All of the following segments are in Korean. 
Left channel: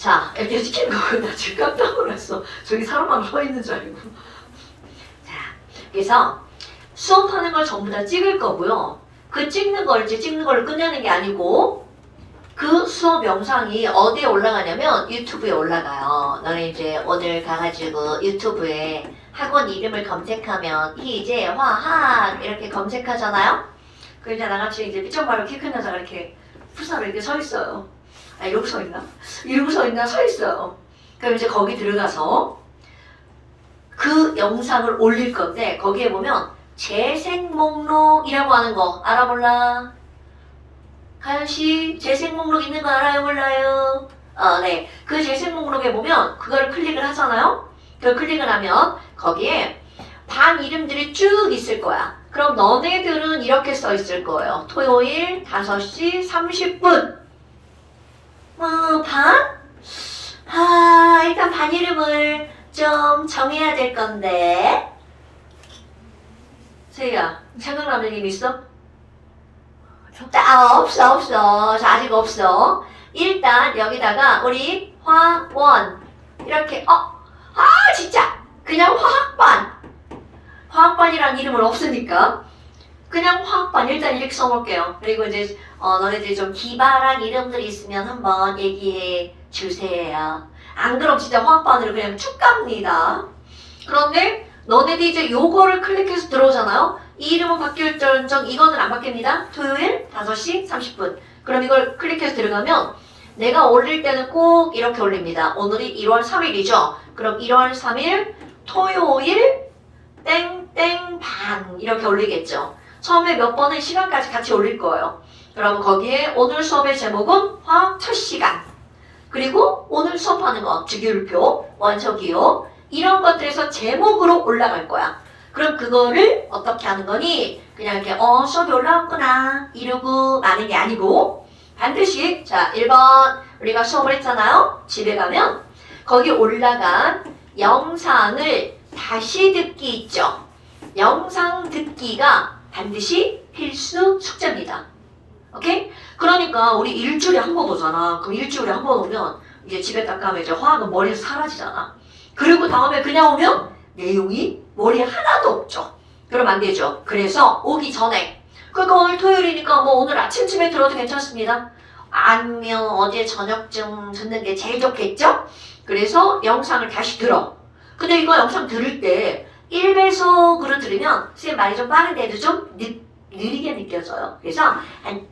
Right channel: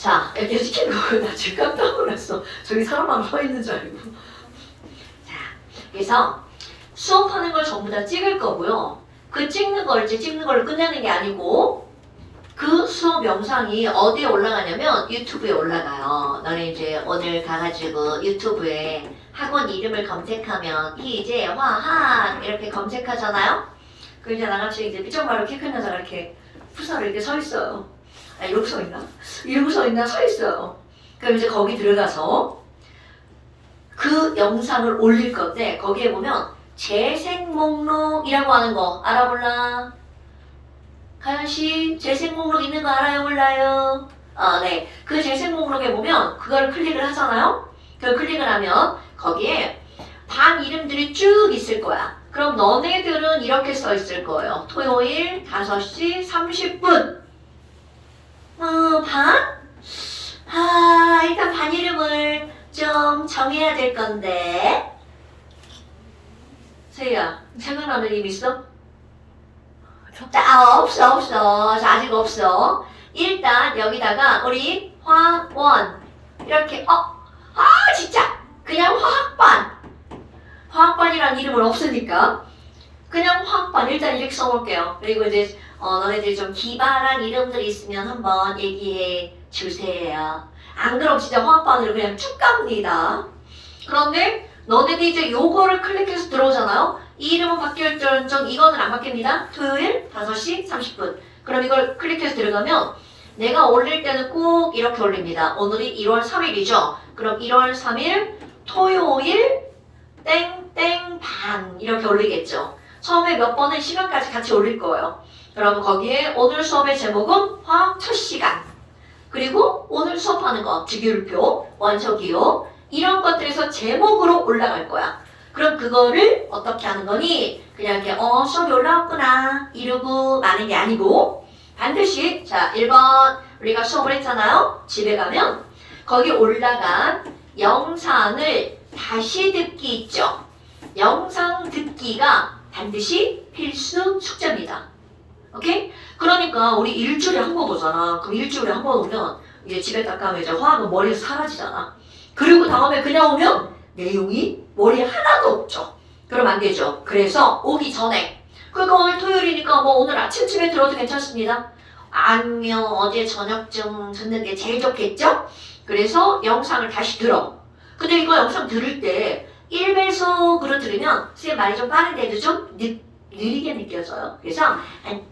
자, 이렇게 시키는 거고 나 지금 깜짝 놀랐어. 저기 사람만 서 있는 줄 알고. 자, 그래서 수업하는 걸 전부 다 찍을 거고요. 그 찍는 걸 이제 찍는 걸로 끝내는 게 아니고 그 수업 영상이 어디에 올라가냐면 유튜브에 올라가요. 너네 이제 오늘 가가지고 유튜브에 학원 이름을 검색하면 희재, 화학 이렇게 검색하잖아요. 그 이제 나같이 이제 삐쩍말로 키 큰 여자가 이렇게 푸사로 이렇게 서 있어요. 아 이러고 서 있나? 이러고 서 있나? 서 있어요. 그럼 이제 거기 들어가서 그 영상을 올릴 건데 거기에 보면 재생 목록이라고 하는 거 알아 몰라? 가연씨 재생 목록 있는 거 알아요 몰라요? 아 네. 그 재생 목록에 보면 그거를 클릭을 하잖아요. 그걸 클릭을 하면 거기에 반 이름들이 쭉 있을 거야. 그럼 너네들은 이렇게 써 있을 거예요. 토요일 5시 30분. 반? 일단 반 이름을 좀 정해야 될 건데. 세희야, 생각나는 이름 있어? 없어. 자, 아직 없어. 일단 여기다가 우리 화원 이렇게 진짜 그냥 화학반이라는 이름은 없으니까 그냥 화학반 일단 이렇게 써놓을게요. 그리고 이제 너네들이 좀 기발한 이름들이 있으면 한번 얘기해 주세요. 안 그럼 진짜 화학반으로 그냥 쭉 갑니다. 그런데 너네들이 이제 요거를 클릭해서 들어오잖아요. 이 이름은 바뀔 정 이거는 안 바뀝니다. 토요일 5시 30분. 그럼 이걸 클릭해서 들어가면 내가 올릴 때는 꼭 이렇게 올립니다. 오늘이 1월 3일이죠. 그럼 1월 3일 토요일 땡땡 반 이렇게 올리겠죠. 처음에 몇 번의 시간까지 같이 올릴 거예요. 그럼 거기에 오늘 수업의 제목은 화학 첫 시간. 그리고 오늘 수업하는 거 주기율표, 원소기호 이런 것들에서 제목으로 올라갈 거야. 그럼 그거를 어떻게 하는 거니? 그냥 이렇게 수업이 올라왔구나 이러고 마는 게 아니고 반드시 자 1번 우리가 수업을 했잖아요. 집에 가면 거기 올라간 영상을 다시 듣기 있죠. 영상 듣기가 반드시 필수 숙제입니다. 오케이? 그러니까 우리 일주일에 한 번 오잖아. 그럼 일주일에 한 번 오면 이제 집에 딱 가면 이제 화학은 머리에서 사라지잖아. 그리고 다음에 그냥 오면 내용이 머리에 하나도 없죠. 그러면 안 되죠. 그래서 오기 전에 그러니까 오늘 토요일이니까 뭐 오늘 아침쯤에 들어도 괜찮습니다. 아니면 어제 저녁쯤 듣는 게 제일 좋겠죠? 그래서 영상을 다시 들어. 근데 이거 영상 들을 때 1배속으로 들으면 선생님 말이 좀 빠른데도 좀 느리게 느껴져요. 그래서 한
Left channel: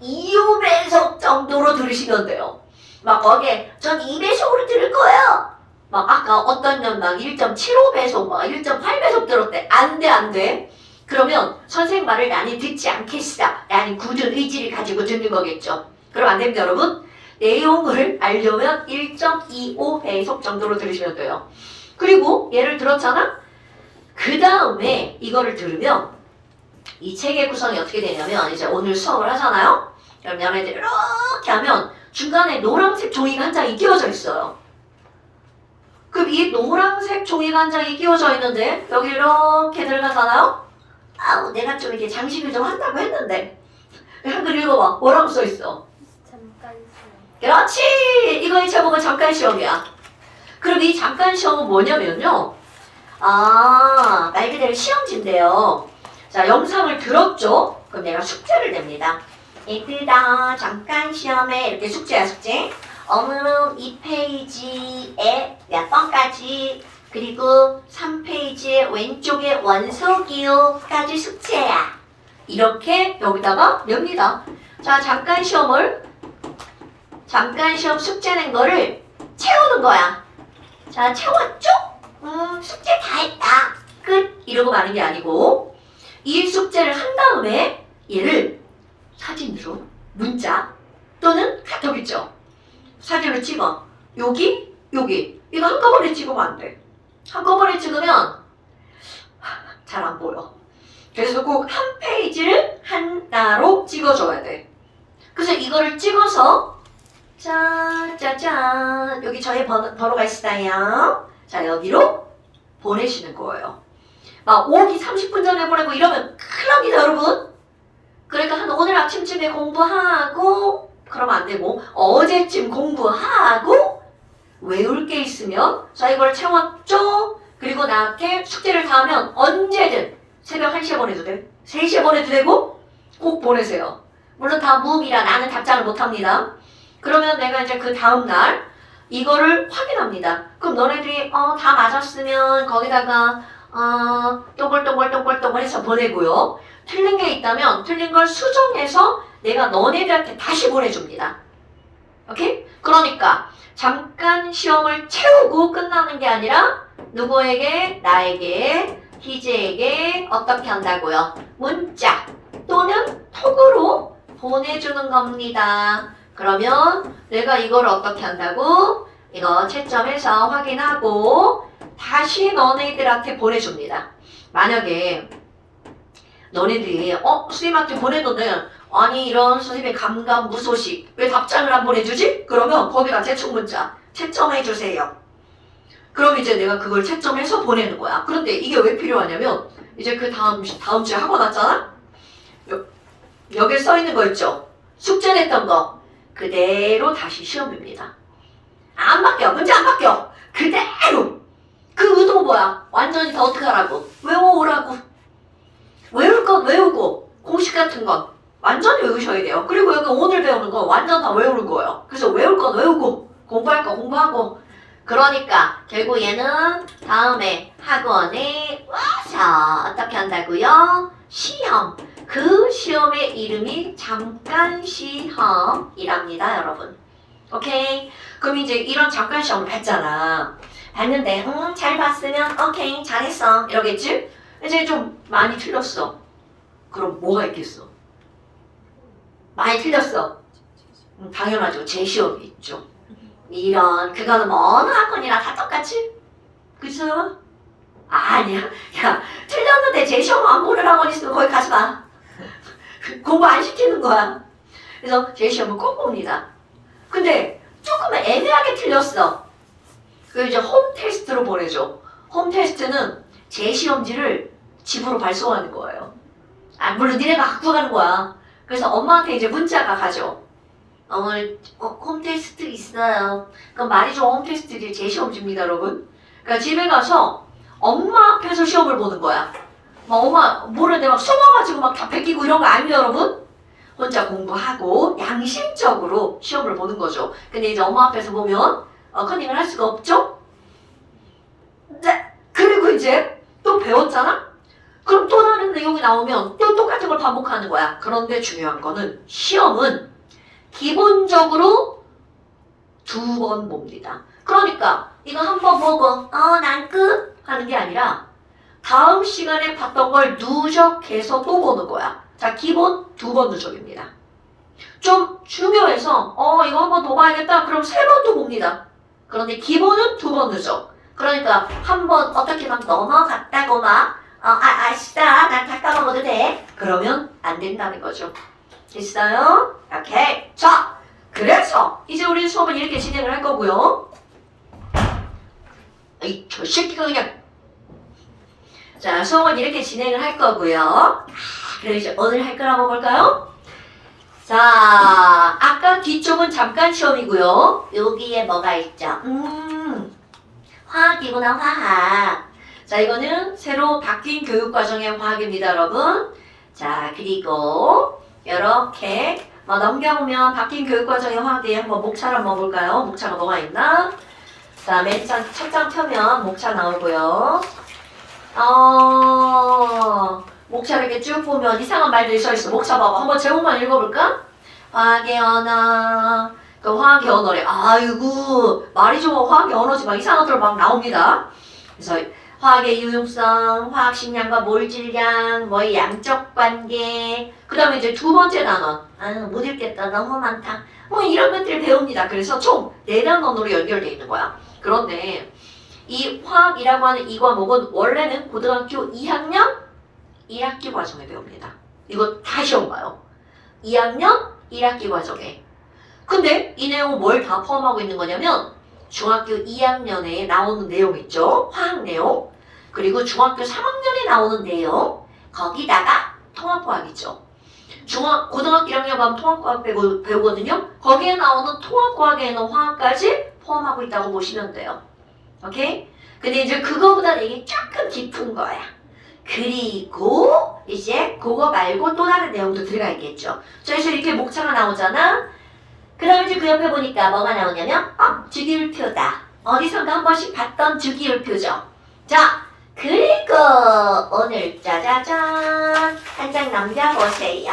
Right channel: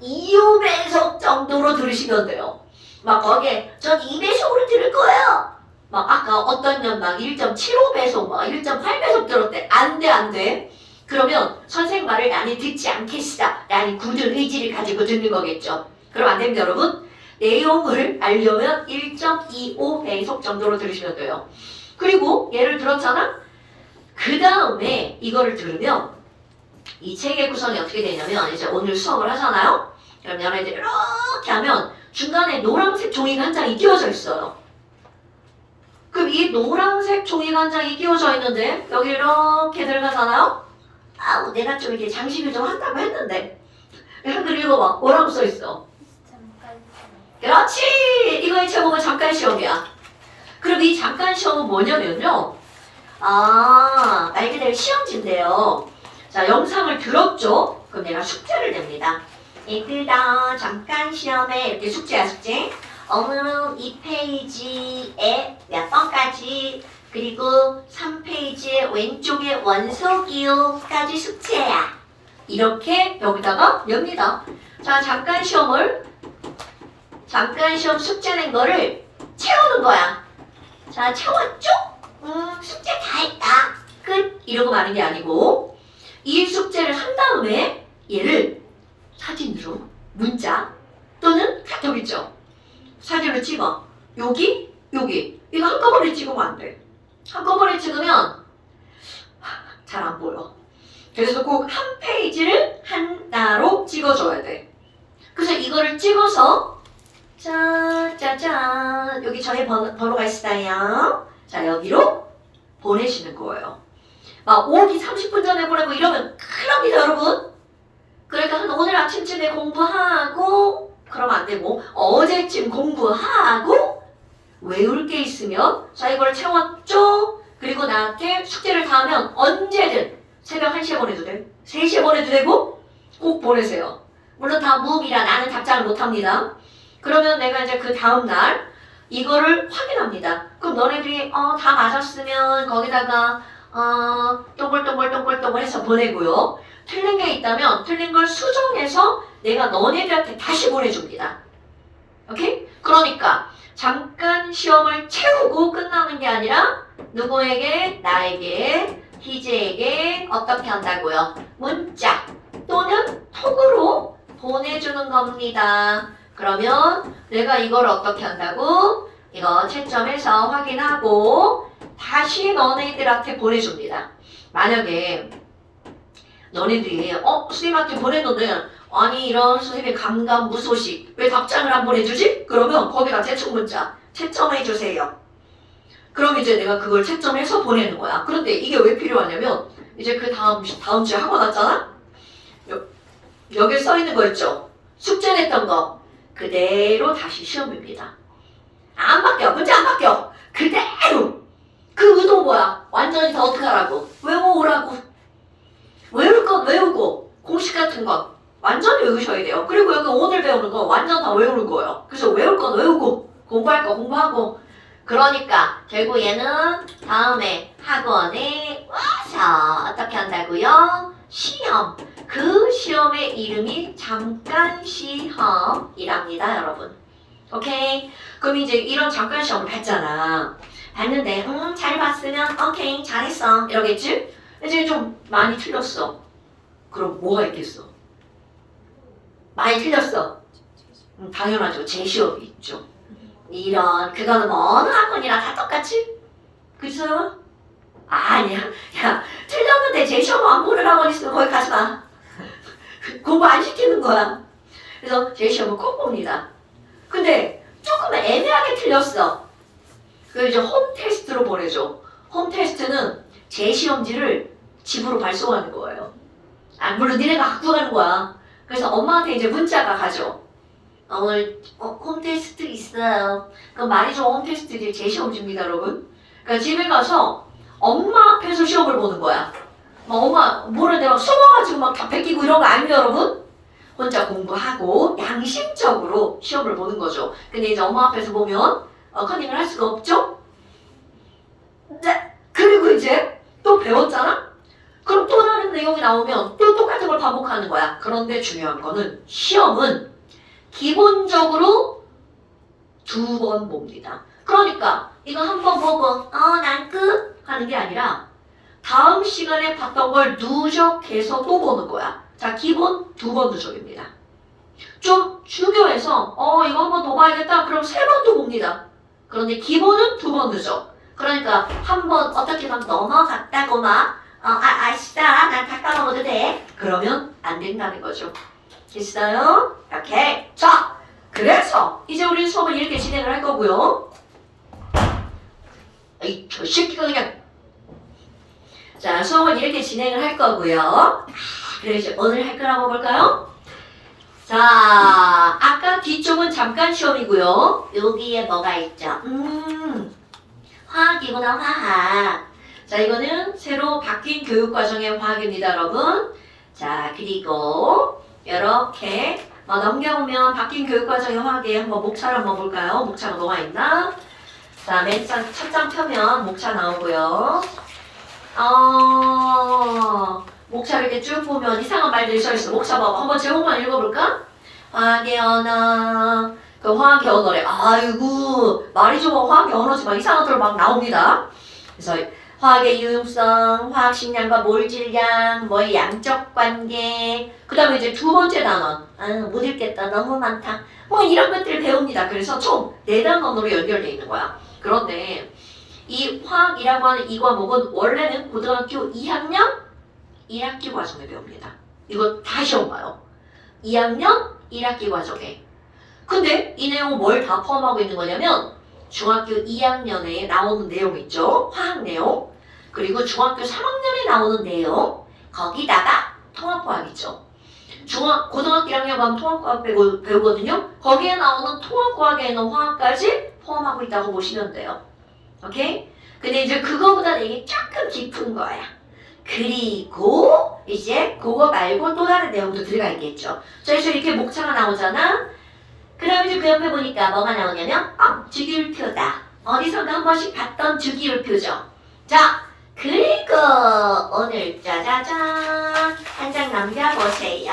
1.25배속 정도로 들으시면 돼요. 막 거기에 전 2배속으로 들을 거예요. 막 아까 어떤 년 막 1.75배속 막 1.8배속 들었대. 안 돼. 그러면 선생님 말을 나는 듣지 않겠어. 라는 굳은 의지를 가지고 듣는 거겠죠. 그럼 안 됩니다 여러분. 내용을 알려면 1.25배속 정도로 들으시면 돼요. 그리고 얘를 들었잖아? 그 다음에 이거를 들으면 이 책의 구성이 어떻게 되냐면 이제 오늘 수업을 하잖아요? 그럼 얘네들 이렇게 하면 중간에 노란색 종이가 한 장이 끼워져 있어요. 그럼 이 노란색 종이가 한 장이 끼워져 있는데 여기 이렇게 들어가잖아요? 내가 좀 이렇게 장식을 좀 한다고 했는데 이렇게 읽어봐. 뭐라고 써있어? 잠깐 시험. 그렇지! 이거의 제목은 잠깐 시험이야. 그럼 이 잠깐 시험은 뭐냐면요. 말 그대로 시험지인데요. 자, 영상을 들었죠? 그럼 내가 숙제를 냅니다. 얘들아, 잠깐 시험에 이렇게 숙제야, 숙제. 어느 2페이지에 몇 번까지 그리고 3페이지의 왼쪽에 원소기호까지 숙제야. 이렇게 여기다가 냅니다. 자, 잠깐 시험 숙제 낸 거를 채우는 거야. 자, 채웠죠? 숙제 다 했다. 끝. 이러고 마는 게 아니고 이 숙제를 한 다음에 얘를 사진으로 문자 또는 카톡 있죠. 사진을 찍어. 여기 이거 한꺼번에 찍으면 안 돼. 한꺼번에 찍으면 잘 안 보여. 그래서 꼭 한 페이지를 하나로 찍어줘야 돼. 그래서 이거를 찍어서 짜자잔 여기 저희 번호가 있어요. 자 여기로 보내시는 거예요. 막 오기 30분 전에 보내고 이러면 큰일 납니다 여러분. 그러니까 한 오늘 아침쯤에 공부하고 그러면 안 돼. 되고 어제쯤 공부하고 외울 게 있으면 자 이걸 채웠죠? 그리고 나한테 숙제를 다 하면 언제든 새벽 1시에 보내도 돼. 3시에 보내도 되고 꼭 보내세요. 물론 다 무음이라 나는 답장을 못합니다. 그러면 내가 이제 그 다음날 이거를 확인합니다. 그럼 너네들이 다 맞았으면 거기다가 동글동글 해서 보내고요. 틀린 게 있다면 틀린 걸 수정해서 내가 너네들한테 다시 보내줍니다. 오케이? 그러니까 잠깐 시험을 채우고 끝나는 게 아니라 누구에게? 나에게, 희재에게 어떻게 한다고요? 문자 또는 톡으로 보내주는 겁니다. 그러면 내가 이걸 어떻게 한다고? 이거 채점해서 확인하고 다시 너네들한테 보내줍니다. 만약에 너네들이 선생님한테 보냈는데 아니 이런 선생님의 감감무소식 왜 답장을 안 보내주지? 그러면 거기다 제출 문자 채점해주세요. 그럼 이제 내가 그걸 채점해서 보내는 거야. 그런데 이게 왜 필요하냐면 이제 그 다음 주에 학원 왔잖아? 여기 써 있는 거 있죠? 숙제 냈던 거 그대로 다시 시험입니다. 안 바뀌어. 문제 안 바뀌어. 그대로. 그 의도 뭐야? 완전히 더 어떻게 하라고? 외워오라고. 외울 건 외우고 공식 같은 건 완전히 외우셔야 돼요. 그리고 여기 오늘 배우는 거 완전 다 외우는 거예요. 그래서 외울 건 외우고 공부할 거 공부하고 그러니까 결국 얘는 다음에 학원에 와서 어떻게 한다고요? 시험. 그 시험의 이름이 잠깐 시험이랍니다, 여러분. 오케이? 그럼 이제 이런 잠깐 시험을 봤잖아. 봤는데 잘 봤으면 오케이 잘했어 이러겠지? 이제 좀 많이 틀렸어. 그럼 뭐가 있겠어? 많이 틀렸어. 당연하죠. 재시험이 있죠. 이런 그거는 뭐 어느 학원이나 다 똑같지? 그죠? 아니야. 야 틀렸는데 재시험 안 보는 학원 있으면 거기 가지 마. 공부 안 시키는 거야. 그래서 재시험은 꼭 봅니다. 근데 조금 애매하게 틀렸어. 그 이제 홈 테스트로 보내줘. 홈 테스트는 재시험지를 집으로 발송하는 거예요. 물론 니네가 갖고 가는 거야. 그래서 엄마한테 이제 문자가 가죠. 오늘 홈 테스트 있어요. 그럼 말이 좋은 홈 테스트들이 재시험지입니다, 여러분. 그러니까 집에 가서 엄마 앞에서 시험을 보는 거야. 막 엄마 뭐래 내가 숨어가지고 막 다 베끼고 이런 거 아니에요, 여러분? 혼자 공부하고 양심적으로 시험을 보는 거죠. 근데 이제 엄마 앞에서 보면 컨닝을 할 수가 없죠? 네. 그리고 이제 또 배웠잖아? 그럼 또 다른 내용이 나오면 또 똑같은 걸 반복하는 거야. 그런데 중요한 거는 시험은 기본적으로 2번 봅니다. 그러니까 이거 한 번 보고 난 끝 하는 게 아니라 다음 시간에 봤던 걸 누적해서 또 보는 거야. 자, 기본 2번 누적입니다. 좀 중요해서 이거 한 번 더 봐야겠다. 그럼 3번 또 봅니다. 그런데 기본은 2번 누적. 그러니까 한 번 어떻게 막 넘어갔다고 막 아시다 난 다 까먹어도 돼. 그러면 안 된다는 거죠. 됐어요? 오케이. 자, 그래서 이제 우리 수업을 이렇게 진행을 할 거고요. 에이, 저 새끼가 그냥. 자, 수업을 이렇게 진행을 할 거고요. 그럼 이제 오늘 할 거라고 볼까요? 자, 아까 뒤쪽은 잠깐 시험이고요. 여기에 뭐가 있죠? 화학이구나, 화학. 자, 이거는 새로 바뀐 교육과정의 화학입니다, 여러분. 자, 그리고 이렇게 넘겨보면 바뀐 교육과정의 화학에 한번 목차를 한번 볼까요? 목차가 뭐가 있나? 자, 맨 첫 장 펴면 목차 나오고요. 목차 이렇게 쭉 보면 이상한 말들이 써있어. 목차 봐봐. 한번 제목만 읽어볼까? 화학의 언어. 그 화학의 언어래. 아이고, 말이 좋아. 화학의 언어지 막 이상한 것들 막 나옵니다. 그래서 화학의 유용성, 화학 식량과 몰 질량, 뭐 양적 관계. 그 다음에 이제 2번째 단원. 못 읽겠다. 너무 많다. 뭐 이런 것들을 배웁니다. 그래서 총 4단원으로 연결되어 있는 거야. 그런데 이 화학이라고 하는 이 과목은 원래는 고등학교 2학년 1학기 과정에 배웁니다. 이거 다 시험 봐요. 2학년 1학기 과정에. 근데 이 내용은 뭘 다 포함하고 있는 거냐면 중학교 2학년에 나오는 내용 있죠. 화학 내용. 그리고 중학교 3학년에 나오는 내용. 거기다가 통합화학 있죠. 고등학교 1학년 가면 통합과학 배우거든요. 거기에 나오는 통합과학에는 화학까지 포함하고 있다고 보시면 돼요. 오케이? 근데 이제 그거보다 내용이 조금 깊은 거야. 그리고 이제 그거 말고 또 다른 내용도 들어가 있겠죠. 그래서 이렇게 목차가 나오잖아. 그럼 이제 그 옆에 보니까 뭐가 나오냐면 주기율표다. 어디선가 한 번씩 봤던 주기율표죠. 자, 그리고 오늘 짜자잔 한 장 남겨보세요.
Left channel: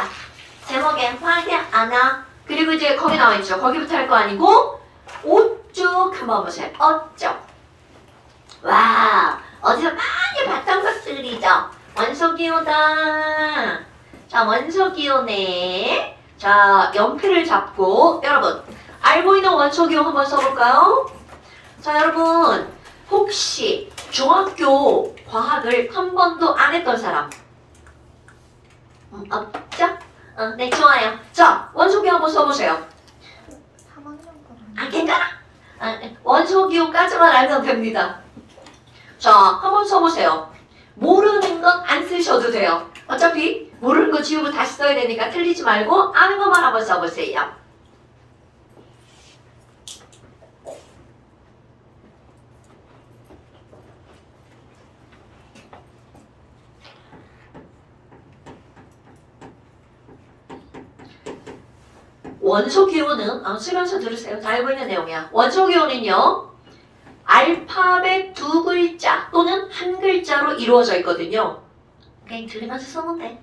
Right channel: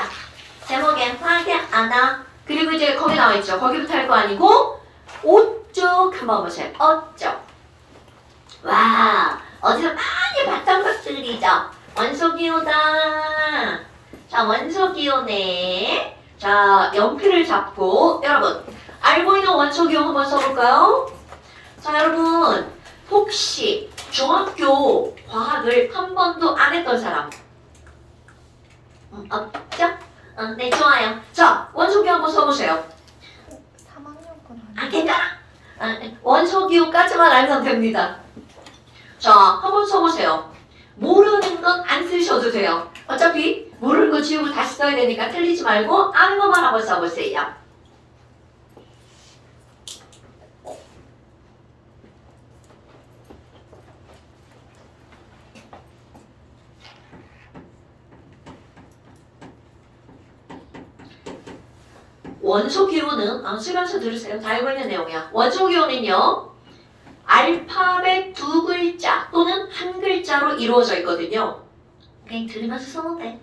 제목엔 화학의 하나. 그리고 이제 거기 나와있죠. 거기부터 할 거 아니고 어쩌 그만 보세요. 어쩌. 와, 어디서 많이 봤던 것들이죠. 원소기호다. 자, 원소기호네. 자, 연필을 잡고 여러분 알고 있는 원소기호 한번 써볼까요? 자, 여러분 혹시 중학교 과학을 한 번도 안 했던 사람 없죠? 네, 좋아요. 자, 원소기호 한번 써보세요. 3학년 괜찮아. 원소기호까지만 알면 됩니다. 자, 한번 써보세요. 모르는 건 안 쓰셔도 돼요. 어차피 모르는 거 지우고 다시 써야 되니까 틀리지 말고 아는 것만 한번 써보세요. 원소기호는 쓰면서 들으세요. 다 알고 있는 내용이야. 원소기호는요. 알파벳 두 글자 또는 한 글자로 이루어져 있거든요. 그냥 들으면서 써면 돼.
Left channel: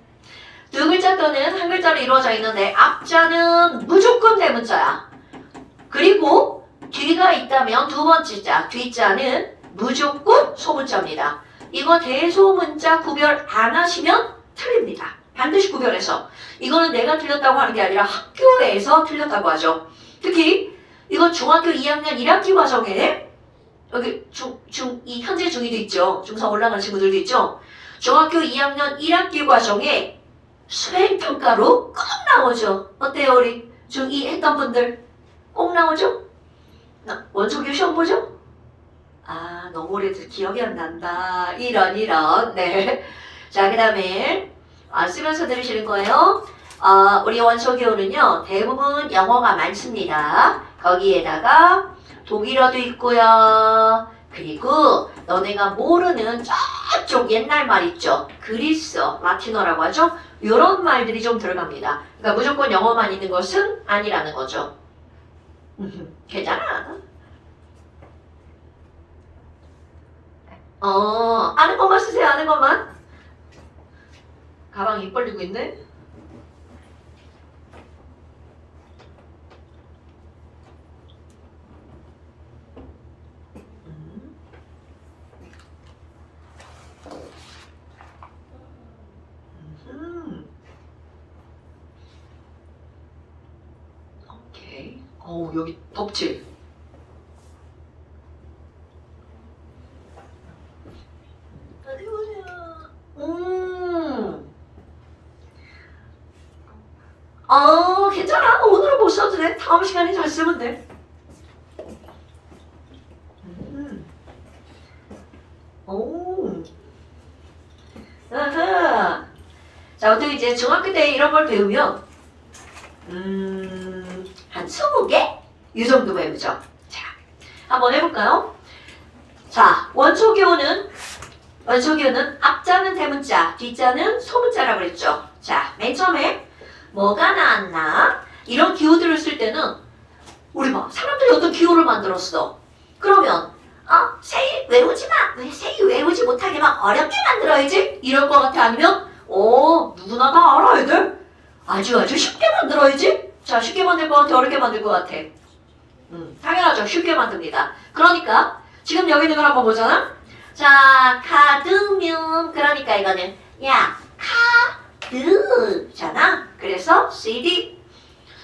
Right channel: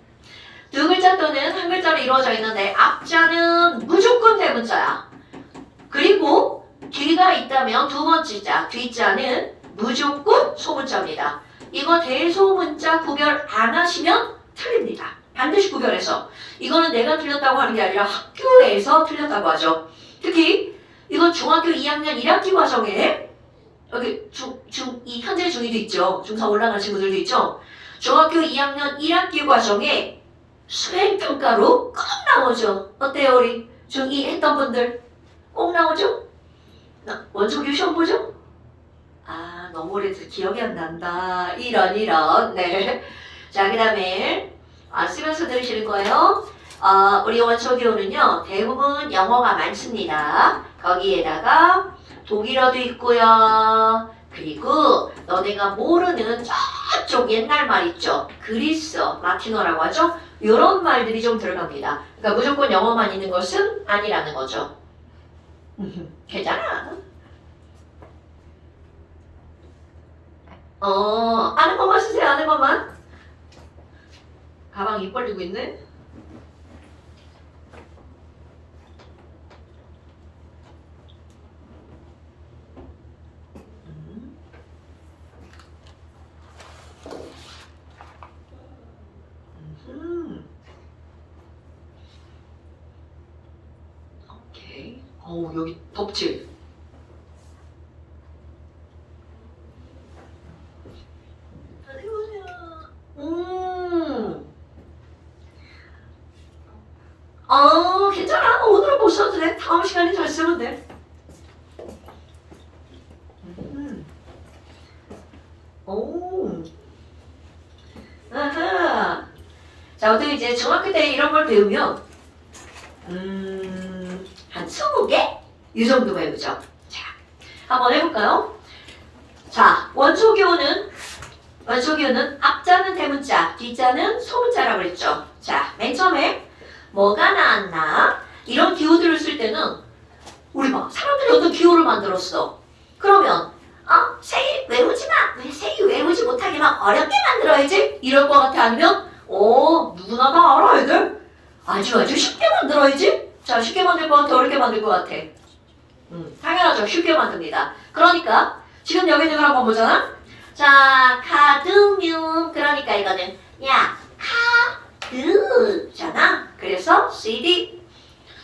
두 글자 또는 한 글자로 이루어져 있는데 앞자는 무조건 대문자야. 그리고 뒤가 있다면 두 번째 자, 뒷자는 무조건 소문자입니다. 이거 대소문자 구별 안 하시면 틀립니다. 반드시 구별해서. 이거는 내가 틀렸다고 하는 게 아니라 학교에서 틀렸다고 하죠. 특히 이건 중학교 2학년 1학기 과정에 여기 현재 중2도 있죠. 중3 올라가는 친구들도 있죠. 중학교 2학년 1학기 과정에 수행평가로 꼭 나오죠. 어때요 우리 중2 했던 분들? 꼭 나오죠? 원초교 시험 보죠? 너무 오래돼서 기억이 안 난다. 이런 네. 자, 그 다음에 쓰면서 들으시는 거예요. 우리 원초교는요 대부분 영어가 많습니다. 거기에다가 독일어도 있고요. 그리고 너네가 모르는 저쪽 옛날 말 있죠. 그리스어, 라틴어라고 하죠. 이런 말들이 좀 들어갑니다. 그러니까 무조건 영어만 있는 것은 아니라는 거죠. 괜찮아. 아는 것만 쓰세요. 아는 것만. 가방 입 벌리고 있네. 오케이. 여기 덥지? 괜찮아. 오늘은 못 써도 돼. 다음 시간에 잘 쓰면 돼. 아하. 자, 보통 이제 중학교 때 이런 걸 배우면 한 20개? 이 정도 배우죠. 자, 한번 해볼까요? 자, 원초기호는 앞자는 대문자, 뒷자는 소문자라고 그랬죠. 자, 맨 처음에 뭐가 나왔나? 이런 기호들을 쓸 때는 우리 사람들이 어떤 기호를 만들었어. 그러면 세일 외우지 마. 왜 세일 외우지 못하게 막 어렵게 만들어야지? 이럴 것 같아. 아니면 누구나 다 알아야 돼. 아주 쉽게 만들어야지. 자, 쉽게 만들 것 같아. 어렵게 만들 것 같아. 당연하죠. 쉽게 만듭니다. 그러니까 지금 여기 있는 걸 한번 보잖아. 자, 카드뮴. 그러니까 이거는 카드잖아. 그래서 CD.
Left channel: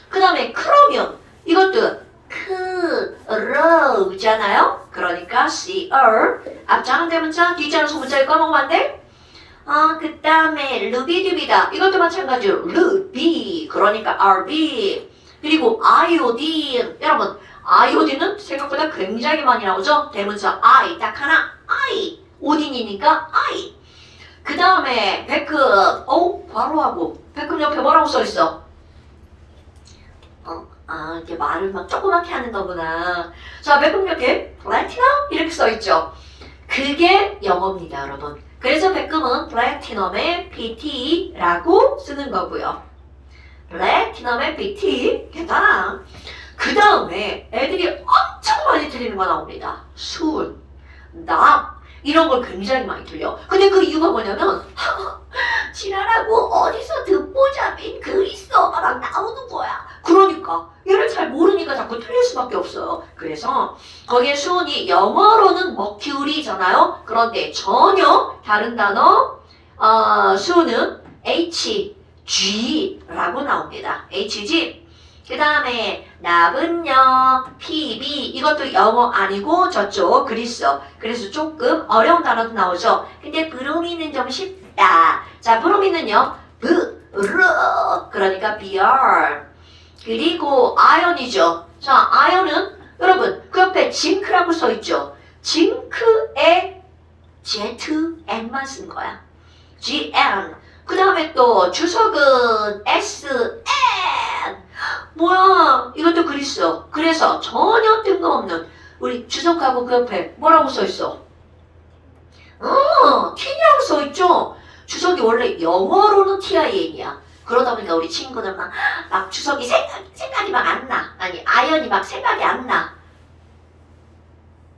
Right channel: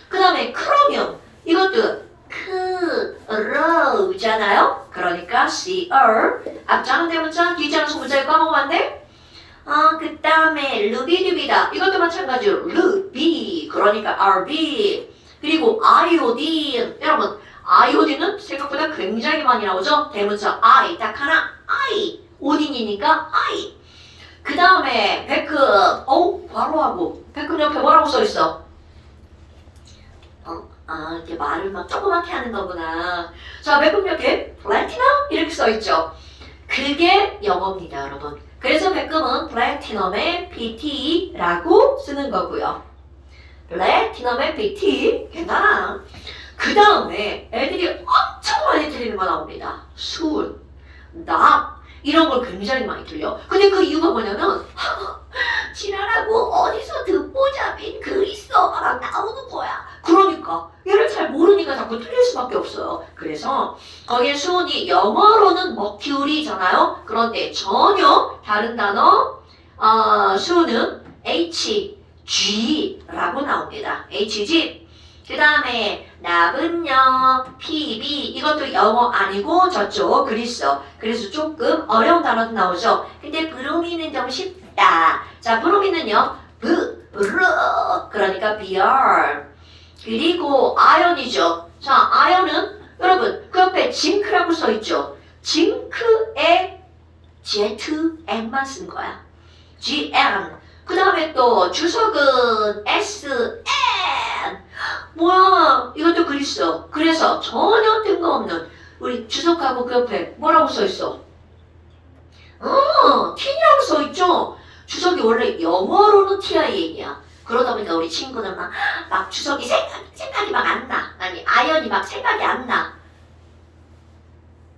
그 다음에 크로뮴. 이것도 크로잖아요. 그러니까 CR. 앞자는 대문자, 뒤자는 소문자를 까먹으면 안 돼? 그 다음에 루비두비다. 이것도 마찬가지로 루비. 그러니까 RB. 그리고 아이오딘. 여러분, 아이오딘은 생각보다 굉장히 많이 나오죠? 대문자 I 딱 하나 I. 오딘이니까 I. 그 다음에 백금. 바로 하고. 백금 옆에 뭐라고 써있어? 이렇게 말을 막 조그맣게 하는 거구나. 자, 백금 옆에 플래티넘 이렇게 써있죠. 그게 영어입니다, 여러분. 그래서 백금은 플래티넘의 PT라고 쓰는 거고요. 플래티넘의 PT. 괜찮아. 그 다음에 애들이 엄청 많이 틀리는 거 나옵니다. 순, 나 이런 걸 굉장히 많이 틀려. 근데 그 이유가 뭐냐면 지랄하고 어디서 듣보 잡인 글 있어가 막 나오는 거야. 그러니까 얘를 잘 모르니까 자꾸 틀릴 수밖에 없어요. 그래서 거기에 수은이 영어로는 머큐리잖아요. 그런데 전혀 다른 단어 수은은 HG라고 나옵니다. HG. 그 다음에 납은요, PB. 이것도 영어 아니고 저쪽 그리스. 그래서 조금 어려운 단어도 나오죠. 근데 브로미는 좀 쉽다. 자, 브로미는요, 그러니까 BR. 그리고 아연이죠. 자, 아연은 여러분 그 옆에 징크라고 써있죠. 징크에 ZN만 쓴 거야. GN. 그 다음에 또 주석은 SN. 뭐야, 이것도 그리스. 그래서 전혀 뜬금없는 우리 주석하고 그 옆에 뭐라고 써있어? T라고 써있죠. 주석이 원래 영어로는 TIN이야. 그러다 보니까 우리 친구들 막 주석이 생각이 막 안 나. 아니, 아연이 막 생각이 안 나.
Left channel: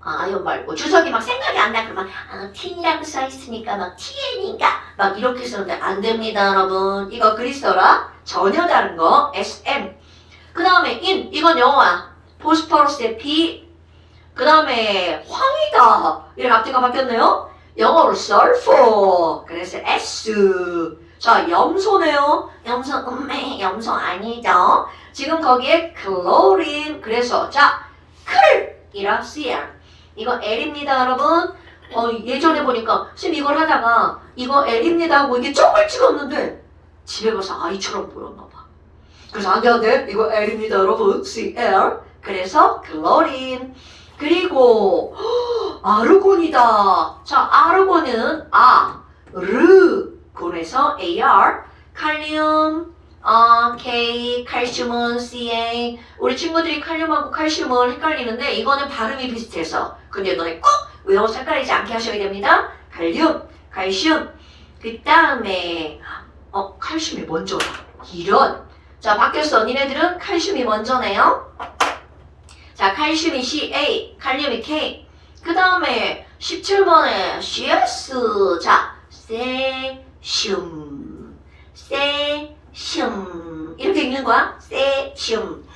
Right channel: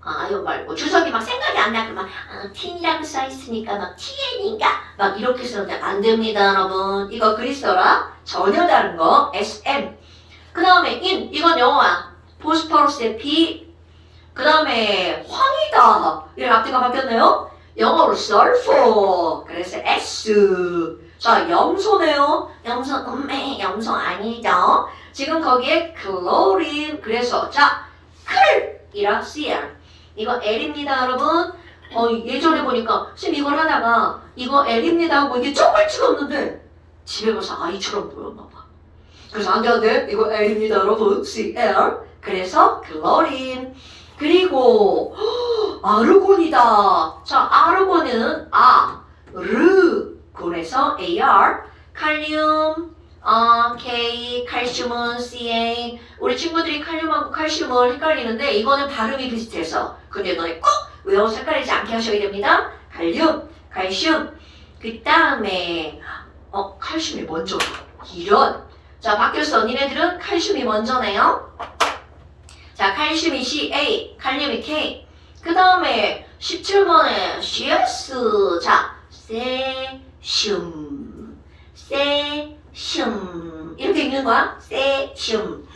아연 말고 주석이 막 생각이 안 나. 그러면 T라고 써있으니까 막 TN인가? 막 이렇게 쓰는데 안 됩니다, 여러분. 이거 그리스어라. 전혀 다른 거. SM. 그 다음에 인. 이건 영어야. 보스포러스의 B. 그 다음에 황이다. 이렇게 앞뒤가 바뀌었네요. 영어로 sulfur. 그래서 S. 자, 염소네요. 염소, 염소 아니죠. 지금 거기에 chlorine. 그래서 자, 클이랑 CL. 이거 L입니다, 여러분. 예전에 보니까 쌤 이걸 하다가 이거 L입니다 하고 이게 점을 찍었는데 집에 가서 아이처럼 보였나 봐. 그래서 안 돼. 이거 L입니다, 여러분. CL. 그래서 chlorine. 그리고 아르곤이다. 자, 아르곤은 곤에서 AR, 칼륨, K, 칼슘은 CA. 우리 친구들이 칼륨하고 칼슘을 헷갈리는데 이거는 발음이 비슷해서 근데 너네 꼭 외워서 헷갈리지 않게 하셔야 됩니다. 칼륨, 칼슘. 그 다음에 칼슘이 먼저. 이런. 자, 바뀌었어. 니네들은 칼슘이 먼저네요. 자, 칼슘이 CA, 칼륨이 K. 그 다음에 17번에 CS. 자, 세슘, 세슘 이렇게 읽는 거야. 세슘.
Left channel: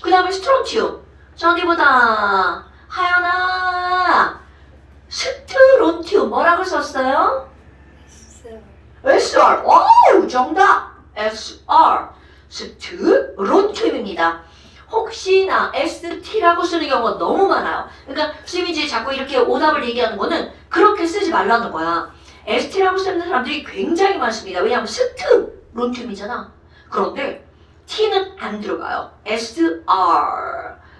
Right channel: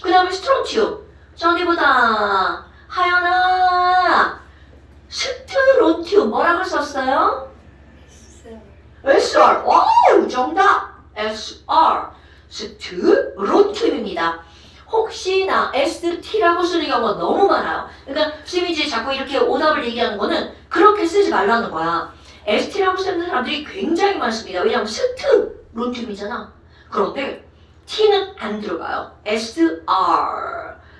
그 다음에 스트론튬. 저기보다 하연아, 스트론튬 뭐라고 썼어요? SR. 와우, 정답. SR. 스트론튬입니다. 혹시나 ST라고 쓰는 경우가 너무 많아요. 그러니까 쌤이 이제 자꾸 이렇게 오답을 얘기하는 거는 그렇게 쓰지 말라는 거야. ST라고 쓰는 사람들이 굉장히 많습니다. 왜냐하면 스트론튬이잖아. 그런데 T는 안 들어가요. SR.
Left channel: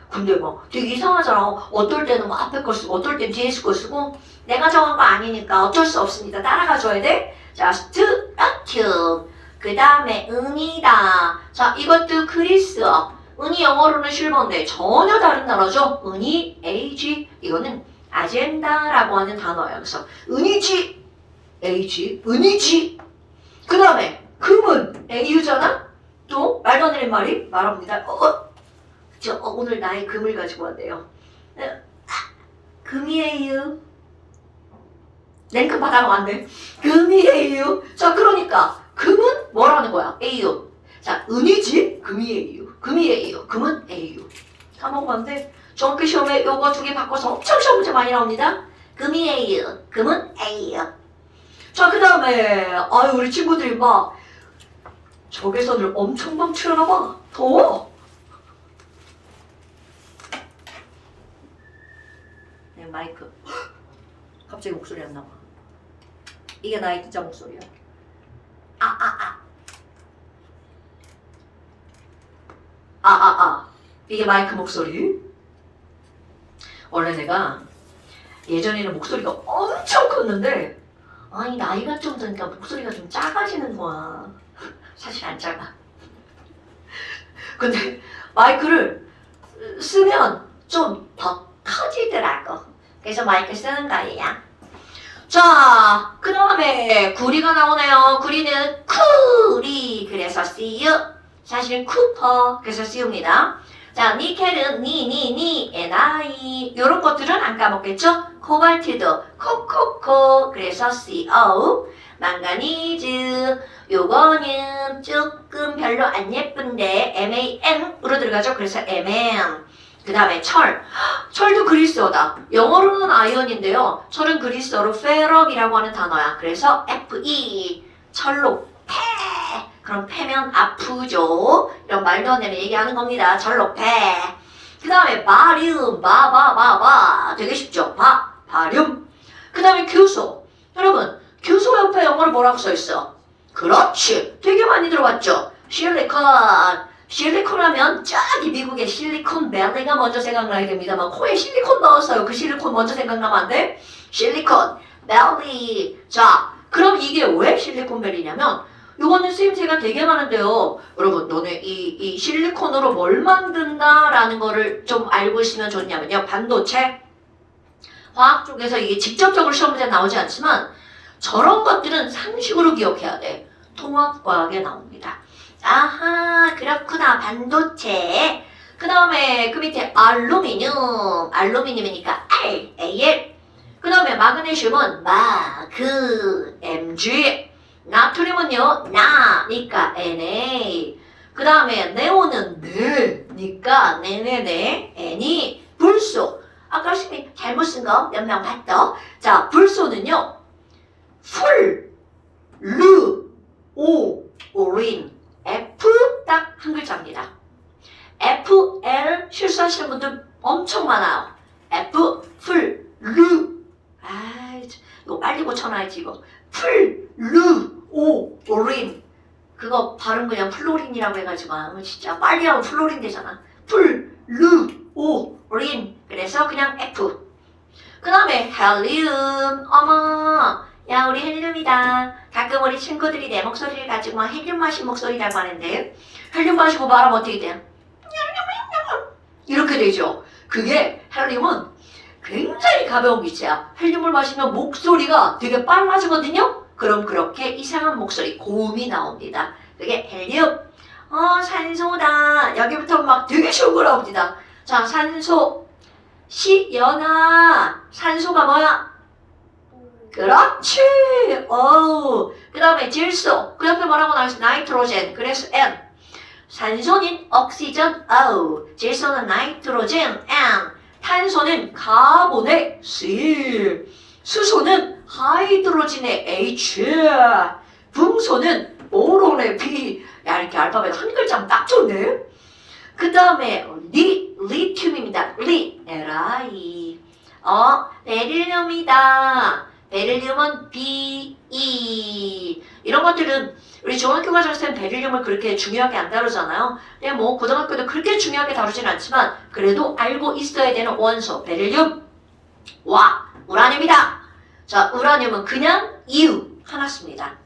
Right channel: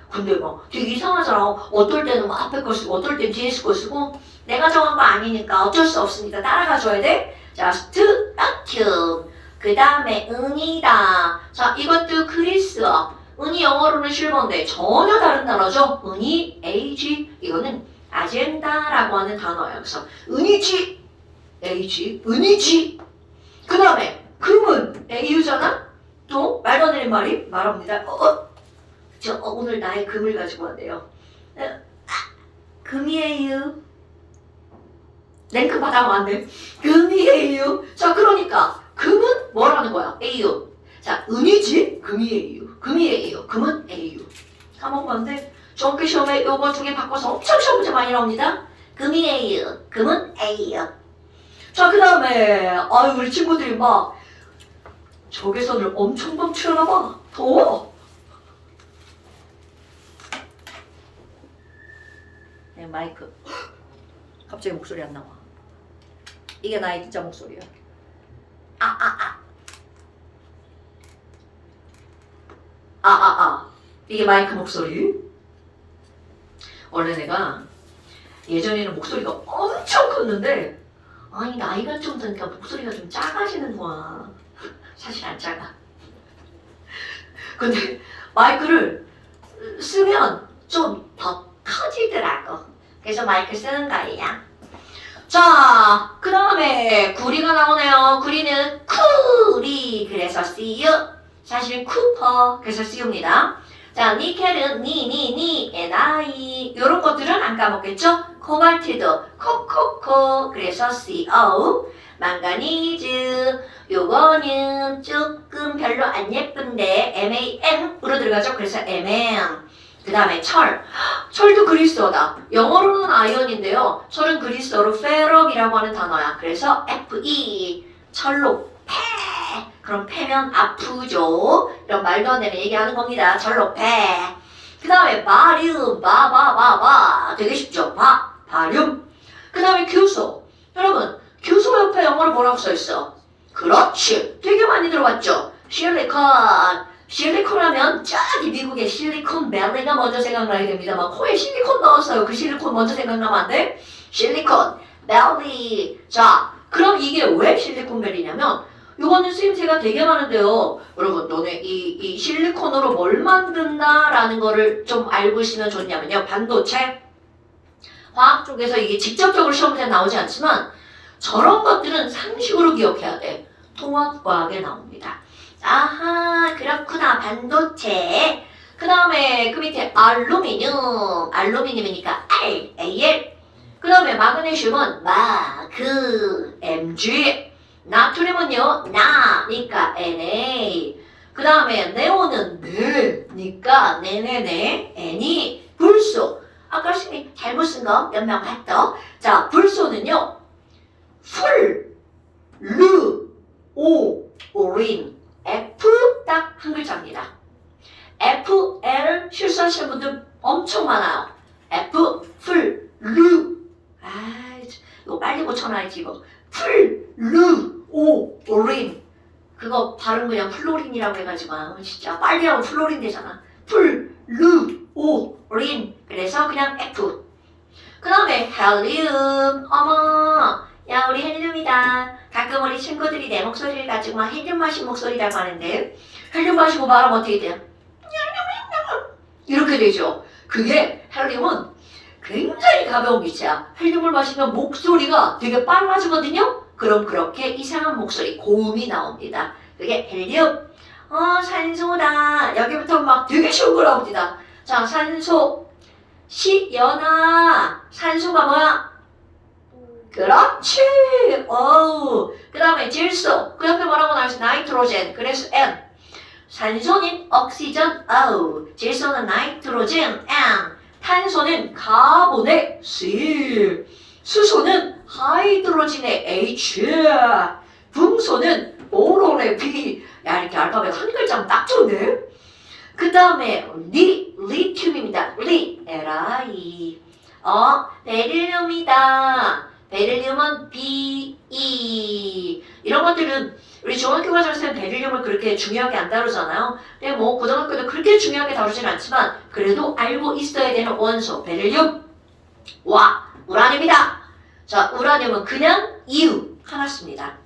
근데 뭐 되게 이상하잖아. 어떨 때는 뭐 앞에 거 쓰고 어떨 땐 뒤에 거 쓰고 내가 정한 거 아니니까 어쩔 수 없습니다. 따라가 줘야 돼. 자, 스트론튬. 그 다음에 은이다. 자, 이것도 그리스어. 은이 영어로는 실버인데 전혀 다른 단어죠. 은이 AG. 이거는 아젠다라고 하는 단어예요. 그래서 은이지 AG, 은이지. 그 다음에 금은 AU잖아. 또 말도 안 되는 말이 말합니다. 오늘 나의 금을 가지고 왔대요. 금이에요. 냉큼 받아가면 안 돼. 금이에요. 자, 그러니까 금은 뭐라는 거야? AU. 자, 은이지 금이에요. 금이에요. 금은 AU. 까먹으면 돼. 중학교 시험에 요거 두 개 바꿔서 엄청 시험 문제 많이 나옵니다. 금이에요. 금은 A요. 자, 그 다음에 우리 친구들이 막 적외선을 엄청 방출하나 봐. 더워. 내 마이크. 갑자기 목소리 안 나와. 이게 나의 진짜 목소리야. 이게 마이크 목소리. 원래 내가 예전에는 목소리가 엄청 컸는데 아니 나이가 좀 드니까 목소리가 좀 작아지는 거야. 사실 안 작아. 근데 마이크를 쓰면 좀 더 터지더라고. 그래서 마이크 쓰는 거예요. 자, 그 다음에 구리가 나오네요. 구리는 쿠리, 그래서 see you. 사실은 쿠퍼, 그래서 see-you입니다. 자, 니켈은 니, ni. 이런 것들은 안 까먹겠죠? 코발트도 코코코, 그래서 co. 망가니즈, 요거는 조금 별로 안 예쁜데 man으로 들어가죠. 그래서 man. 그 다음에 철도 그리스어다. 영어로는 아이언인데요. 철은 그리스어로 ferrum이라고 하는 단어야. 그래서 fe, 철로 패. 그럼 패면 아프죠. 이런 말도 안 되는 얘기하는 겁니다. 철로 패. 그 다음에 바륨, 바바바바. 되게 쉽죠. 바륨. 그 다음에 교소. 여러분, 교소 옆에 영어로 뭐라고 써있어? 그렇지. 되게 많이 들어봤죠. 실리콘 하면 저기 미국의 실리콘밸리가 먼저 생각나야 됩니다. 막 코에 실리콘 넣었어요. 그 실리콘 먼저 생각나면 안 돼? 실리콘 밸리. 자, 그럼 이게 왜 실리콘밸리냐면 요거는 쓰임새가 되게 많은데요. 여러분, 너네 이 실리콘으로 뭘 만든다라는 거를 좀 알고 있으면 좋냐면요. 반도체, 화학 쪽에서 이게 직접적으로 시험 문제 나오지 않지만 저런 것들은 상식으로 기억해야 돼. 통합과학에 나옵니다. 아하, 그렇구나. 반도체. 그 다음에 그 밑에 알루미늄이니까 AL. 그 다음에 마그네슘은 MG. 나트륨은요, 나니까 Na. 그 다음에 네온은 네니까 네네네, N이. 불소. 아까 심이 잘못 쓴 거 몇 명 봤죠? 자, 불소는요, 오린. F 딱 한 글자입니다. FL 실수하시는 분들 엄청 많아요. F, 이거 빨리 고쳐놔야지 이거. 오린. 그거 발음 그냥 플로린이라고 해가지고 진짜 빨리 하면 플로린 되잖아. 오린. 그래서 그냥 F. 그 다음에 헬륨. 어머, 야 우리 헬륨이다. 가끔 우리 친구들이 내 목소리를 가지고 막 헬륨 마신 목소리라고 하는데 헬륨 마시고 말하면 어떻게 돼요? 이렇게 되죠. 그게 헬륨은 굉장히 가벼운 기체야. 헬륨을 마시면 목소리가 되게 빨라지거든요. 그럼 그렇게 이상한 목소리, 고음이 나옵니다. 그게 헬륨. 산소다. 여기부터 막 되게 쉬운 거 나옵니다. 자, 산소. 연아. 산소가 뭐야? 그렇지. 그 다음에 질소. 그 옆에 뭐라고 나와있어? 나이트로젠. 그래서 N. 산소는 옥시전 O. 질소는 나이트로젠 N. 탄소는 카본의 C. 수소는 하이드로진의 H. 금소는 보론의 B. 야, 이렇게 알파벳 한 글자면 딱 좋네. 그 다음에 리튬입니다. Li. 베릴륨이다. 베릴륨은 Be. 이런 것들은 우리 중학교 과정에서는 베릴륨을 그렇게 중요하게 안 다루잖아요. 근데 뭐 고등학교도 그렇게 중요하게 다루진 않지만 그래도 알고 있어야 되는 원소 베릴륨. 우라늄이다. 자, 우라늄은 그냥 이유 하나 씁니다.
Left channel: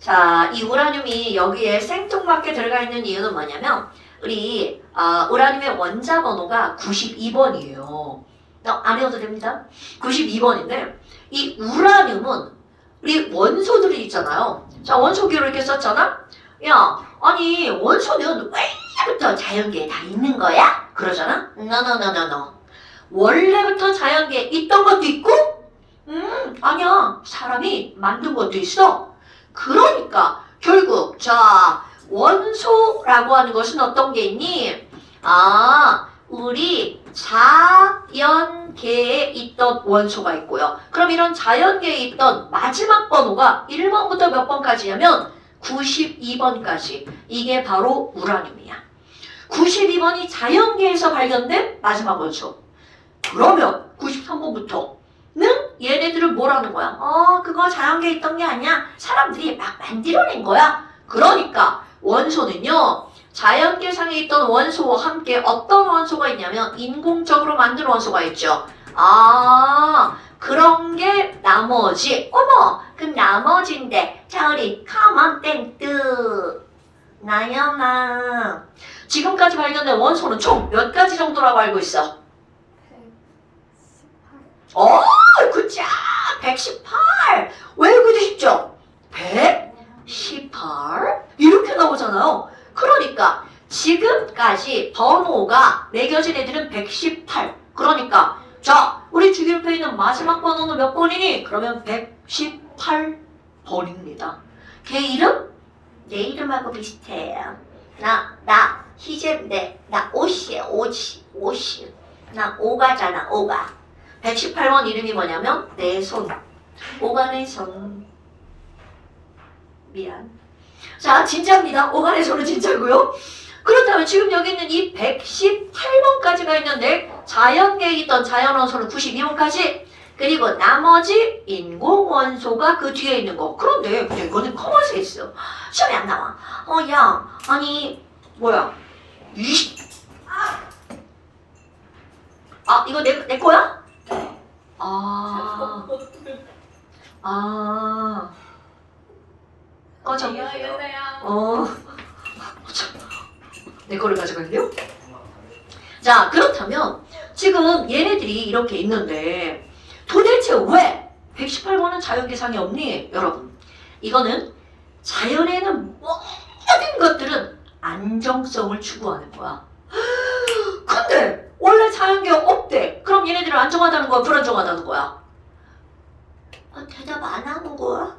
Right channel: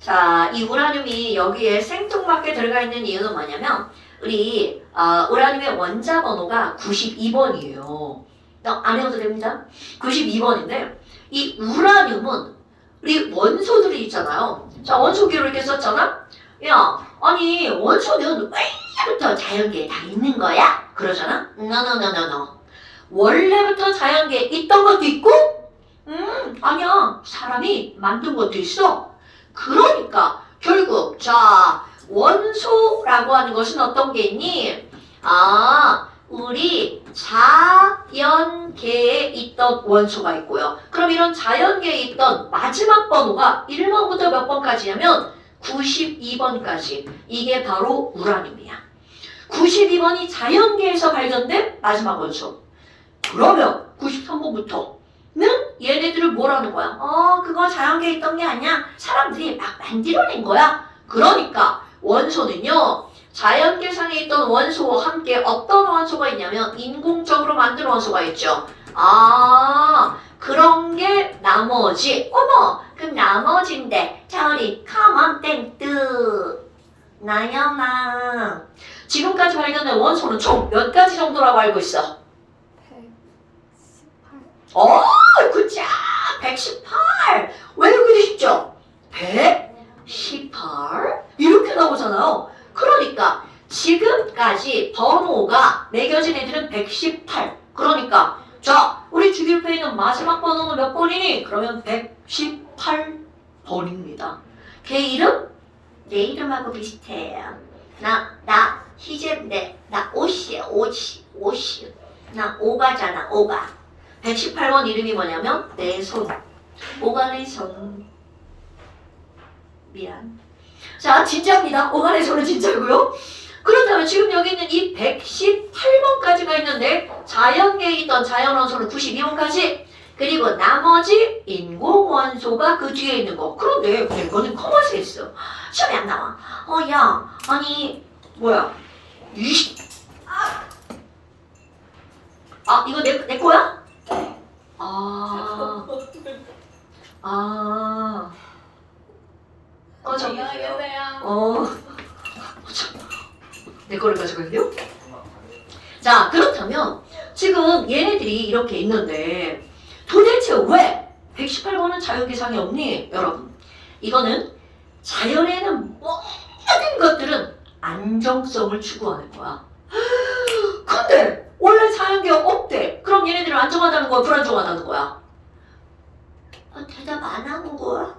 자, 이 우라늄이 여기에 생뚱맞게 들어가 있는 이유는 뭐냐면 우리 우라늄의 원자 번호가 92번이에요. 안 외워도 됩니다. 92번인데 이 우라늄은 우리 원소들이 있잖아요. 자, 원소기로 이렇게 썼잖아. 야, 아니 원소는 원래부터 자연계에 다 있는 거야? 그러잖아. No. 원래부터 자연계에 있던 것도 있고 아니야. 사람이 만든 것도 있어. 그러니까 결국 자, 원소라고 하는 것은 어떤 게 있니? 우리 자연계에 있던 원소가 있고요. 그럼 이런 자연계에 있던 마지막 번호가 1번부터 몇 번까지냐면 92번까지. 이게 바로 우라늄이야. 92번이 자연계에서 발견된 마지막 원소. 그러면 93번부터는 얘네들을 뭐라는 거야? 그거 자연계에 있던 게 아니야. 사람들이 막 만들어낸 거야. 그러니까 원소는요, 자연계상에 있던 원소와 함께 어떤 원소가 있냐면 인공적으로 만든 원소가 있죠. 아, 그런 게 나머지. 어머, 그럼 나머지인데. 자, 우리 come on 땡뜨. 나연아. 지금까지 발견된 원소는 총 몇 가지 정도라고 알고 있어? 118. 어, 굿자. 118. 외우기도 쉽죠? 118. 이렇게 나오잖아요. 그러니까 지금까지 번호가 매겨진 애들은 118. 그러니까 자, 우리 주기표에 있는 마지막 번호는 몇 번이니? 그러면 118번입니다. 걔 이름? 내 이름하고 비슷해요. 나 희재인데 나 옷이에요. 옷이. 나 오가잖아, 오가. 118번 이름이 뭐냐면 내 손. 오가 내 손. 미안. 자, 진짜입니다. 오가 내 손은 진짜고요. 그렇다면 지금 여기 있는 이 118번까지가 있는데 자연계에 있던 자연원소는 92번까지 그리고 나머지 인공원소가 그 뒤에 있는 거. 그런데 이거는 커먼스에 있어. 시험에 안 나와. 야, 아니 뭐야? 이거 내 거야? 네. 꺼져. 안녕하세요. 내 거를 가져갈게요. 자, 그렇다면 지금 얘네들이 이렇게 있는데 도대체 왜 118번은 자연계상이 없니? 여러분, 이거는 자연에는 모든 것들은 안정성을 추구하는 거야. 근데 원래 자연계가 없대. 그럼 얘네들은 안정하다는 거야? 불안정하다는 거야? 대답 안 하는 거야?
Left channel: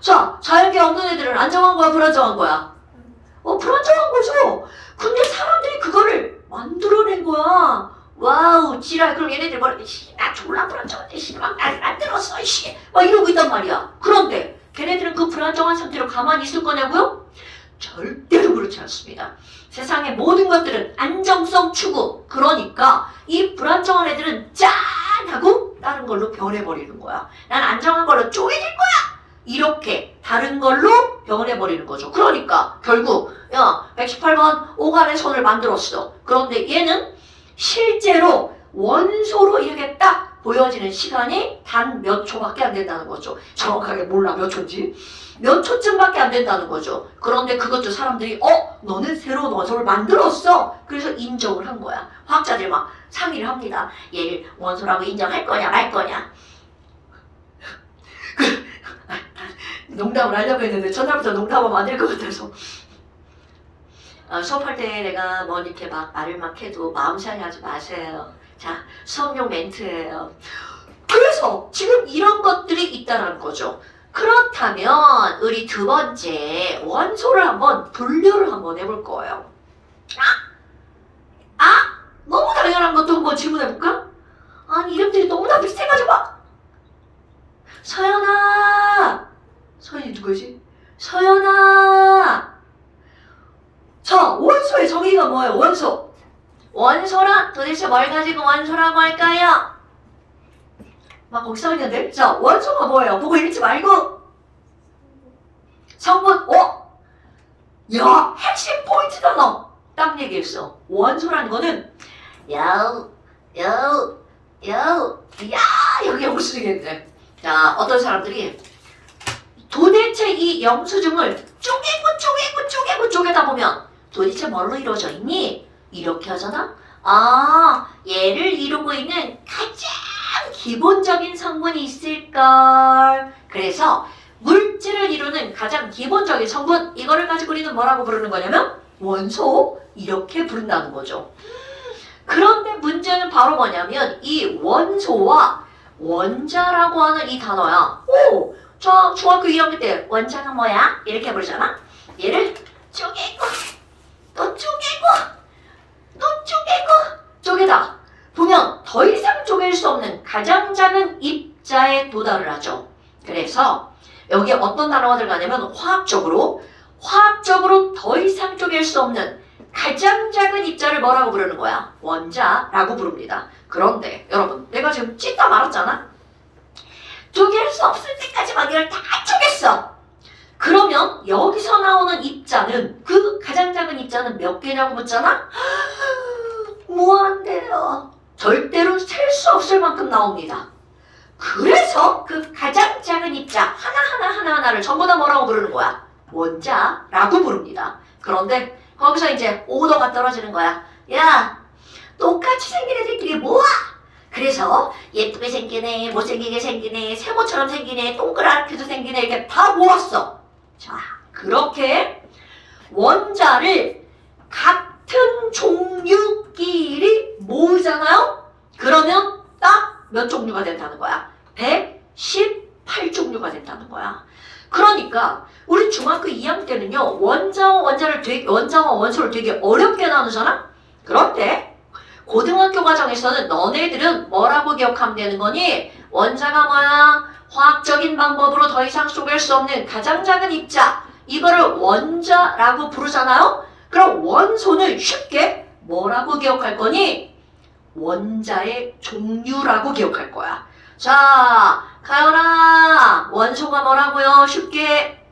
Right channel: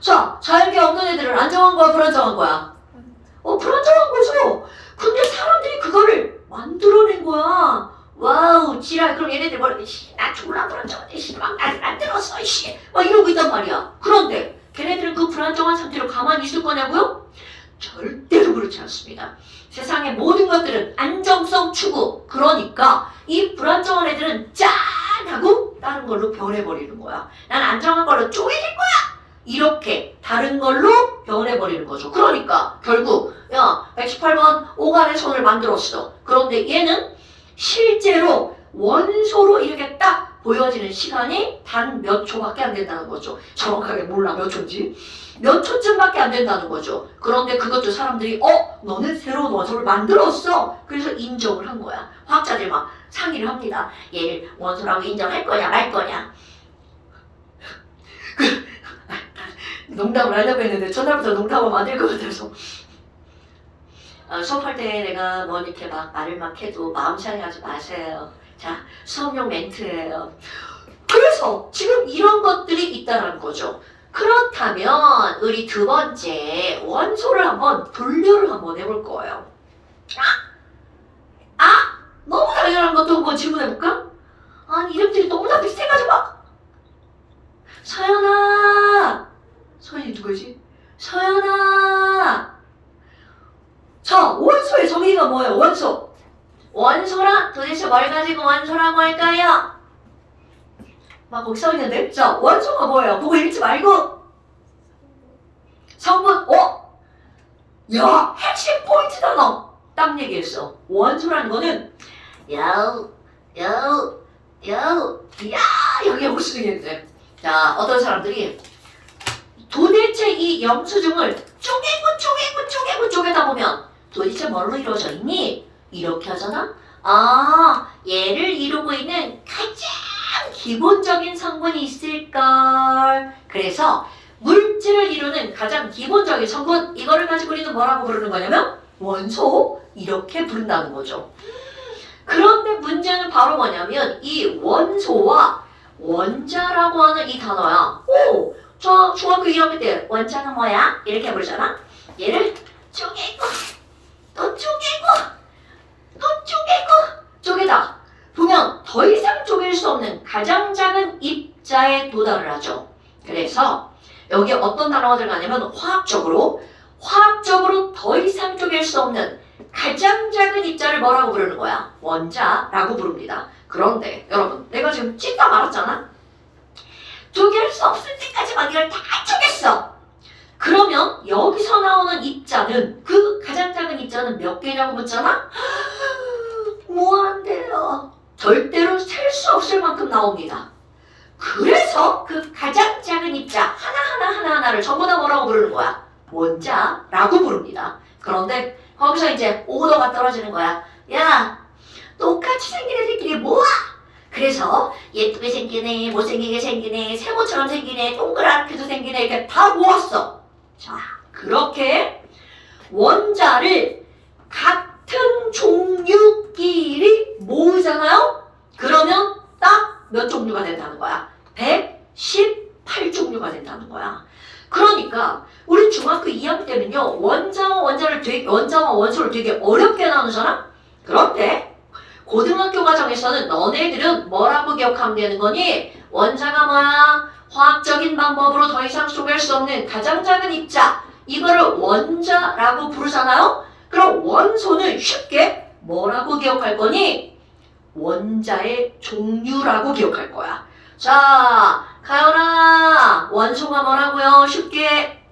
자, 자연계 없는 애들은 안정한 거야? 불안정한 거야? 불안정한 거죠. 근데 사람들이 그거를 만들어낸 거야. 와우, 지랄. 그럼 얘네들 나 졸라 불안정한데, 막 만들었어, 막 이러고 있단 말이야. 그런데 걔네들은 그 불안정한 상태로 가만히 있을 거냐고요? 절대로 그렇지 않습니다. 세상의 모든 것들은 안정성 추구. 그러니까 이 불안정한 애들은 짠! 하고 다른 걸로 변해버리는 거야. 난 안정한 걸로 쪼개질 거야! 이렇게 다른 걸로 변해버리는 거죠. 그러니까 결국 118번 오간의 손을 만들었어. 그런데 얘는 실제로 원소로 이렇게 딱 보여지는 시간이 단 몇 초밖에 안 된다는 거죠. 정확하게 몰라 몇 초인지. 몇 초쯤밖에 안 된다는 거죠. 그런데 그것도 사람들이 너는 새로운 원소를 만들었어. 그래서 인정을 한 거야. 화학자들이 막 상의를 합니다. 얘를 원소라고 인정할 거냐 말 거냐. 농담을 하려고 했는데 첫날부터 농담하면 안 될 것 같아서 수업할 때 내가 뭐 이렇게 막 말을 막 해도 마음 상해하지 마세요. 자, 수업용 멘트예요. 그래서 지금 이런 것들이 있다는 거죠. 그렇다면 우리 두 번째 원소를 한번 분류를 한번 해볼 거예요. 너무 당연한 것도 한번 질문해볼까? 아니 이름들이 너무나 비슷해가지고 서연아, 서연이 누구지? 서연아. 자, 원소의 정의가 뭐예요? 원소. 원소란 도대체 뭘 가지고 원소라고 할까요? 막 거기 써있는데? 자, 원소가 뭐예요? 보고 읽지 말고. 성분. 야, 핵심 포인트다 너. 딱 얘기했어. 원소라는 거는 야, 여기 영수증인데. 자, 어떤 사람들이 도대체 이 영수증을 쪼개다 보면 도대체 뭘로 이루어져 있니? 이렇게 하잖아? 얘를 이루고 있는 가장 기본적인 성분이 있을걸. 그래서 물질을 이루는 가장 기본적인 성분, 이거를 가지고 우리는 뭐라고 부르는 거냐면 원소, 이렇게 부른다는 거죠. 그런데 문제는 바로 뭐냐면 이 원소와 원자라고 하는 이 단어야. 저 중학교 2학년 때 원자가 뭐야? 이렇게 부르잖아. 얘를 쪼개고 또 쪼개다 보면 더 이상 쪼갤 수 없는 가장 작은 입자에 도달을 하죠. 그래서 여기에 어떤 단어가 들어가냐면 화학적으로 더 이상 쪼갤 수 없는 가장 작은 입자를 뭐라고 부르는 거야? 원자라고 부릅니다. 그런데 여러분, 내가 지금 찢다 말았잖아. 쪼갤 수 없을 때까지 막 이걸 다 쪼갰어. 그러면 여기서 나오는 입자는, 그 가장 작은 입자는 몇 개냐고 묻잖아? 무한대요. 절대로 셀 수 없을 만큼 나옵니다. 그래서 그 가장 작은 입자 하나하나를 전부 다 뭐라고 부르는 거야? 원자라고 부릅니다. 그런데 거기서 이제 오더가 떨어지는 거야. 야, 똑같이 생긴 애들끼리 모아! 그래서 예쁘게 생기네, 못생기게 생기네, 세모처럼 생기네, 동그랗게도 생기네 이렇게 다 모았어. 자, 그렇게 원자를 같은 종류끼리 모으잖아요? 그러면 딱 몇 종류가 된다는 거야? 118종류가 된다는 거야. 그러니까 우리 중학교 2학년 때는요, 원자와 원소를 되게 어렵게 나누잖아? 그런데 고등학교 과정에서는 너네들은 뭐라고 기억하면 되는 거니? 원자가 뭐야? 화학적인 방법으로 더 이상 속일 수 없는 가장 작은 입자. 이거를 원자라고 부르잖아요? 그럼 원소는 쉽게 뭐라고 기억할 거니? 원자의 종류라고 기억할 거야. 자, 가연아, 원소가 뭐라고요? 쉽게.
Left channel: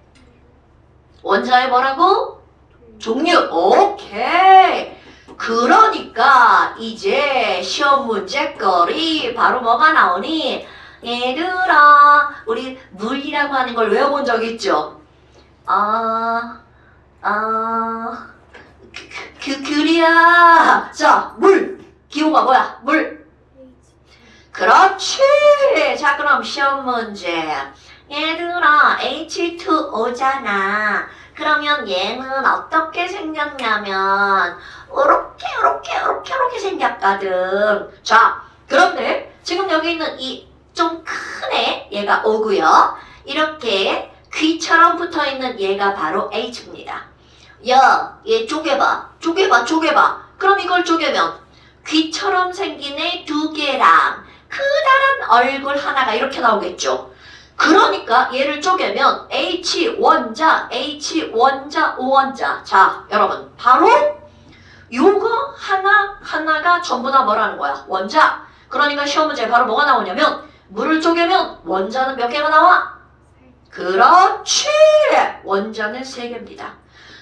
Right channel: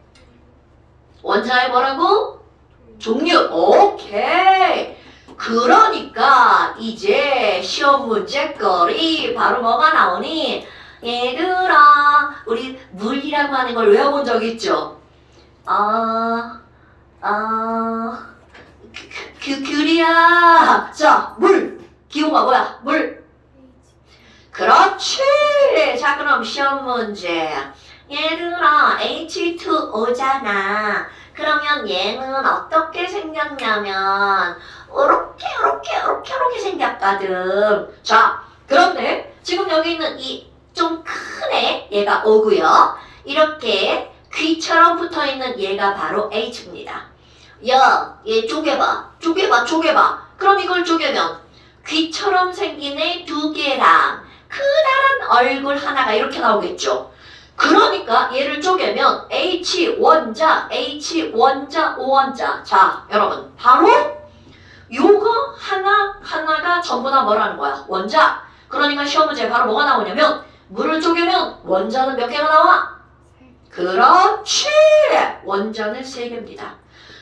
원자의 뭐라고? 종류. 오케이. 그러니까 이제 시험 문제거리 바로 뭐가 나오니? 얘들아, 우리 물이라고 하는 걸 외워본 적 있죠? 그리야. 자, 물. 기호가 뭐야? 물. 그렇지. 자, 그럼 시험 문제. 얘들아, H2O잖아. 그러면 얘는 어떻게 생겼냐면 이렇게 생겼거든. 자, 그런데 지금 여기 있는 이 좀 큰 애, 얘가 O고요. 이렇게 귀처럼 붙어있는 얘가 바로 H입니다. 야, 얘 쪼개봐. 그럼 이걸 쪼개면 귀처럼 생긴 애 2개랑 크다란 얼굴 하나가 이렇게 나오겠죠. 그러니까 얘를 쪼개면 H 원자, O 원자. 자, 여러분, 바로 요거 하나가 전부 다 뭐라는 거야? 원자. 그러니까 시험 문제 바로 뭐가 나오냐면 물을 쪼개면 원자는 몇 개가 나와? 그렇지! 원자는 3개입니다.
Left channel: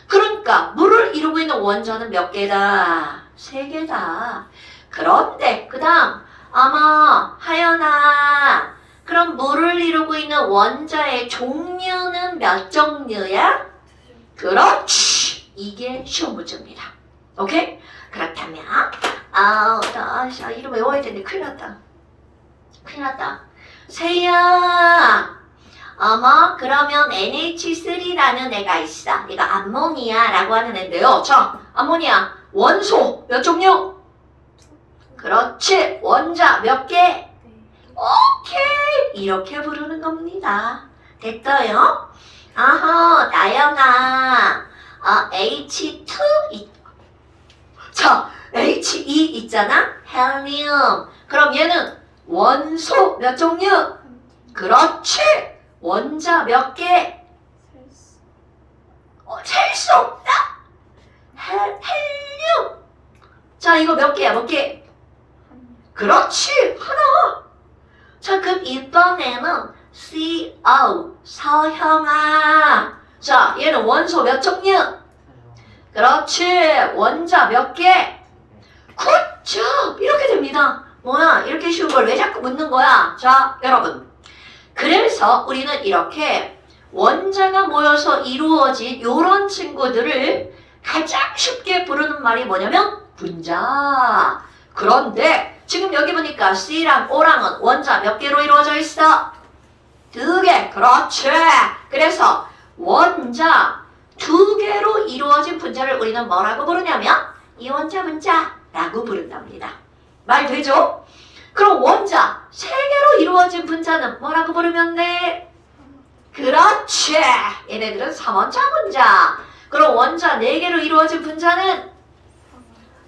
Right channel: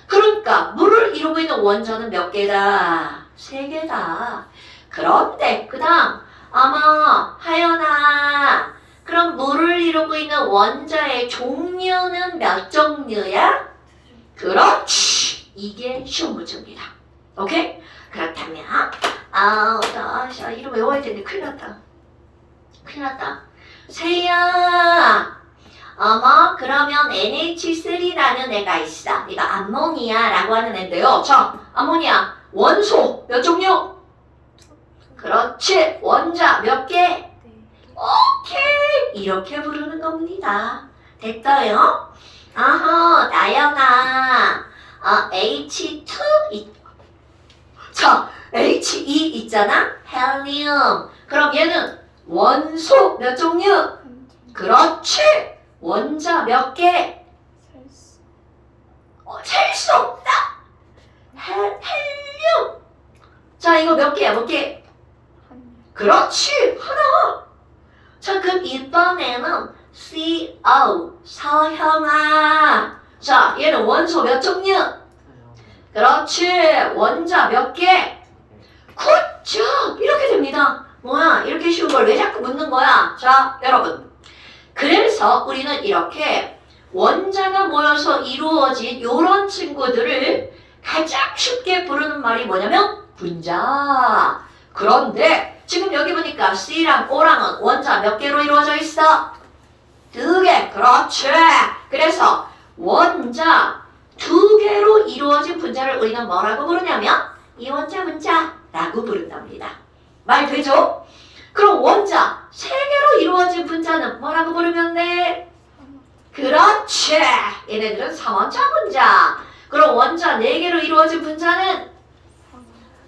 그러니까 물을 이루고 있는 원자는 몇 개다? 3개다. 그런데 그 다음 아마 하연아, 그럼 물을 이루고 있는 원자의 종류는 몇 종류야? 그렇지! 이게 시험 문제입니다. 오케이? 그렇다면 이름 외워야 되는데 큰일 났다. 세야, 그러면 NH3라는 애가 있어. 얘가 암모니아라고 하는 애인데요. 자, 암모니아 원소 몇 종류? 그렇지. 원자 몇 개? 오케이. 이렇게 부르는 겁니다. 됐어요? 나연아. H2 자, He 있잖아? 헬륨. 그럼 얘는 원소 몇 종류? 그렇지. 원자 몇 개? 셀 수 없다. 헬륨. 자, 이거 몇 개야? 그렇지. 하나. 자, 그럼 이번에는 CO, 서형아. 자, 얘는 원소 몇 종류? 그렇지. 원자 몇 개? 굿죠. 이렇게 됩니다. 뭐야? 이렇게 쉬운 걸 왜 자꾸 묻는 거야? 자, 여러분. 그래서 우리는 이렇게 원자가 모여서 이루어진 이런 친구들을 가장 쉽게 부르는 말이 뭐냐면 분자. 그런데 지금 여기 보니까 C랑 O랑은 원자 몇 개로 이루어져 있어? 2개. 그렇지. 그래서 원자 2개로 이루어진 분자를 우리는 뭐라고 부르냐면 이원자 분자라고 부른답니다. 말 되죠? 그럼 원자 3개로 이루어진 분자는 뭐라고 부르면 돼? 그렇지. 얘네들은 3원자 분자. 그럼 원자 4개로 이루어진 분자는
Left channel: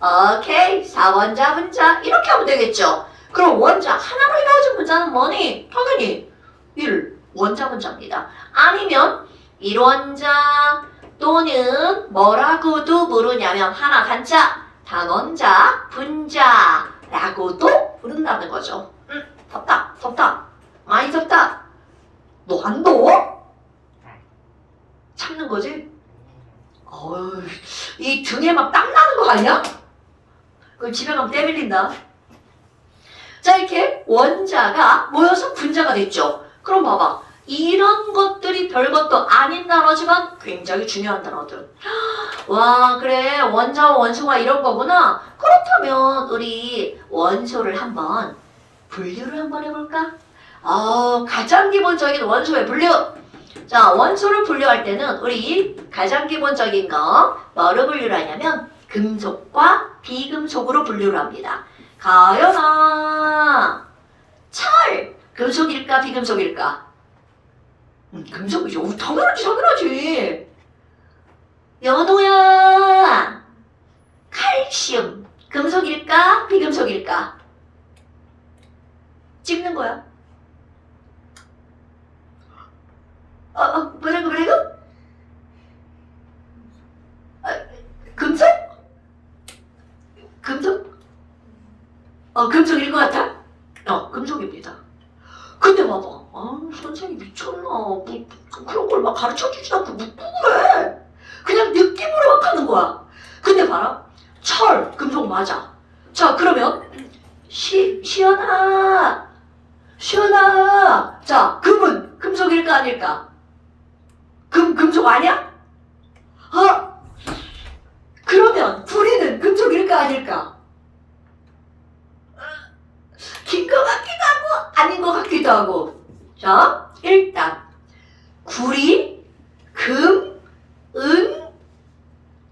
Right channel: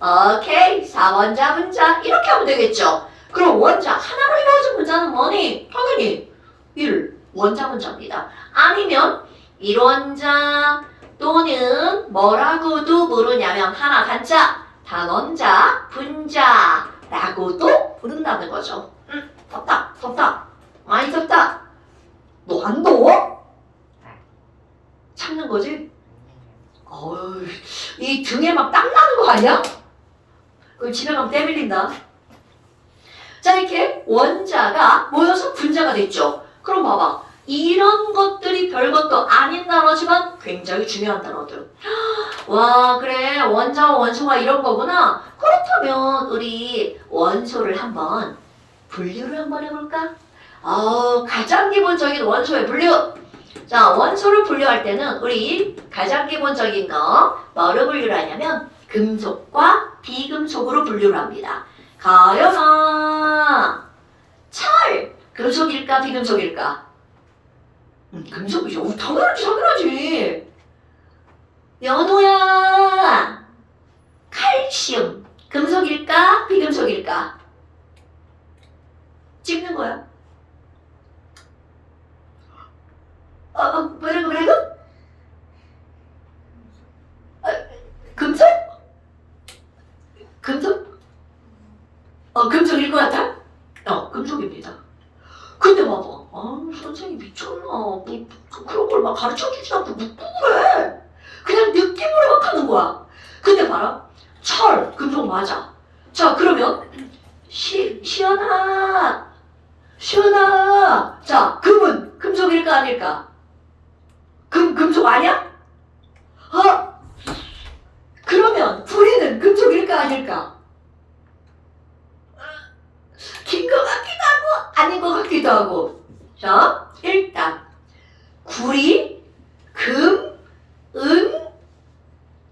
오케이, 4원자 분자. 이렇게 하면 되겠죠. 그럼 원자 하나로 이루어진 분자는 뭐니? 당연히 1원자 분자입니다. 아니면 1원자 또는 뭐라고도 부르냐면 하나 단자, 단원자 분자라고도 부른다는 거죠. 덥다. 많이 덥다. 너 안 더워? 참는 거지? 이 등에 막 땀 나는 거 아니야? 그럼 집에 가면 때 밀린다. 자, 이렇게 원자가 모여서 분자가 됐죠. 그럼 봐봐. 이런 것들이 별것도 아닌 단어지만 굉장히 중요한 단어들. 와, 그래. 원자와 원소가 이런 거구나. 그렇다면 우리 원소를 한번 분류를 한번 해볼까? 가장 기본적인 원소의 분류. 자, 원소를 분류할 때는 우리 가장 기본적인 거 뭐로 분류를 하냐면 금속과 비금속으로 분류를 합니다. 가연아, 철, 금속일까 비금속일까? 금속이죠. 당연하지. 연우야, 칼슘, 금속일까 비금속일까? 찍는 거야. 뭐라고? 금속? 금속? 금속일 것 같아? 금속입니다. 근데 봐봐. 선생님 미쳤나. 그런 걸 막 가르쳐주지 않고 묻고 그래. 그냥 느낌으로 막 하는 거야. 근데 봐라. 철, 금속 맞아. 자, 그러면 시연아. 자, 금은 금속일까 아닐까? 금속 아니야? 그러면 구리는 금속일까 아닐까? 긴 것 같기도 하고 아닌 것 같기도 하고. 자, 일단 구리, 금, 은,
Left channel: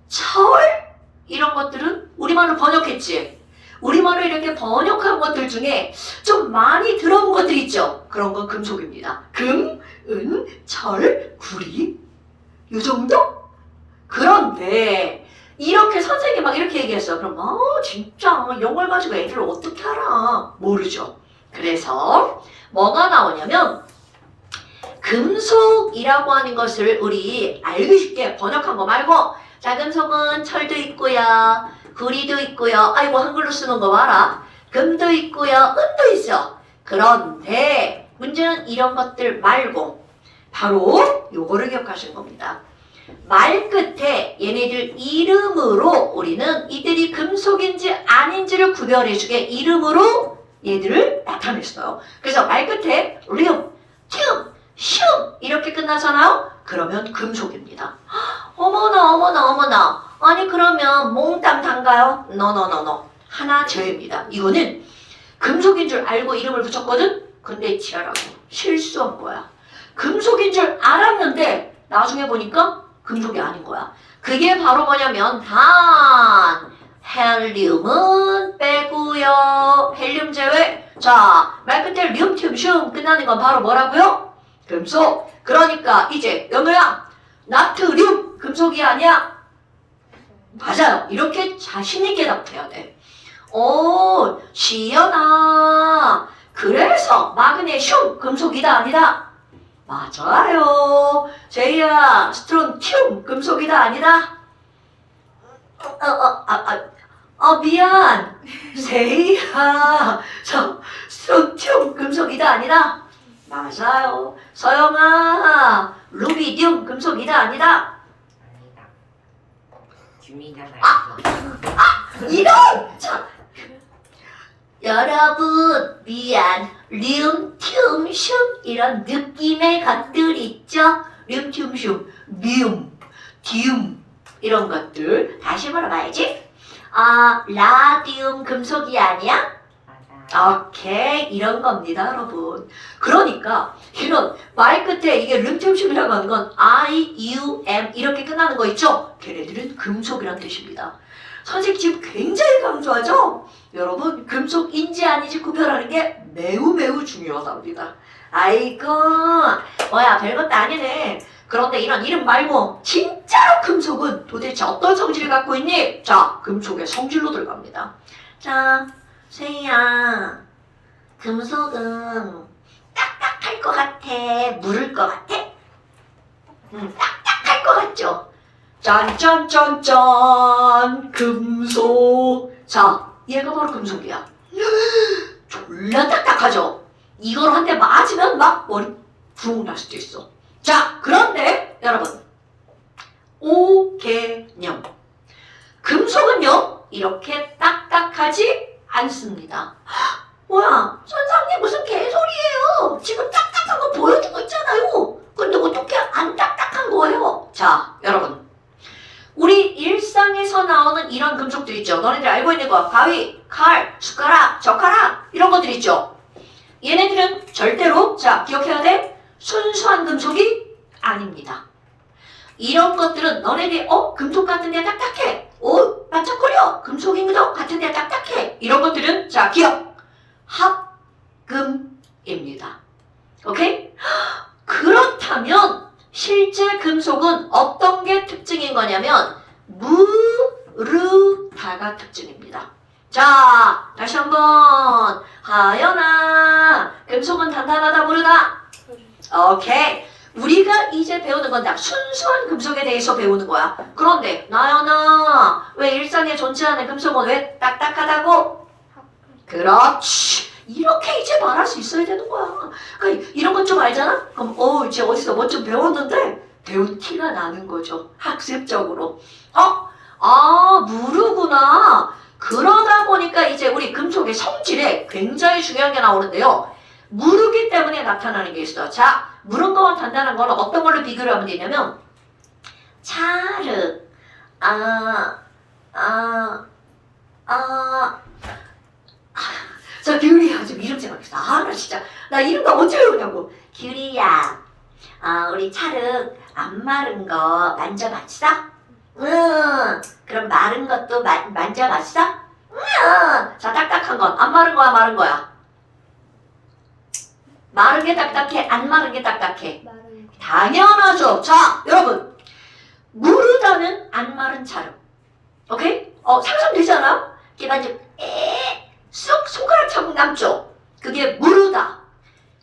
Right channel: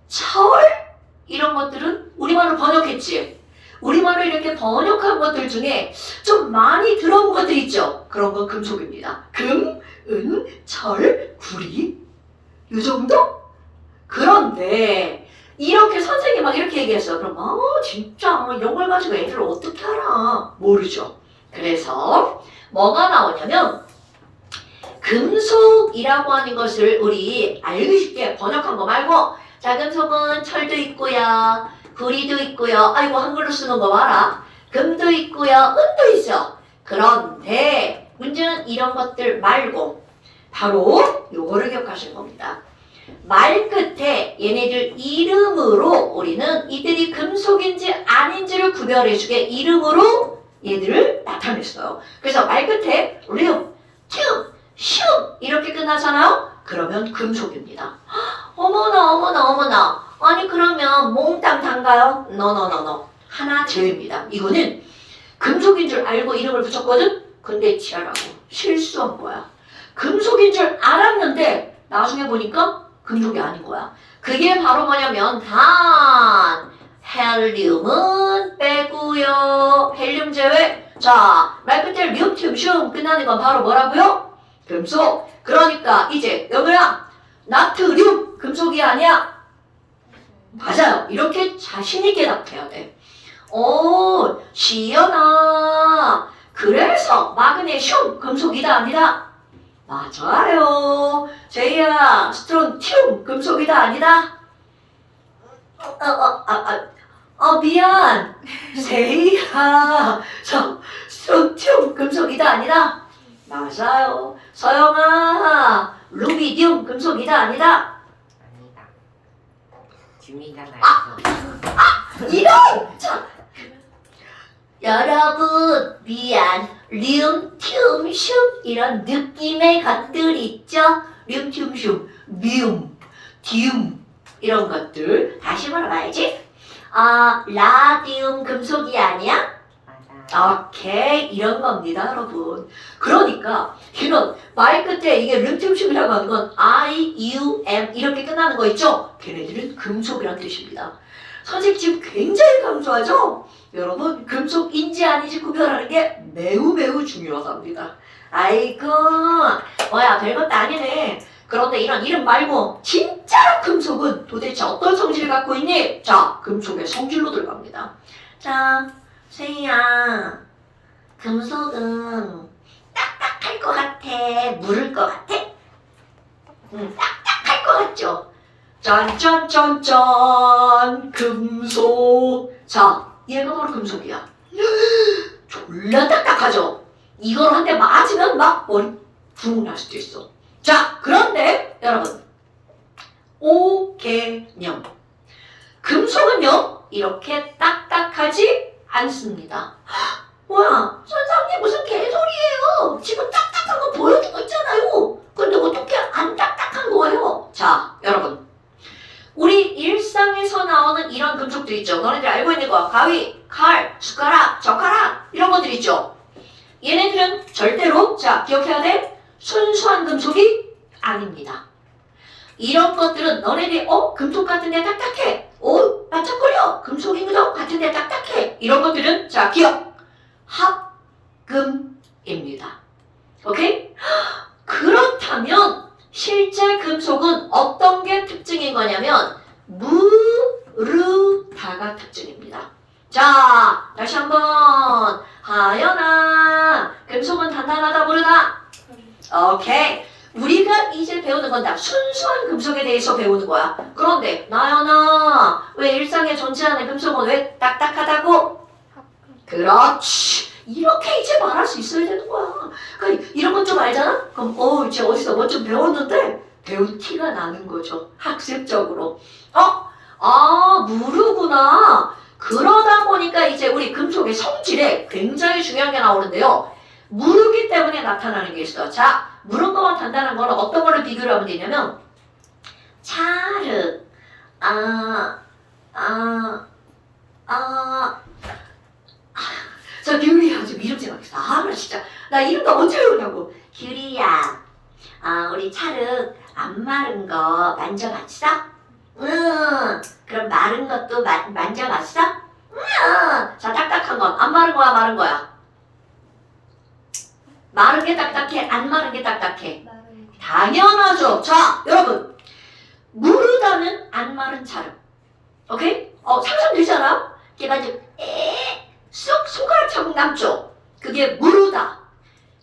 철 이런 것들은 우리말로 번역했지. 우리말로 이렇게 번역한 것들 중에 좀 많이 들어온 것들 있죠. 그런 건 금속입니다. 금, 은, 철, 구리 이 정도? 그런데 이렇게 선생님이 막 이렇게 얘기했어요. 그럼 진짜 이런 걸 가지고 애들을 어떻게 알아? 모르죠. 그래서 뭐가 나오냐면 금속이라고 하는 것을 우리 알기 쉽게 번역한 거 말고 자, 금속은 철도 있고요. 구리도 있고요. 아이고 한글로 쓰는 거 봐라. 금도 있고요. 은도 있어. 그런데 문제는 이런 것들 말고 바로 요거를 기억하실 겁니다. 말 끝에 얘네들 이름으로 우리는 이들이 금속인지 아닌지를 구별해주게 이름으로 얘들을 나타냈어요. 그래서 말 끝에 리움, 튠, 슝 이렇게 끝나잖아요. 그러면 금속입니다. 어머나. 아니 그러면 몽땅 단가요? No. 하나 제외입니다. 이거는 금속인 줄 알고 이름을 붙였거든? 근데 지랄하고 실수한 거야. 금속인 줄 알았는데 나중에 보니까 금속이 아닌 거야. 그게 바로 뭐냐면 단, 헬륨은 빼고요. 헬륨 제외. 자, 말 끝에 륨, 슘 끝나는 건 바로 뭐라고요? 금속. 그러니까 이제 연우야, 나트륨 금속이 아니야. 맞아요. 이렇게 자신있게 답해야 돼. 시연아. 그래서 마그네슘 금속이다 아니다? 맞아요. 제이야, 스트론튬 금속이다 아니다? 미안. 세이야, 스트론튬 금속이다 아니다? 맞아요. 서영아, 루비디움 금속이다 아니다? 아니다. 줌이잖아요. 이런! 자, 여러분 미안. 리움, 튬, 슘 이런 느낌의 것들 있죠? 리움, 튬, 슘, 미움, 디움 이런 것들 다시 물어봐야지. 라디움 금속이 아니야? 맞아. 오케이 이런 겁니다 여러분. 그러니까 걔는 말 끝에 이게 륨튬슘이라고 하는 건 IUM 이렇게 끝나는 거 있죠? 걔네들은 금속이란 뜻입니다. 선생님 지금 굉장히 강조하죠? 여러분 금속인지 아닌지 구별하는 게 매우 중요합니다. 아이고 뭐야 별것도 아니네. 그런데 이런 이름 말고 진짜 금속은 도대체 어떤 성질을 갖고 있니? 자, 금속의 성질로 들어갑니다. 자, 세희야, 금속은 딱딱할 것 같아? 물을 것 같아? 딱딱할 것 같죠? 짠, 금속. 자, 얘가 바로 금속이야. 졸라 딱딱하죠? 이걸 한 대 맞으면 막 머리 붕 날 수도 있어. 자, 그런데 여러분 오개념 금속은요 이렇게 딱딱하지 않습니다. 뭐야? 선생님 무슨 개소리예요? 지금 딱딱한 거 보여주고 있잖아요. 근데 어떻게 안 딱딱한 거예요? 자, 여러분. 우리 일상에서 나오는 이런 금속들 있죠. 너네들 알고 있는 거. 가위, 칼, 숟가락, 젓가락 이런 것들 있죠. 얘네들은 절대로 자 기억해야 돼. 순수한 금속이 아닙니다. 이런 것들은 너네들이 금속 같은데 딱딱해. 반짝거려. 금속인 것 같은데 딱딱해. 이런 것들은 자 기억. 합금입니다. 오케이? 그렇다면 실제 금속은 어떤 게 특징인 거냐면 무르다가 특징입니다. 자, 다시 한번 하연아, 금속은 단단하다 무르다? 오케이. 우리가 이제 배우는 건 다 순수한 금속에 대해서 배우는 거야. 그런데 나연아, 왜 일상에 존재하는 금속은 왜 딱딱하다고? 그렇지. 이렇게 이제 말할 수 있어야 되는 거야. 그러니까 이런 것 좀 알잖아? 그럼 이제 어디서 뭐 좀 배웠는데 배운 티가 나는 거죠. 학습적으로. 무르구나. 그러다 보니까 이제 우리 금속의 성질에 굉장히 중요한 게 나오는데요. 무르기 때문에 나타나는 게 있어요. 자, 무른 거와 단단한 거는 어떤 걸로 비교를 하면 되냐면 차르, 저 규리야 지금 이름 생각했어. 나 진짜 나 이름 나 언제 외우냐고. 규리야, 우리 차르 안 마른 거 만져봤어? 응. 그럼 마른 것도 만져봤어? 응. 자, 딱딱한 건 안 마른 거야, 마른 거야? 마른 게 딱딱해, 안 마른 게 딱딱해? 마른 당연하죠. 자, 여러분, 무르다는 안 마른 차르. 오케이? 상상되잖아? 이렇게 만져 쑥 손가락 자국 남죠? 그게 무르다.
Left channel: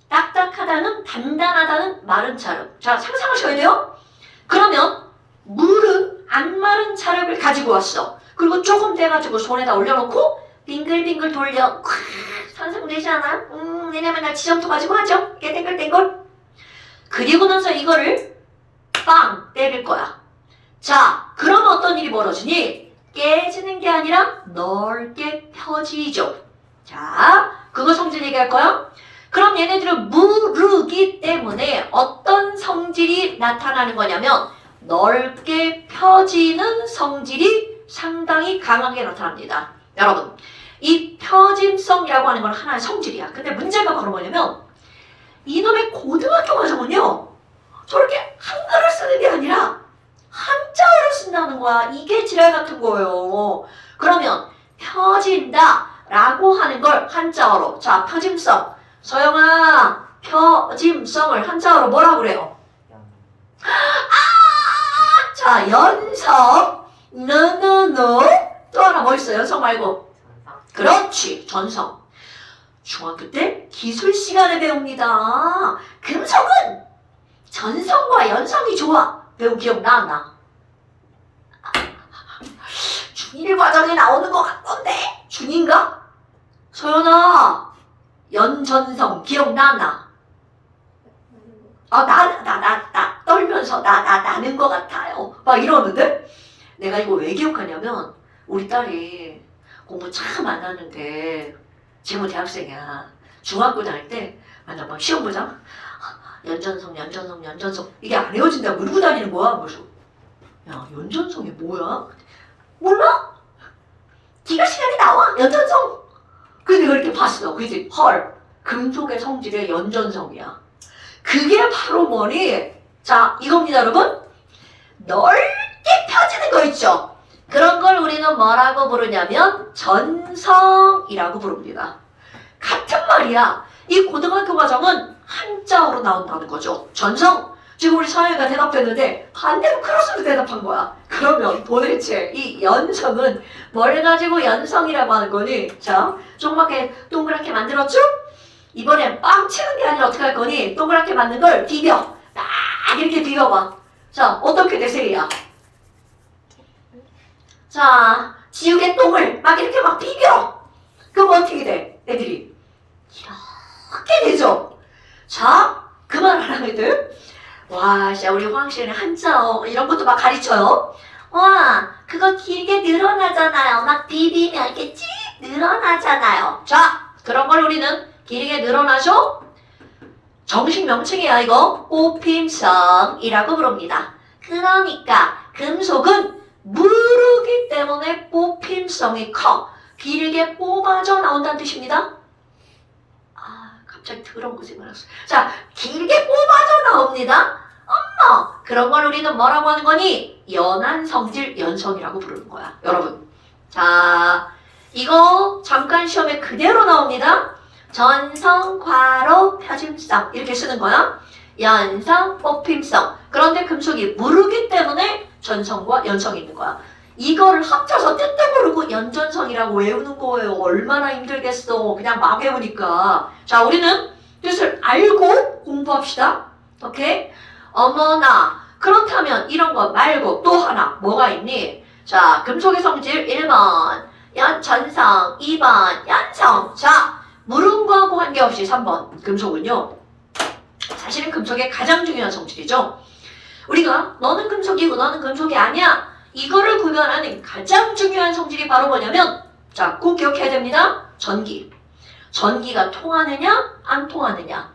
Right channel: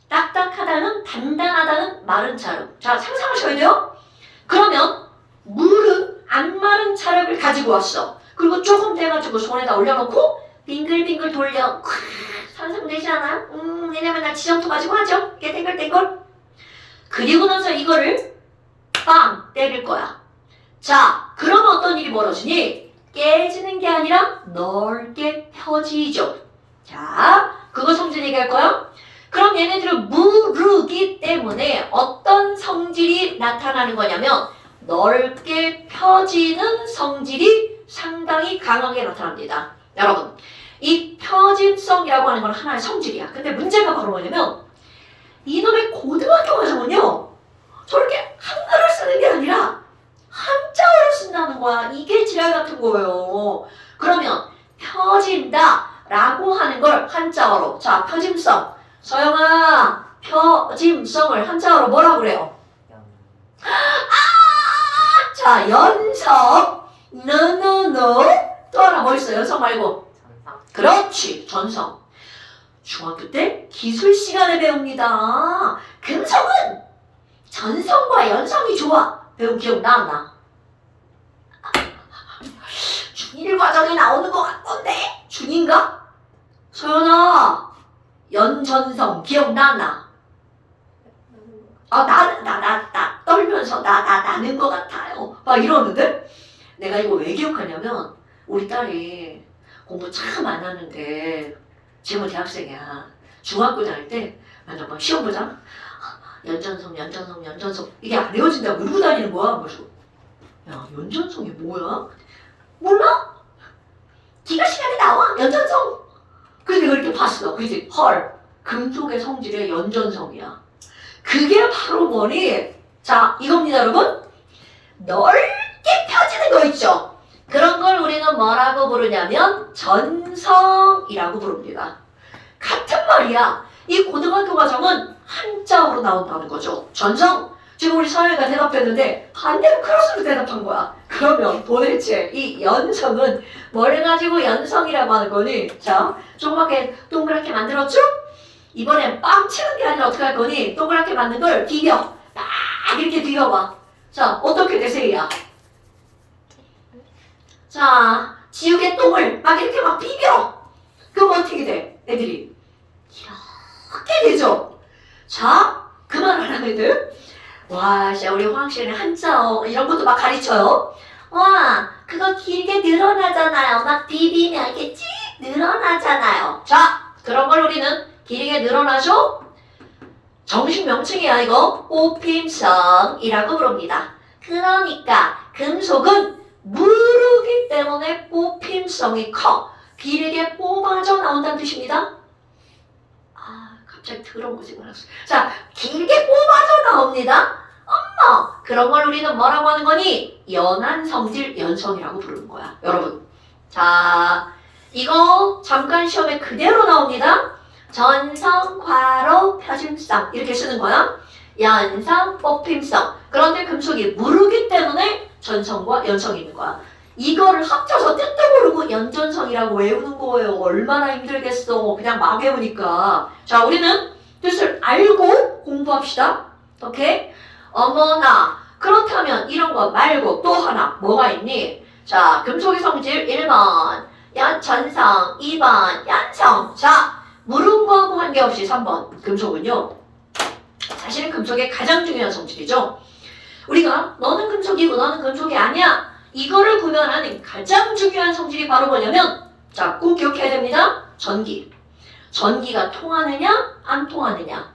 딱딱하다는, 단단하다는 마른 차르. 자, 상상하셔야 돼요. 그러면 물은 안 마른 차르를 가지고 왔어. 그리고 조금 돼가지고 손에다 올려놓고 빙글빙글 돌려. 상상되지 않아? 왜냐면 나 지점토 가지고 하죠? 이렇게 땡글땡글. 그리고 나서 이거를 빵 때릴 거야. 자, 그럼 어떤 일이 벌어지니? 깨지는 게 아니라 넓게 펴지죠. 자, 그거 성질 얘기할 거야? 그럼 얘네들은 무르기 때문에 어떤 성질이 나타나는 거냐면 넓게 펴지는 성질이 상당히 강하게 나타납니다. 여러분, 이 펴짐성이라고 하는 건 하나의 성질이야. 근데 문제가 바로 뭐냐면 이놈의 고등학교 과정은요, 저렇게 한글을 쓰는 게 아니라 한자어를 쓴다는 거야. 이게 지랄 같은 거예요. 그러면 펴진다 라고 하는 걸 한자어로, 자, 펴짐성. 서영아, 펴짐성을 한자어로 뭐라고 그래요? 자, 연성. 너너너. 또 하나 뭐 있어요? 연성 말고. 그렇지, 전성. 중학교 때 기술 시간에 배웁니다. 금성은 전성과 연성이 좋아. 배운 기억 나? 중1 과정에 나오는 것 같던데? 중2인가? 소연아, 연전성 기억나? 나 떨면서 나는 것 같아요. 막 이러는데? 내가 이거 왜 기억하냐면 우리 딸이 공부 참 안 하는데 지금 대학생이야. 중학교 다닐 때 만나 막 시험 보잖아. 연전성 이게 안 외워진다고 울고 다니는 거야. 그래서 야, 연전성이 뭐야? 몰라? 기가 시간에 나와. 연전성. 그래서 내가 이렇게 봤어. 그지? 헐, 금속의 성질의 연전성이야. 그게 바로 뭐니? 자, 이겁니다, 여러분. 넓게 펴지는 거 있죠? 그런 걸 우리는 뭐라고 부르냐면 전성이라고 부릅니다. 같은 말이야. 이 고등학교 과정은 한자어로 나온다는 거죠. 전성. 지금 우리 서영이가 대답했는데 반대로 크로스로 대답한 거야. 그러면 도대체 이 연성은 뭘 가지고 연성이라고 하는 거니? 자, 조그맣게 동그랗게 만들었죠? 이번엔 빵 치는 게 아니라 어떻게 할 거니? 동그랗게 만든 걸 비벼. 막 이렇게 비벼봐. 자, 어떻게 되세요? 자, 지우개 똥을 막 이렇게 막 비벼. 그럼 어떻게 돼? 애들이 이렇게 되죠? 자, 그만 하라 애들. 와, 진짜 우리 화학실은 한자어 이런 것도 막 가르쳐요. 와, 그거 길게 늘어나잖아요. 막 비비면 이렇게 쭉 늘어나잖아요. 자, 그런 걸 우리는 기능에 늘어나죠? 정식 명칭이야 이거. 뽑힘성이라고 부릅니다. 그러니까 금속은 무르기 때문에 뽑힘성이 커. 길게 뽑아져 나온다는 뜻입니다. 갑자기 더러운 거 생각났어. 자, 길게 뽑아져 나옵니다. 그런 걸 우리는 뭐라고 하는 거니? 연한 성질 연성이라고 부르는 거야. 여러분. 자, 이거 잠깐 시험에 그대로 나옵니다. 전성, 과로, 표준성 이렇게 쓰는 거야. 연성, 뽑힘성. 그런데 금속이 무르기 때문에 전성과 연성이 있는 거야. 이거를 합쳐서 뜻도 모르고 연전성이라고 외우는 거예요. 얼마나 힘들겠어. 그냥 막 외우니까. 자, 우리는 뜻을 알고 공부합시다. 오케이? 어머나. 그렇다면 이런 거 말고 또 하나 뭐가 있니? 자, 금속의 성질 1번 전성, 2번 연성. 자, 무른 거하고 관계없이 3번 금속은요. 사실은 금속의 가장 중요한 성질이죠. 우리가 너는 금속이고 너는 금속이 아니야. 이거를 구별하는 가장 중요한 성질이 바로 뭐냐면 자, 꼭 기억해야 됩니다. 전기. 전기가 통하느냐 안 통하느냐.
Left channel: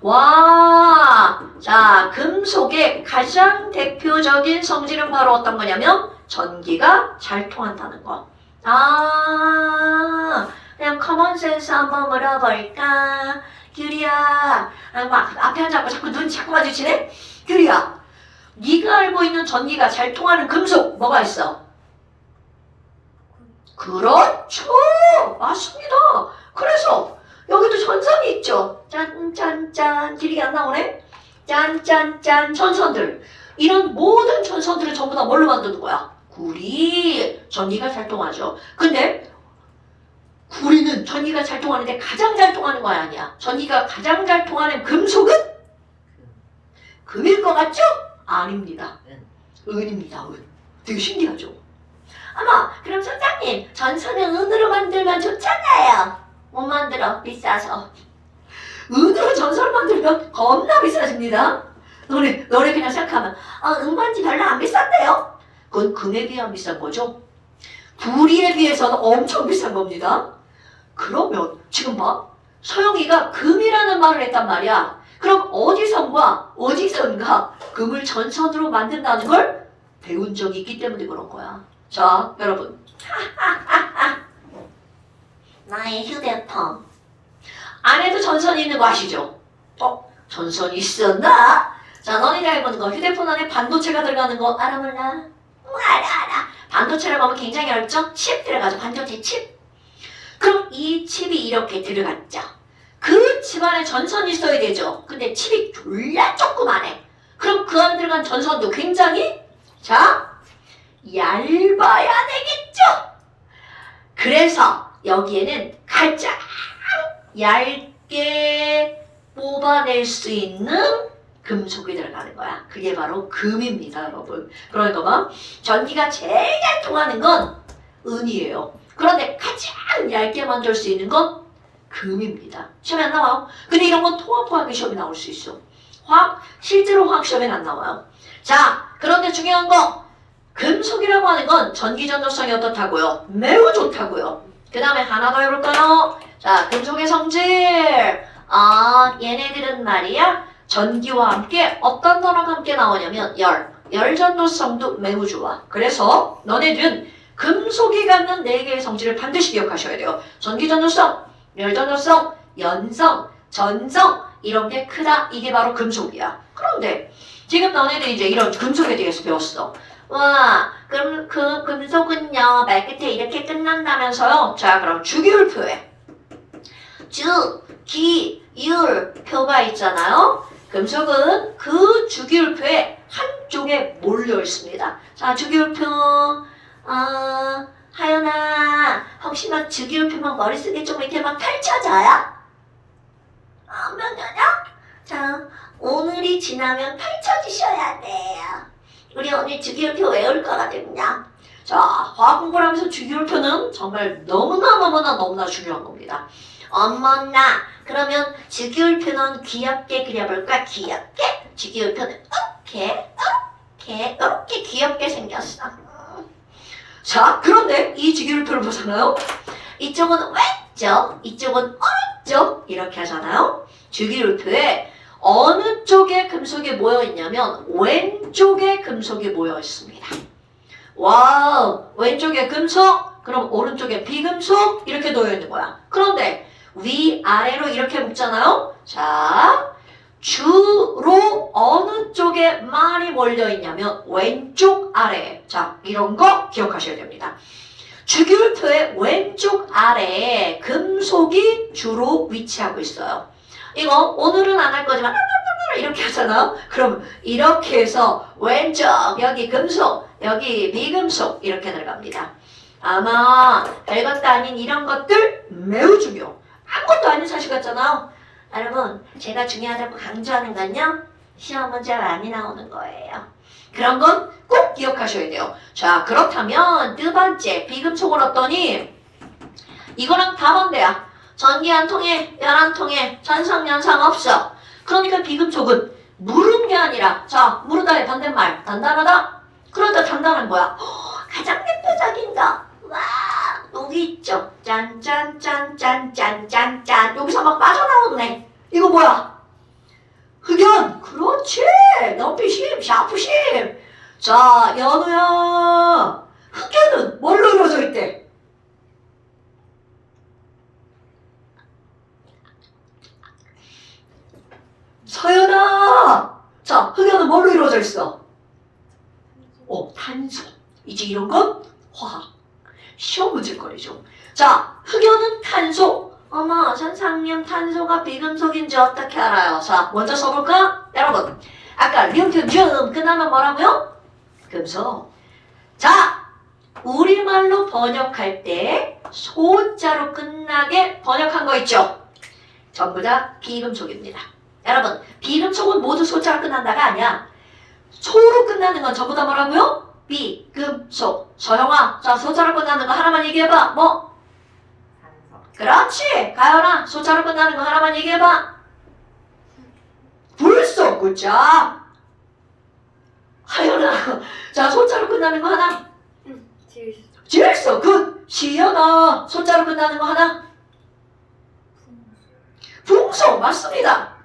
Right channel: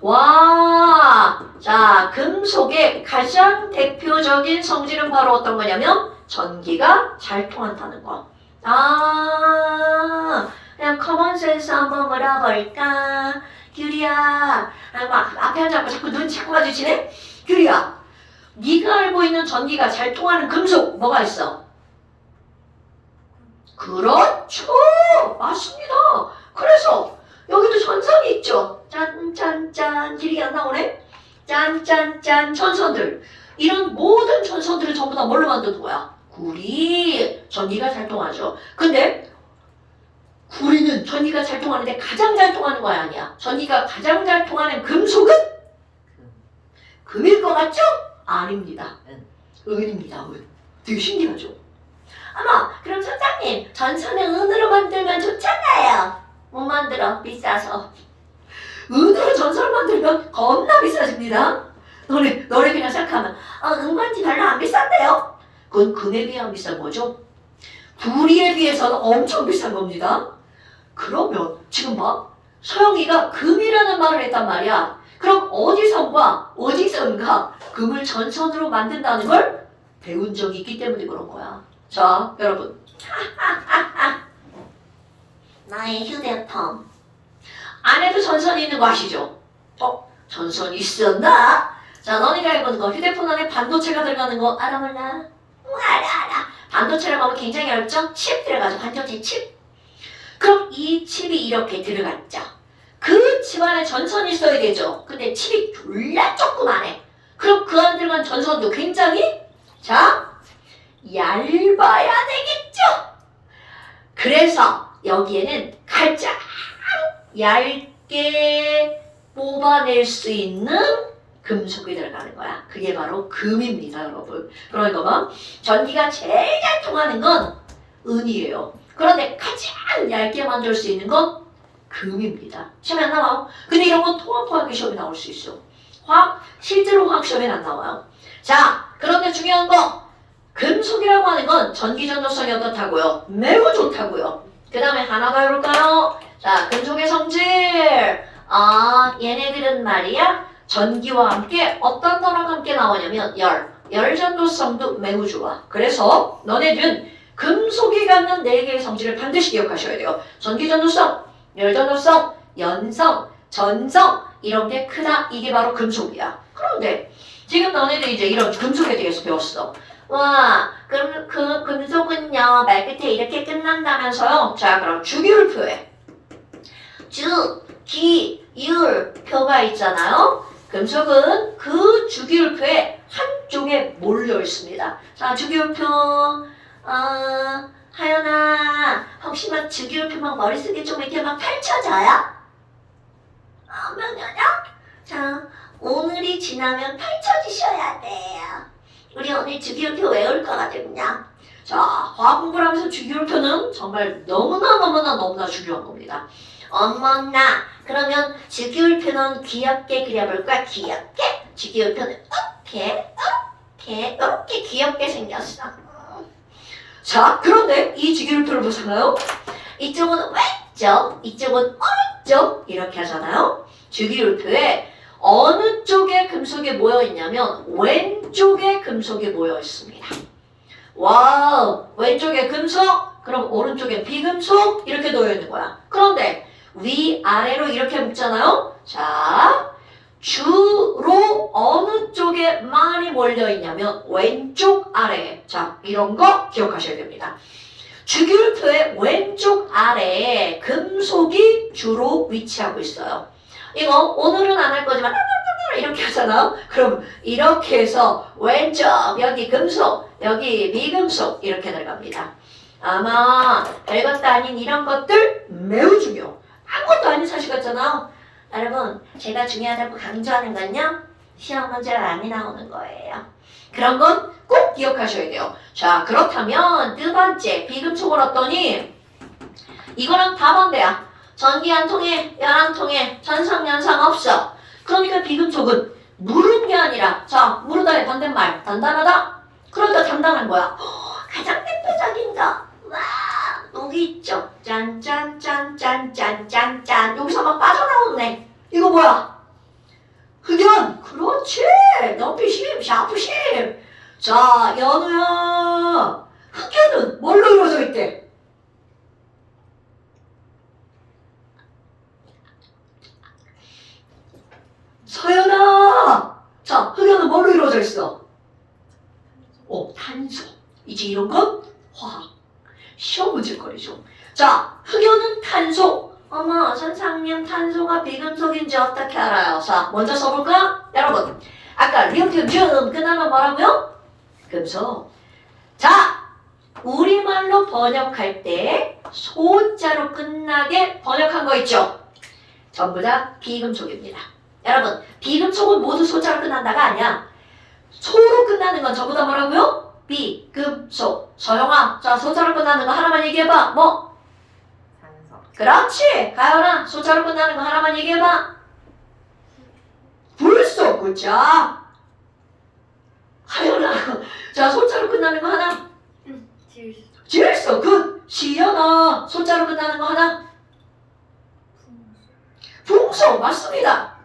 와, 자, 금속의 가장 대표적인 성질은 바로 어떤 거냐면 전기가 잘 통한다는 거. 그냥 커먼센스 한번 물어볼까? 규리야, 막 앞에 앉아서 자꾸 눈 자꾸 마주치네? 규리야, 네가 알고 있는 전기가 잘 통하는 금속 뭐가 있어? 그렇죠, 맞습니다. 그래서 여기도 전선이 있죠. 짠짠짠, 길이 안 나오네? 짠짠짠, 전선들. 이런 모든 전선들을 전부 다 뭘로 만드는 거야? 구리. 전기가 잘 통하죠. 근데 구리는 전기가 잘 통하는데 가장 잘 통하는 거 아니야. 전기가 가장 잘 통하는 금속은? 금일 것 같죠? 아닙니다. 은입니다. 은. 되게 신기하죠? 어머, 그럼 선생님, 전선은 은으로 만들면 좋잖아요. 못 만들어, 비싸서. 은으로 전선을 만들면 겁나 비싸집니다. 너네 그냥 생각하면 은관지 별로 안 비싼데요? 그건 금에 비하면 비싼 거죠. 구리에 비해서는 엄청 비싼 겁니다. 그러면 지금 봐, 서영이가 금이라는 말을 했단 말이야. 그럼 어디선가 금을 전선으로 만든다는 걸 배운 적이 있기 때문에 그런 거야. 자, 여러분. 나의 휴대폰 안에도 전선이 있는 거 아시죠? 전선이 있었나? 자, 너희가 해보는 거 휴대폰 안에 반도체가 들어가는 거 알아 몰라? 알아. 반도체라고 하면 굉장히 어렵죠? 칩 들어가죠. 반도체 칩. 그럼 이 칩이 이렇게 들어갔죠. 그 칩 안에 전선이 있어야 되죠. 근데 칩이 졸라 조그만해. 그럼 그 안에 들어간 전선도 굉장히 얇아야 되겠죠. 그래서 여기에는 가장 얇게 뽑아낼 수 있는 금속이 들어가는 거야. 그게 바로 금입니다, 여러분. 그러니까 뭐 전기가 제일 잘 통하는 건 은이에요. 그런데 가장 얇게 만들 수 있는 건 금입니다. 시험에 안 나와요. 근데 이런 건 통합화학의 시험에 나올 수 있어. 실제로 화학 시험에는 안 나와요. 자, 그런데 중요한 거, 금속이라고 하는 건 전기 전도성이 어떻다고요? 매우 좋다고요. 그 다음에 하나 더 해볼까요? 자, 금속의 성질. 얘네들은 말이야, 전기와 함께 어떤 거랑 함께 나오냐면 열 전도성도 매우 좋아. 그래서 너네들은 금속이 갖는 4개의 성질을 반드시 기억하셔야 돼요. 전기 전도성, 열 전도성, 연성, 전성, 이런 게 크다. 이게 바로 금속이야. 그런데 지금 너네들 이제 이런 금속에 대해서 배웠어. 와, 그럼 그 금속은요 말 끝에 이렇게 끝난다면서요. 자, 그럼 주기율표에 주기율표가 있잖아요. 금속은 그 주기율표에 한쪽에 몰려 있습니다. 자, 주기율표. 하연아, 혹시 막 주기율표만 머릿속에 좀 이렇게 막 펼쳐져요? 몇 년이야? 자, 오늘이 지나면 펼쳐지셔야 돼요. 우리 오늘 주기율표 외울 거거든요. 자, 화학 공부를 하면서 주기율표는 정말 너무나 중요한 겁니다. 어머나, 그러면 주기율표는 귀엽게 그려볼까? 귀엽게? 주기율표는 이렇게 귀엽게 생겼어. 자, 그런데 이 주기율표를 보잖아요. 이쪽은 왼쪽, 이쪽은 오른쪽 이렇게 하잖아요. 주기율표에 어느 쪽에 금속이 모여 있냐면 왼쪽에 금속이 모여 있습니다. 와우, 왼쪽에 금속, 그럼 오른쪽에 비금속 이렇게 놓여 있는 거야. 그런데 위아래로 이렇게 묶잖아요. 자, 주로 어느 쪽에 많이 몰려 있냐면 왼쪽 아래에. 자, 이런 거 기억하셔야 됩니다. 주기율표의 왼쪽 아래에 금속이 주로 위치하고 있어요. 이거 오늘은 안 할 거지만 이렇게 하잖아. 그럼 이렇게 해서 왼쪽 여기 금속 여기 비금속 이렇게 들어갑니다. 아마 별것도 아닌 이런 것들 매우 중요. 아무것도 아닌 사실 같잖아요. 여러분 제가 중요하다고 강조하는 건요 시험 문제가 많이 나오는 거예요. 그런 건 꼭 기억하셔야 돼요. 자, 그렇다면 두 번째 비금속은 어떠니? 이거랑 다 반대야. 전기 한 통에 열 한 통에 전상연상 없어. 그러니까 비금속은 무른 게 아니라 자, 무르다의 반대말 단단하다. 그러다 단단한 거야. 가장 대표적인 거. 와, 여기 있죠. 짠짠짠짠짠짠짠. 여기서 막 빠져나오네. 이거 뭐야? 흑연. 그렇지. 넘피심, 샤프심. 자, 연우야. 흑연은 뭘로 이루어져 있대? 서연아. 자, 흑연은 뭘로 이루어져 있어? 탄소. 이제 이런 건 화학. 시험 문제거리죠. 자, 흑연은 탄소. 어머, 선생님 탄소가 비금속인지 어떻게 알아요? 자, 먼저 써볼까? 여러분, 아까 리튬 끝나면 뭐라고요? 금속. 자, 우리말로 번역할 때 소자로 끝나게 번역한 거 있죠? 전부 다 비금속입니다. 여러분, 비금속은 모두 소자로 끝난다가 아니야. 소로 끝나는 건 전부 다 뭐라고요? 비금속. 서영아, 자, 소자로 끝나는 거 하나만 얘기해봐. 뭐? 산소. 그렇지. 가연아, 소자로 끝나는 거 하나만 얘기해봐. 불소. 그자. 하연아, 자, 소자로 끝나는 거 하나. 질소. 질소. 굿. 시연아, 소자로 끝나는 거 하나. 풍소. 맞습니다.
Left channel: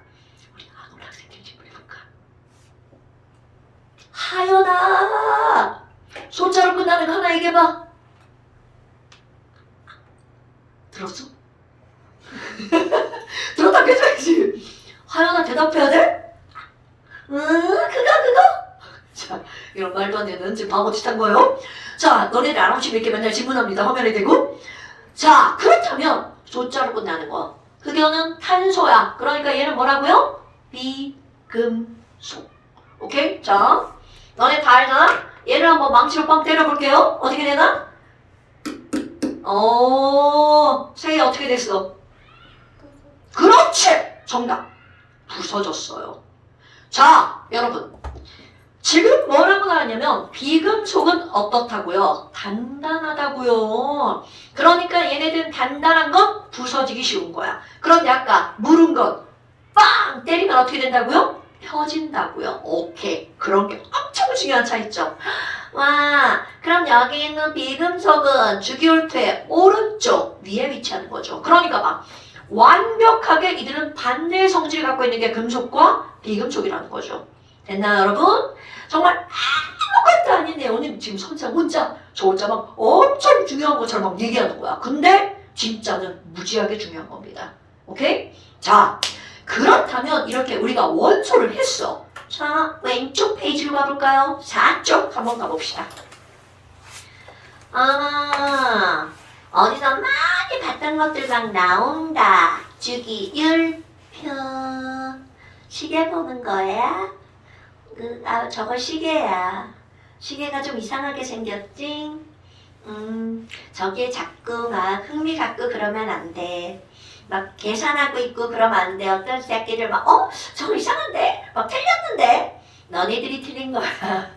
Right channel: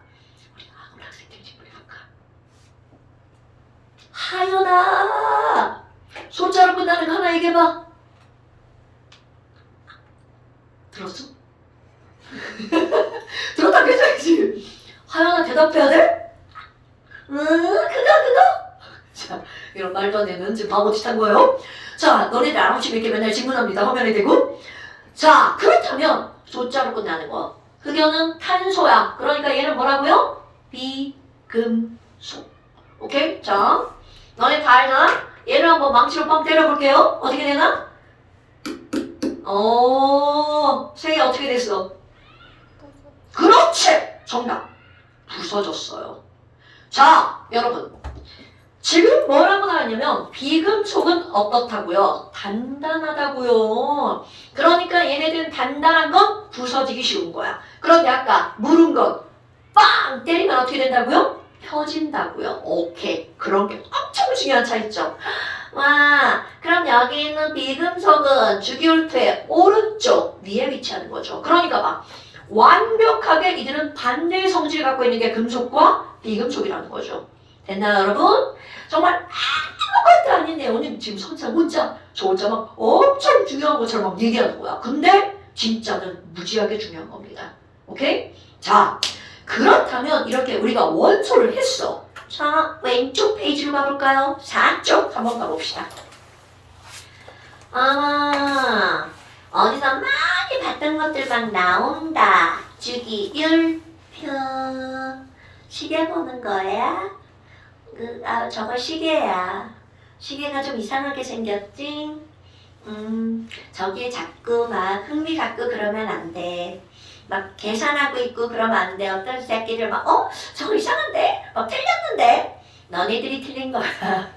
하연아, 소자로 끝나는 거 하나 얘기해봐. 들었어? 들었다 계셔야지. 하연아 대답해야 돼? 그거. 자, 이런 말도 안 되는 지금 바보짓 한 거예요. 자, 너네들 아랑치 이렇게 맨날 질문합니다. 화면에 대고. 자, 그렇다면 소자로 끝나는 거. 흑연은 탄소야. 그러니까 얘는 뭐라고요? 비금속. 오케이? 자, 너네 다 알잖아? 얘를 한번 망치로 빵 때려볼게요. 어떻게 되나? 색이 어떻게 됐어? 그렇지! 정답. 부서졌어요. 자, 여러분. 지금 뭐라고 나왔냐면 비금속은 어떻다고요? 단단하다고요. 그러니까 얘네들은 단단한 건 부서지기 쉬운 거야. 그런데 아까 무른 건 빵 때리면 어떻게 된다고요? 펴진다고요. 오케이. 그런 게 엄청 중요한 차이죠. 와, 그럼 여기 있는 비금속은 주기율표의 오른쪽 위에 위치하는 거죠. 그러니까 막 완벽하게 이들은 반대의 성질을 갖고 있는 게 금속과 비금속이라는 거죠. 됐나요, 여러분? 정말 아무것도 아닌 내용이 지금 선생 혼자 저 혼자 막 엄청 중요한 것처럼 막 얘기하는 거야. 근데 진짜는 무지하게 중요한 겁니다. 오케이? 자, 그렇다면 이렇게 우리가 원소를 했어. 자, 왼쪽 페이지로 가볼까요? 4쪽 한번 가봅시다. 어디서 많이 봤던 것들 막 나온다. 주기율표. 시계 보는 거야? 저거 시계야. 시계가 좀 이상하게 생겼지? 저기에 자꾸 막 흥미 갖고 그러면 안 돼. 막 계산하고 있고 그러면 안 돼. 어떤 새끼들 막 저거 이상한데? 막 틀렸는데? 너네들이 틀린 거야.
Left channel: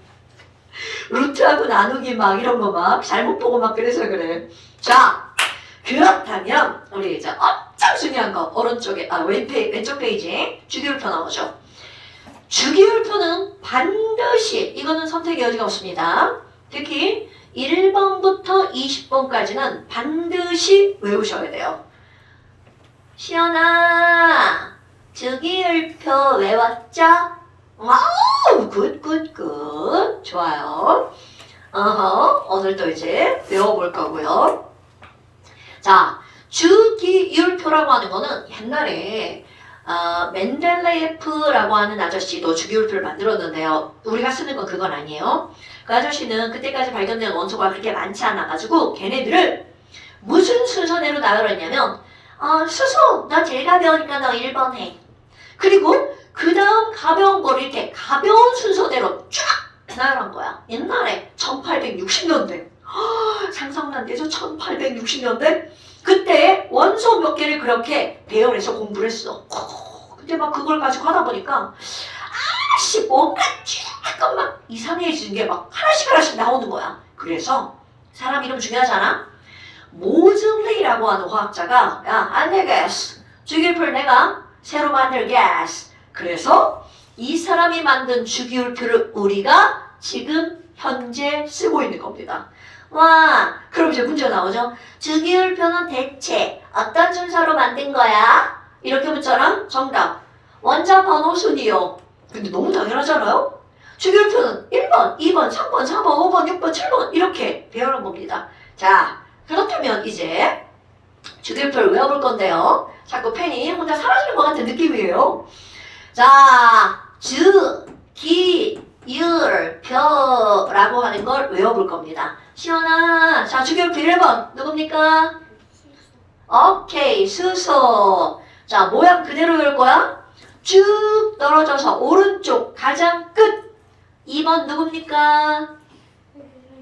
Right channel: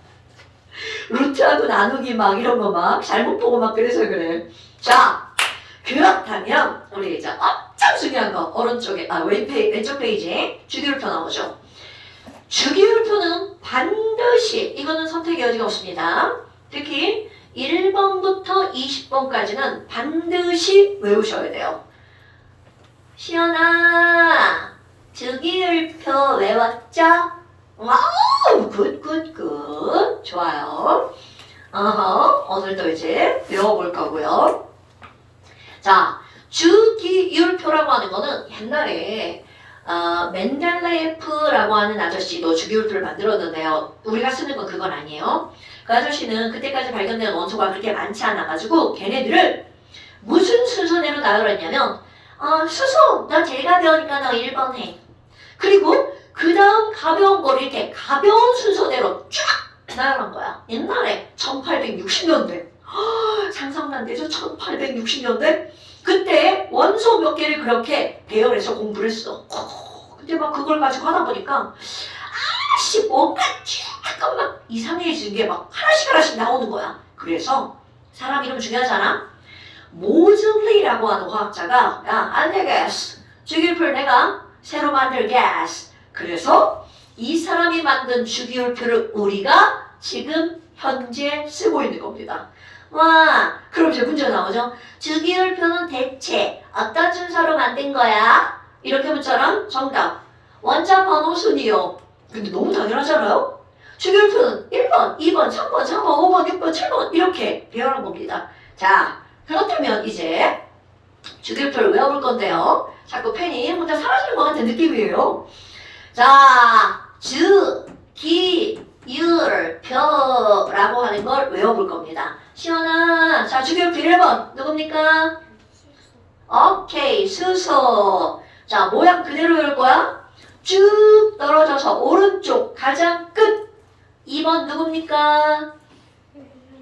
루트하고 나누기 막 이런 거 막 잘못 보고 막 그래서 그래. 자, 그렇다면 우리 이제 엄청 중요한 거 오른쪽에 왼쪽 페이지에 주기율표 나오죠. 주기율표는 반드시 이거는 선택의 여지가 없습니다. 특히 1번부터 20번까지는 반드시 외우셔야 돼요. 시연아, 주기율표 외웠죠? 와우, 굿. 좋아요. 오늘도 이제 배워볼 거고요. 자, 주기율표라고 하는 거는 옛날에 멘델레예프라고 하는 아저씨도 주기율표를 만들었는데요. 우리가 쓰는 건 그건 아니에요. 그 아저씨는 그때까지 발견된 원소가 그렇게 많지 않아가지고 걔네들을 무슨 순서대로 나열했냐면 수소, 너 제일 가벼우니까 너 1번 해. 그리고 그 다음 가벼운 거를 이렇게 가벼운 순서대로 쫙 나열한 거야. 옛날에 1860년대. 상상난데죠? 1860년대? 그때 원소 몇 개를 그렇게 배열해서 공부를 했어. 근데 막 그걸 가지고 하다 보니까 뭔가 조금 막 이상해지는 게 막 하나씩 나오는 거야. 그래서 사람 이름 중요하잖아. 모즐리라고 하는 화학자가 안 되겠어. 주기율표를 내가 새로 만들겠어. 그래서 이 사람이 만든 주기율표를 우리가 지금 현재 쓰고 있는 겁니다. 와, 그럼 이제 문제 나오죠. 주기율표는 대체 어떤 순서로 만든 거야? 이렇게 묻잖아. 정답. 원자 번호 순이요. 근데 너무 당연하잖아요? 주기율표는 1번, 2번, 3번, 4번, 5번, 6번, 7번 이렇게 배열한 겁니다. 자, 그렇다면 이제 주기율표를 외워볼 건데요. 자꾸 펜이 혼자 사라지는 것 같은 느낌이에요. 자, 주기율표라고 하는 걸 외워볼 겁니다. 시원아, 자, 주기율표 1번 누굽니까? 오케이, 수소. 자, 모양 그대로 외울 거야. 쭉 떨어져서 오른쪽 가장 끝. 2번 누굽니까?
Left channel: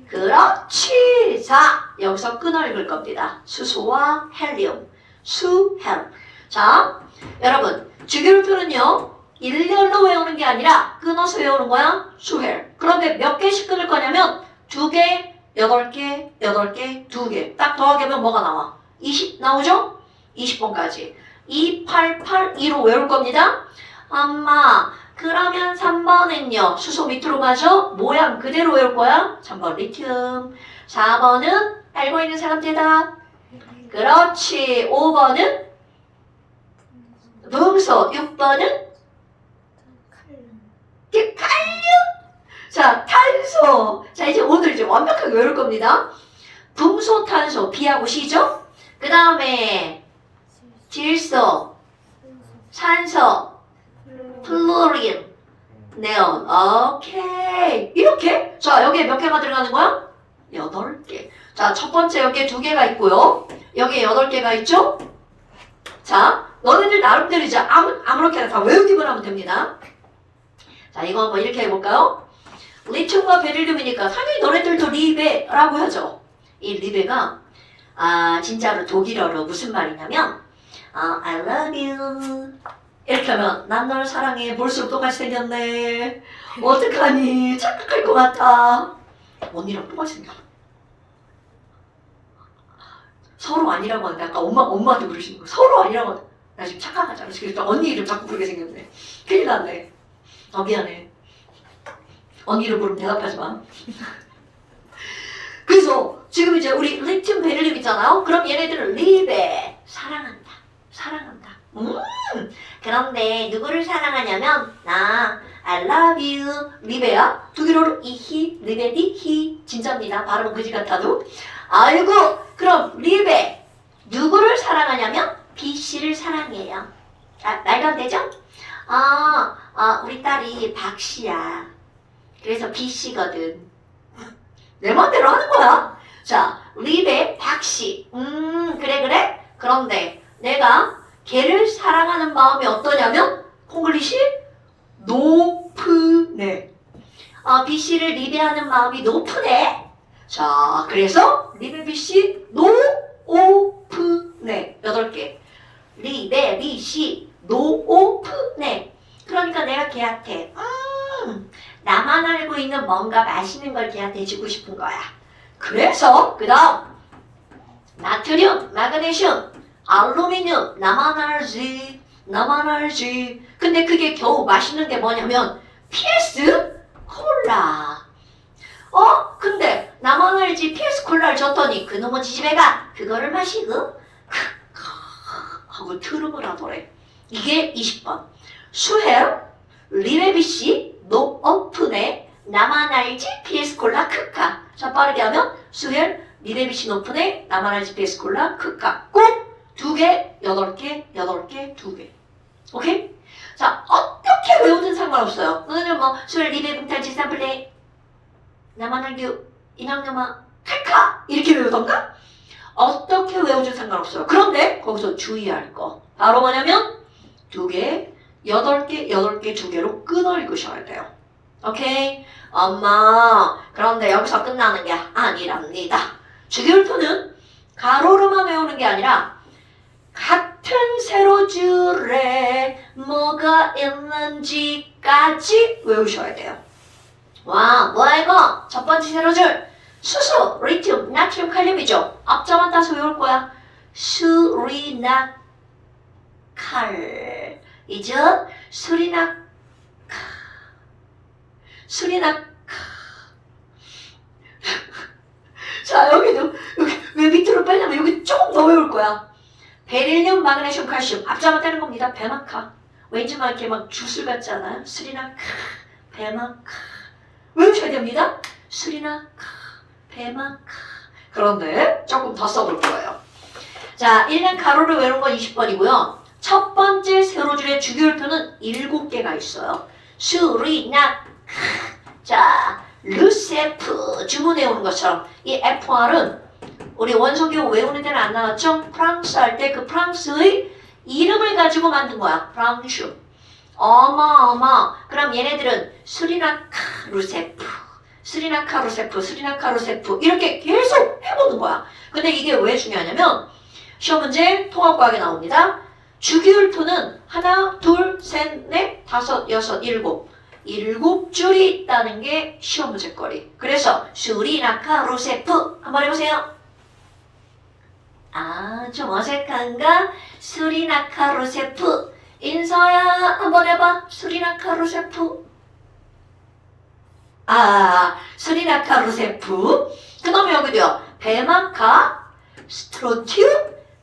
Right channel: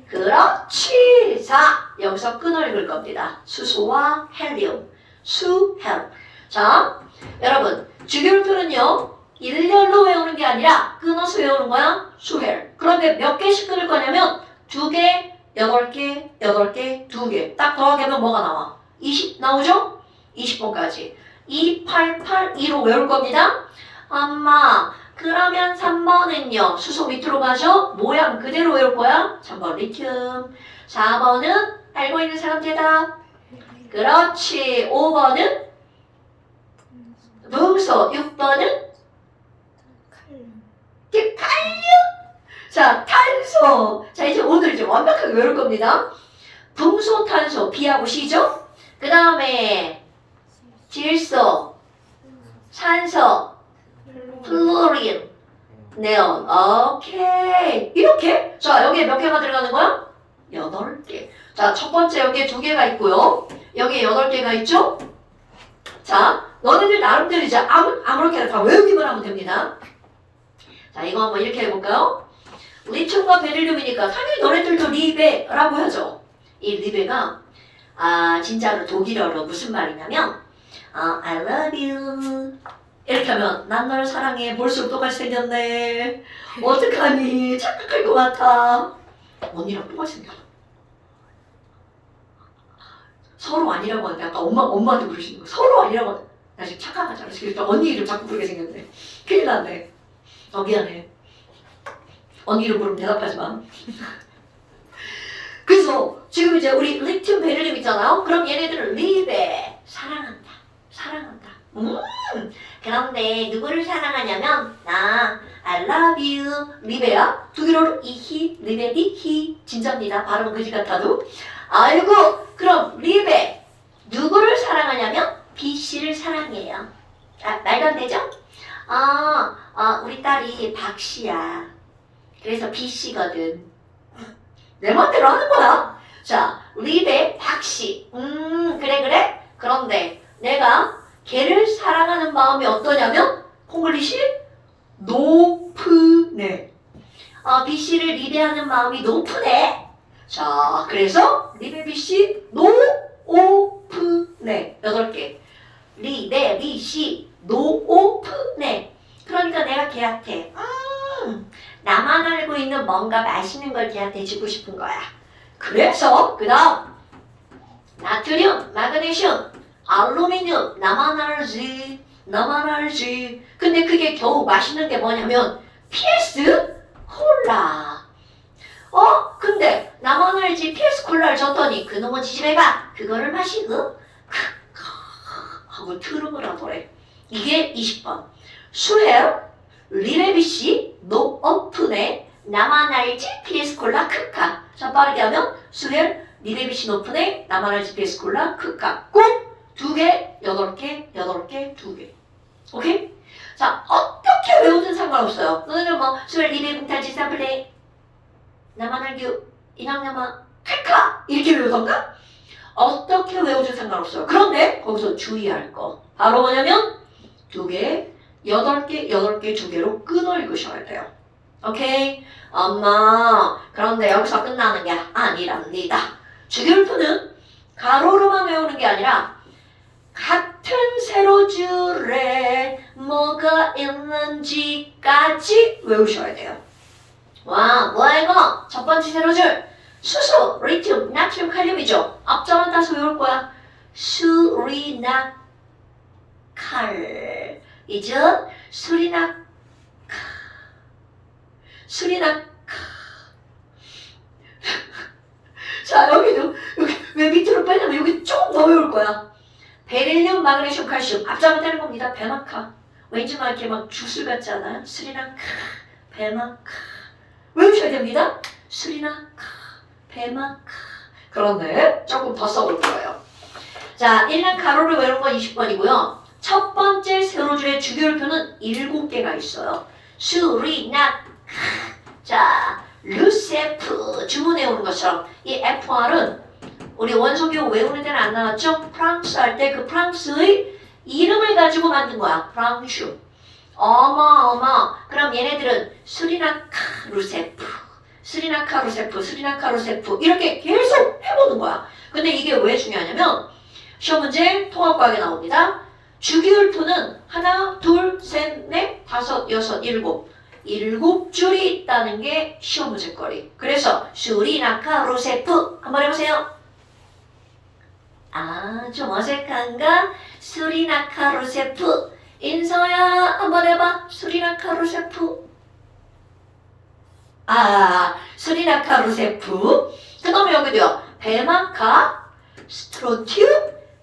그렇지. 자, 여기서 끊어 읽을 겁니다. 수소와 헬륨. 수헬. 자, 여러분, 주기율표는요, 일렬로 외우는 게 아니라 끊어서 외우는 거야. 수헬. 그런데 몇 개씩 끊을 거냐면 2개, 8개, 8개, 2개. 딱 더하기면 뭐가 나와? 20 나오죠? 20번까지. 2, 8, 8, 2로 외울 겁니다. 엄마, 그러면 3번은요. 수소 밑으로 가죠? 모양 그대로 외울 거야. 3번 리튬. 4번은 알고 있는 사람 대답. 그렇지. 5번은 음소. 6번은 칼륨. 자, 탄소. 자, 이제 오늘 이제 완벽하게 외울 겁니다. 붕소, 탄소, B하고 C죠? 그 다음에 질소, 산소, 플로린, 네온. 오케이. 이렇게. 자, 여기에 몇 개가 들어가는 거야? 8개. 자, 첫 번째 여기에 2개가 있고요. 여기에 8개가 있죠? 자, 너네들 나름대로 이제 아무렇게나 다 외우기만 하면 됩니다. 자, 이거 한번 이렇게 해볼까요? 리튬과 베릴륨이니까 당연히 너네들도 리베라고 하죠. 이 리베가 진짜로 독일어로 무슨 말이냐면 I love you 이렇게 하면 난 널 사랑해. 볼수록 똑같이 생겼네. 어떡하니? 착각할 것 같아. 언니랑 똑같이 생겼어. 서로 아니라고 하는데 아까 엄마한테 부르시는 거 서로 아니라고 하는데 나 지금 착각하잖아. 그래서 언니 이름 자꾸 부르게 생겼네. 큰일 났네. 미안해. 언니 이름 부르면 대답하지 마. 그래서 지금 이제 우리 리튬 베릴륨 있잖아요. 그럼 얘네들은 리베 사랑한다. 그런데 누구를 사랑하냐면 나 I love you 리베야. 독일어로 이히 리베디 히 진짜입니다. 발음은 그지 같아도. 아이고 그럼 리베 누구를 사랑하냐면 B씨를 사랑해요. 말도 안 되죠? 우리 딸이 박씨야. 그래서 B씨거든. 내 맘대로 하는 거야. 자, 리베 박씨. 그래. 그런데 내가 걔를 사랑하는 마음이 어떠냐면 콩글리시 높으네. B씨를 리베하는 마음이 높으네. 자, 그래서 리베 B씨 높으네. 8개. 리베 B씨 높으네. 그러니까 내가 걔한테 나만 알고 있는 뭔가 맛있는 걸 걔한테 해주고 싶은 거야. 그래서 그 다음 나트륨, 마그네슘, 알루미늄 나만 알지. 근데 그게 겨우 맛있는 게 뭐냐면 PS 콜라. 근데 나만 알지 PS 콜라를 줬더니 그놈의 지집애가 그거를 마시고 하고 가지고 트름을 하더래. 이게 20번. 수헬 리레비씨 노 오픈에 나만 알지 피에스콜라 크카. 자 빠르게 하면 수헬 리레비씨 노픈에 나만 알지 피에스콜라 크카. 꼭 2개, 8개, 8개, 2개. 오케이? 자 어떻게 외우든 상관없어요. 너는 뭐 수헬 리레비씨 탈지 삼플레 나만 알기 이낙나마 크카 이렇게 외우던가? 어떻게 외우든 상관없어요. 그런데 거기서 주의할 거 바로 뭐냐면 2개, 8개, 8개, 2개로 끊어 읽으셔야 돼요. 오케이? 엄마 그런데 여기서 끝나는 게 아니랍니다. 주기율표는 가로로만 외우는 게 아니라 같은 세로줄에 뭐가 있는지까지 외우셔야 돼요. 와 뭐야 이거? 첫 번째 세로줄 수소, 리튬, 나트륨, 칼륨이죠. 앞자만 따서 외울 거야. 수리나 칼 이죠? 수리나 자 여기도 여기 왜 밑으로 빼냐면 여기 조금 더 외울 거야. 베릴륨, 마그네슘, 칼슘 앞자만 떼는 겁니다. 배마카 왠지 막 이렇게 막 주술 같잖아. 수리나 배마카 외우셔야 됩니다. 수리나 배마카 그런데 조금 더 써볼 거예요. 자 1년 가로를 외우는 건 20번이고요. 첫 번째 세로줄의 주기율표는 7개가 있어요. 수리나 자 르세프 주문 외우는 것처럼 이 FR은 우리 원소기호 외우는 데는 안 나왔죠? 프랑스 할 때 그 프랑스의 이름을 가지고 만든 거야. 프랑슈 어마 그럼 얘네들은 수리나카 루세프 수리나카 루세프 수리나카 루세프 이렇게 계속 해보는 거야. 근데 이게 왜 중요하냐면 시험 문제 통합과학에 나옵니다. 주기율표는 하나, 둘, 셋, 넷, 다섯, 여섯, 일곱 줄이 있다는 게 시험 문제거리. 그래서 수리나카 루세프 한번 해보세요. 아, 좀 어색한가? 수리나카 루세프 인서야 한번 해봐. 수리나카 루세프 수리나카 루세프 그 다음에 여기도요. 배마카 스트론튬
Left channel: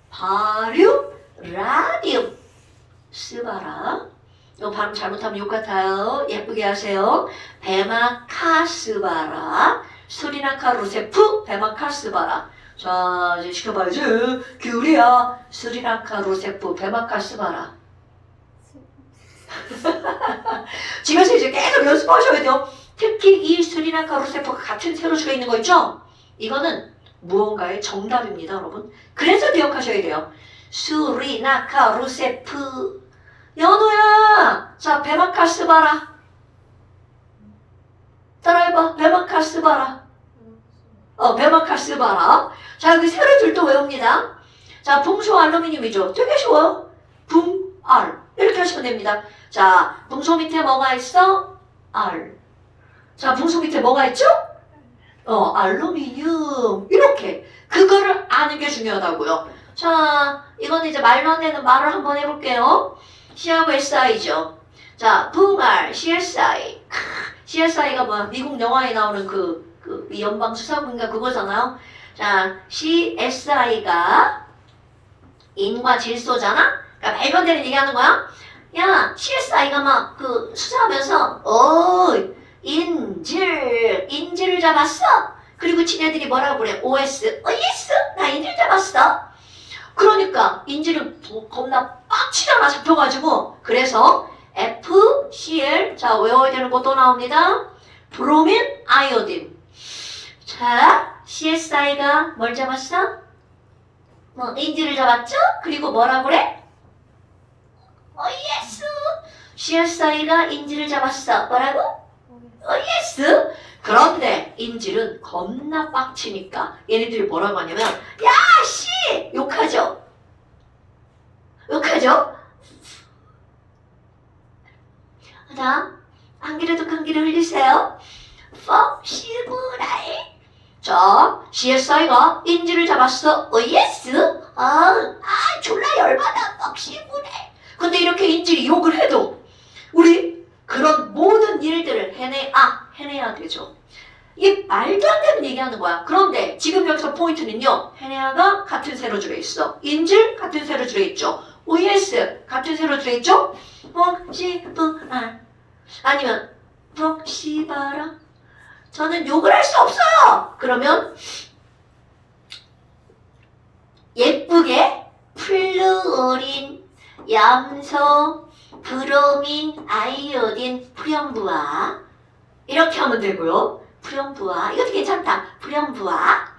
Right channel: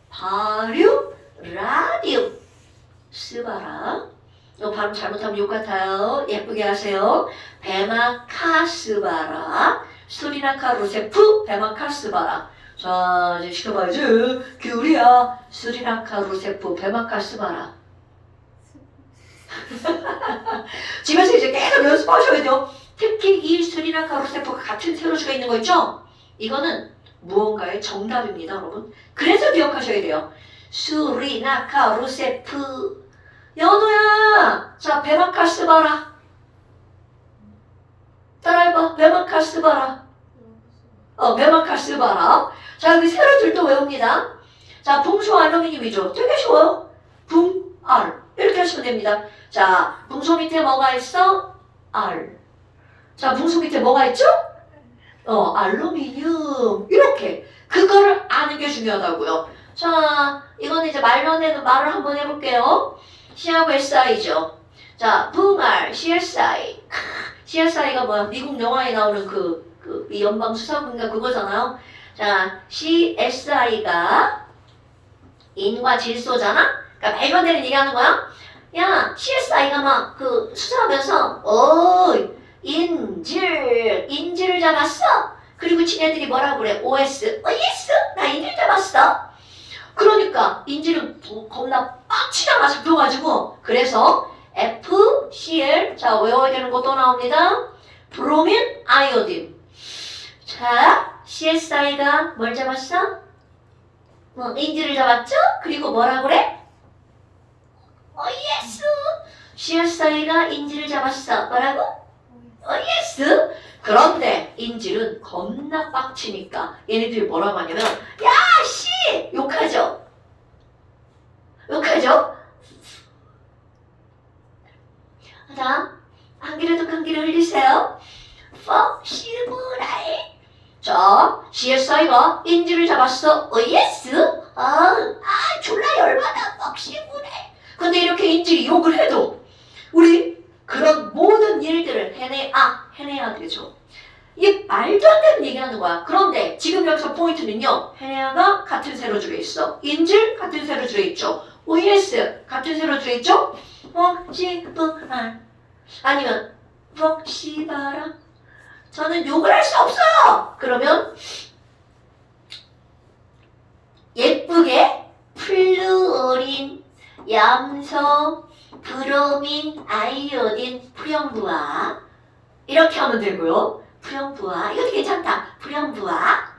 바륨 라디움 스바라 이거 발음 잘못하면 욕 같아요. 예쁘게 하세요. 배마카 스바라 수리나카 루세프 배마카 스바라 자 이제 시켜봐야지. 귤이야 수리나카 루세프 배마카 스바라 집에서 이제 계속 연습하셔야 돼요. 특히 이 수리나카 루세프가 같은 세로줄에 있는 거 있죠? 이거는 무언가의 정답입니다 여러분. 그래서 기억하셔야 돼요. 수리나카 루세프 연우야 자 배마카 스바라 따라해봐. 배마카 스바라 배마카 스바라 자 여기 세로줄도 외웁니다. 자 붕소 알루미늄이죠. 되게 쉬워요. 붕알 이렇게 하시면 됩니다. 자 붕소 밑에 뭐가 있어? 알. 자 붕소 밑에 뭐가 있죠? 알루미늄 이렇게 그거를 아는 게 중요하다고요. 자 이거는 이제 말도 안 되는 말을 한번 해볼게요. C하고 SI죠. 자 붕알 CSI CSI가 뭐야? 미국 영화에 나오는 이 연방수사국인가 그거잖아요. 자 CSI가 인과 질소잖아. 그러니까 말도 안 되는 얘기하는 거야. 야 CSI가 막 수사하면서 인질을 잡았어. 그리고 지네들이 뭐라고 그래? OS 나 인질 잡았어. 그러니까 인질은 겁나 빡치다가 잡혀가지고 그래서 FCl 자 외워야 되는 거 또 나옵니다. 브로민 아이오딘. 자 CSI가 뭘 잡았어? 인질을 잡았죠? 그리고 뭐라 그래? 예스 CSI가 인질을 잡았어. 뭐라고? 예스. 그런데 인질은 겁나 빡치니까 얘네들이 뭐라고 하냐면 야씨 욕하죠. 자 한 귀를 또 한 귀를 흘리세요. 시브라이 자 CSI가 인질을 잡았어. 예스. 졸라 열받아. 시브라이 근데 이렇게 인질이 욕을 해도 우리 그런 모든 일들을 해내야 되죠. 이게 말도 안 되는 얘기하는 거야. 그런데 지금 여기서 포인트는요. 해내야가 같은 세로줄에 있어. 인질 같은 세로줄에 있죠. OES 같은 세로 들어있죠? 먹지부아 아니면 먹시바라 저는 욕을 할 수 없어요. 그러면 예쁘게 플루오린, 염소, 브로민, 아이오딘, 프령부아 이렇게 하면 되고요. 프령부아 이것도 괜찮다. 프령부아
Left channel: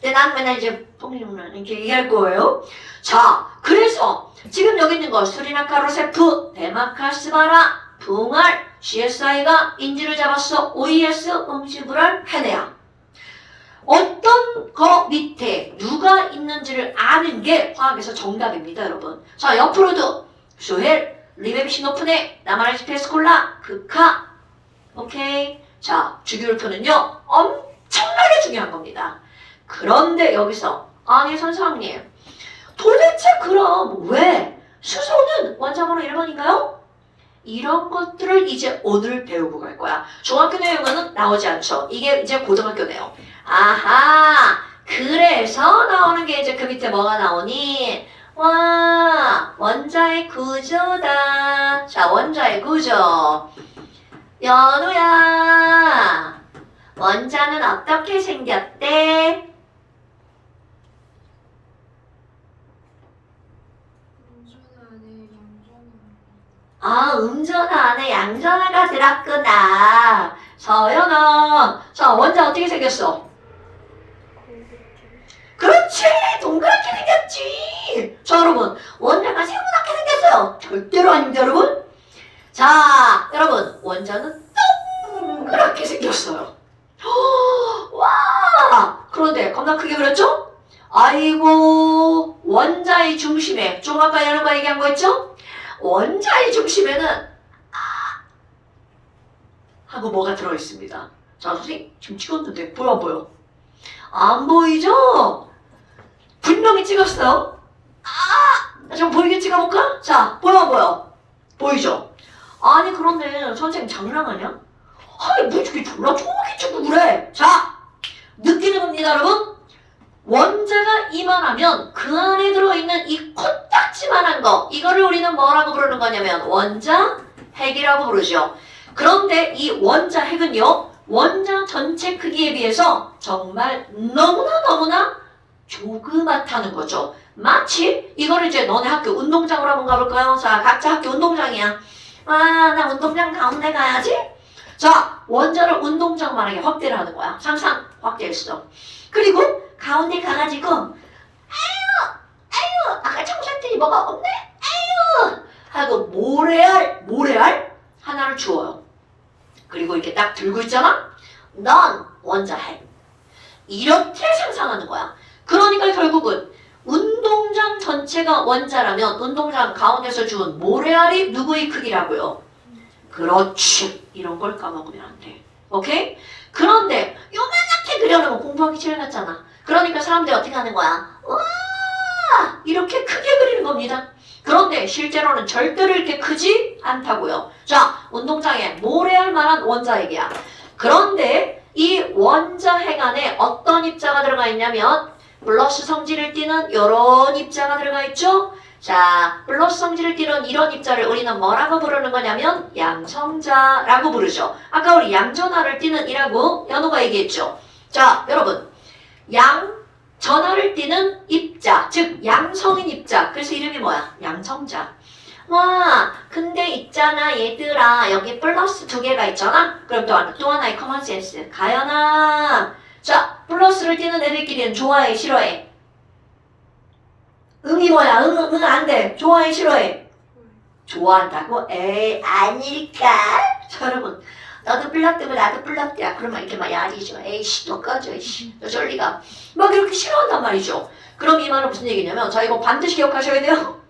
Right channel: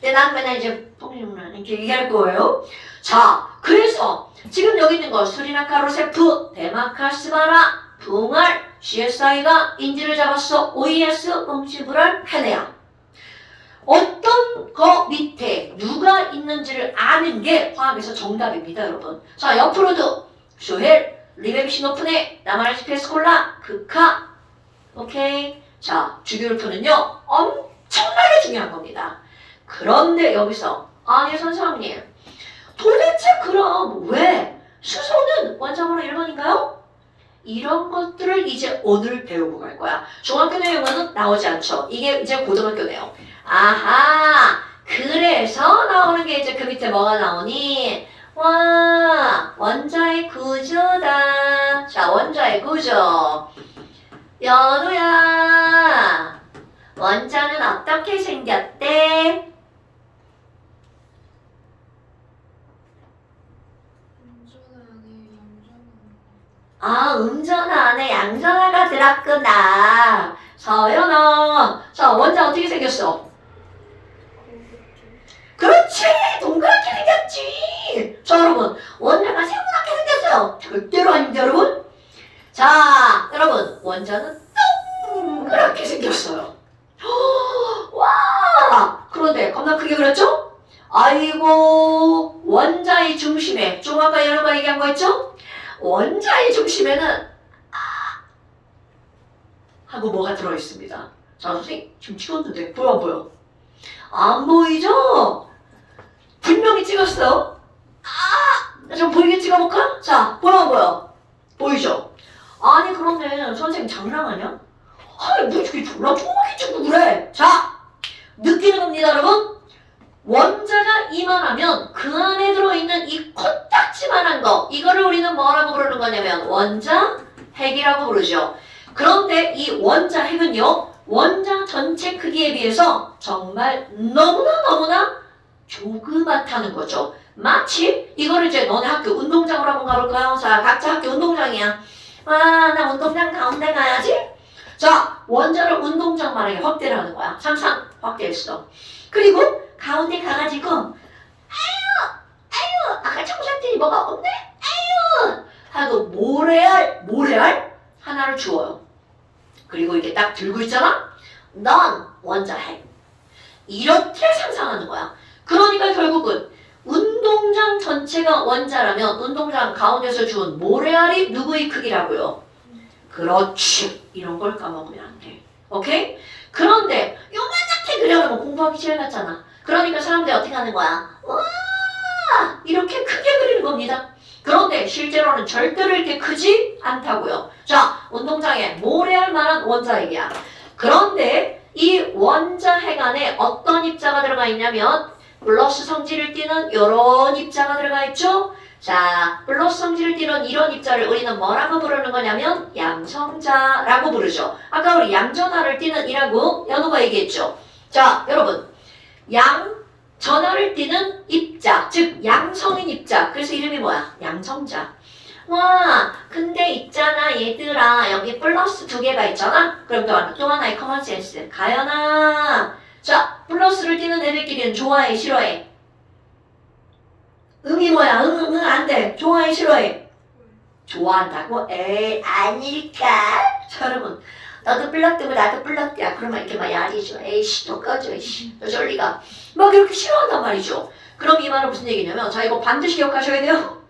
근데 난 맨날 이제 뽕이랑 이렇게 얘기할 거예요. 자, 그래서 지금 여기 있는 거 수리나카 로세프, 데마카스바라, 붕알, GSI가 인지를 잡았어. OES, 음시불알, 헤네야. 어떤 거 밑에 누가 있는지를 아는 게 화학에서 정답입니다, 여러분. 자, 옆으로도 쇼헬, 리베비시노프네, 나마르스페스콜라, 극하. 오케이. 자, 주기율표는요 엄청나게 중요한 겁니다. 그런데 여기서 아니 선생님 도대체 그럼 왜 수소는 원자번호 1번인가요? 이런 것들을 이제 오늘 배우고 갈 거야. 중학교 내용은 나오지 않죠. 이게 이제 고등학교 내용. 아하 그래서 나오는 게 이제 그 밑에 뭐가 나오니? 와 원자의 구조다. 자 원자의 구조. 연우야 원자는 어떻게 생겼대? 아, 음전 안에 양전화가 들었구나. 서연아. 자, 원자 어떻게 생겼어? 그렇지! 동그랗게 생겼지! 자, 여러분. 원자가 세모나게 생겼어요. 절대로 아닙니다, 여러분. 자, 여러분. 원자는 동그랗게 생겼어요. 와! 그런데 겁나 크게 그렸죠? 아이고, 원자의 중심에, 좀 아까 연우가 얘기한 거 있죠? 원자의 중심에는 하고 뭐가 들어있습니다. 자, 선생님 지금 찍었는데 보여 안 보여? 안 보이죠? 분명히 찍었어요. 좀 보이게 찍어볼까? 자, 보여 안 보여? 보이죠? 아니 그런데 선생님 장난하냐? 아니 뭐 이렇게 졸라 조그맣게 찍고 그래? 자, 느끼는 겁니다 여러분. 원자가 이만하면 그 안에 들어있는 이 코딱지만한 거 이거를 우리는 뭐라고 부르는 거냐면 원자 핵이라고 부르죠. 그런데 이 원자 핵은요 원자 전체 크기에 비해서 정말 너무나 조그맣다는 거죠. 마치 이거를 이제 너네 학교 운동장으로 한번 가볼까요? 자 각자 학교 운동장이야. 나 운동장 가운데 가야지. 자 원자를 운동장만하게 확대를 하는 거야. 상상 확대했어. 그리고 가운데 가가지고 아유 아까 청소했더니 뭐가 없네 아유 하고 모래알 하나를 주어요. 그리고 이렇게 딱 들고 있잖아. 넌 원자핵 이렇게 상상하는 거야. 그러니까 결국은 운동장 전체가 원자라면 운동장 가운데서 준 모래알이 누구의 크기라고요? 그렇지. 이런 걸 까먹으면 안 돼. 오케이? 그런데 요만하게 그려놓으면 공부하기 싫어 같잖아. 그러니까 사람들이 어떻게 하는 거야? 와 이렇게 크게 그리는 겁니다. 그런데 실제로는 절대로 이렇게 크지 않다고요. 자 운동장에 모래알만한 원자핵이야. 그런데 이 원자핵 안에 어떤 입자가 들어가 있냐면 플러스 성질을 띠는 이런 입자가 들어가 있죠. 자 플러스 성질을 띠는 이런 입자를 우리는 뭐라고 부르는 거냐면 양성자라고 부르죠. 아까 우리 양전하를 띠는 이라고 연우가 얘기했죠. 자 여러분 양전하를 띠는 입자 즉 양성인 입자 그래서 이름이 뭐야? 양성자. 와 근데 있잖아 얘들아 여기 플러스 두 개가 있잖아. 그럼 또 하나의 커먼센스 가연아. 자 플러스를 띠는 애들끼리는 좋아해 싫어해? 응이 뭐야? 응 안돼. 좋아해 싫어해? 좋아한다고? 에이 아닐까? 자 여러분 너도 플럭뜨고 나도 플럭뜨야. 그러면 이렇게 막 야리죠. 에이씨 너 꺼져 이씨 너 저리가 막 이렇게 싫어한단 말이죠. 그럼 이 말은 무슨 얘기냐면 자 이거 반드시 기억하셔야 돼요.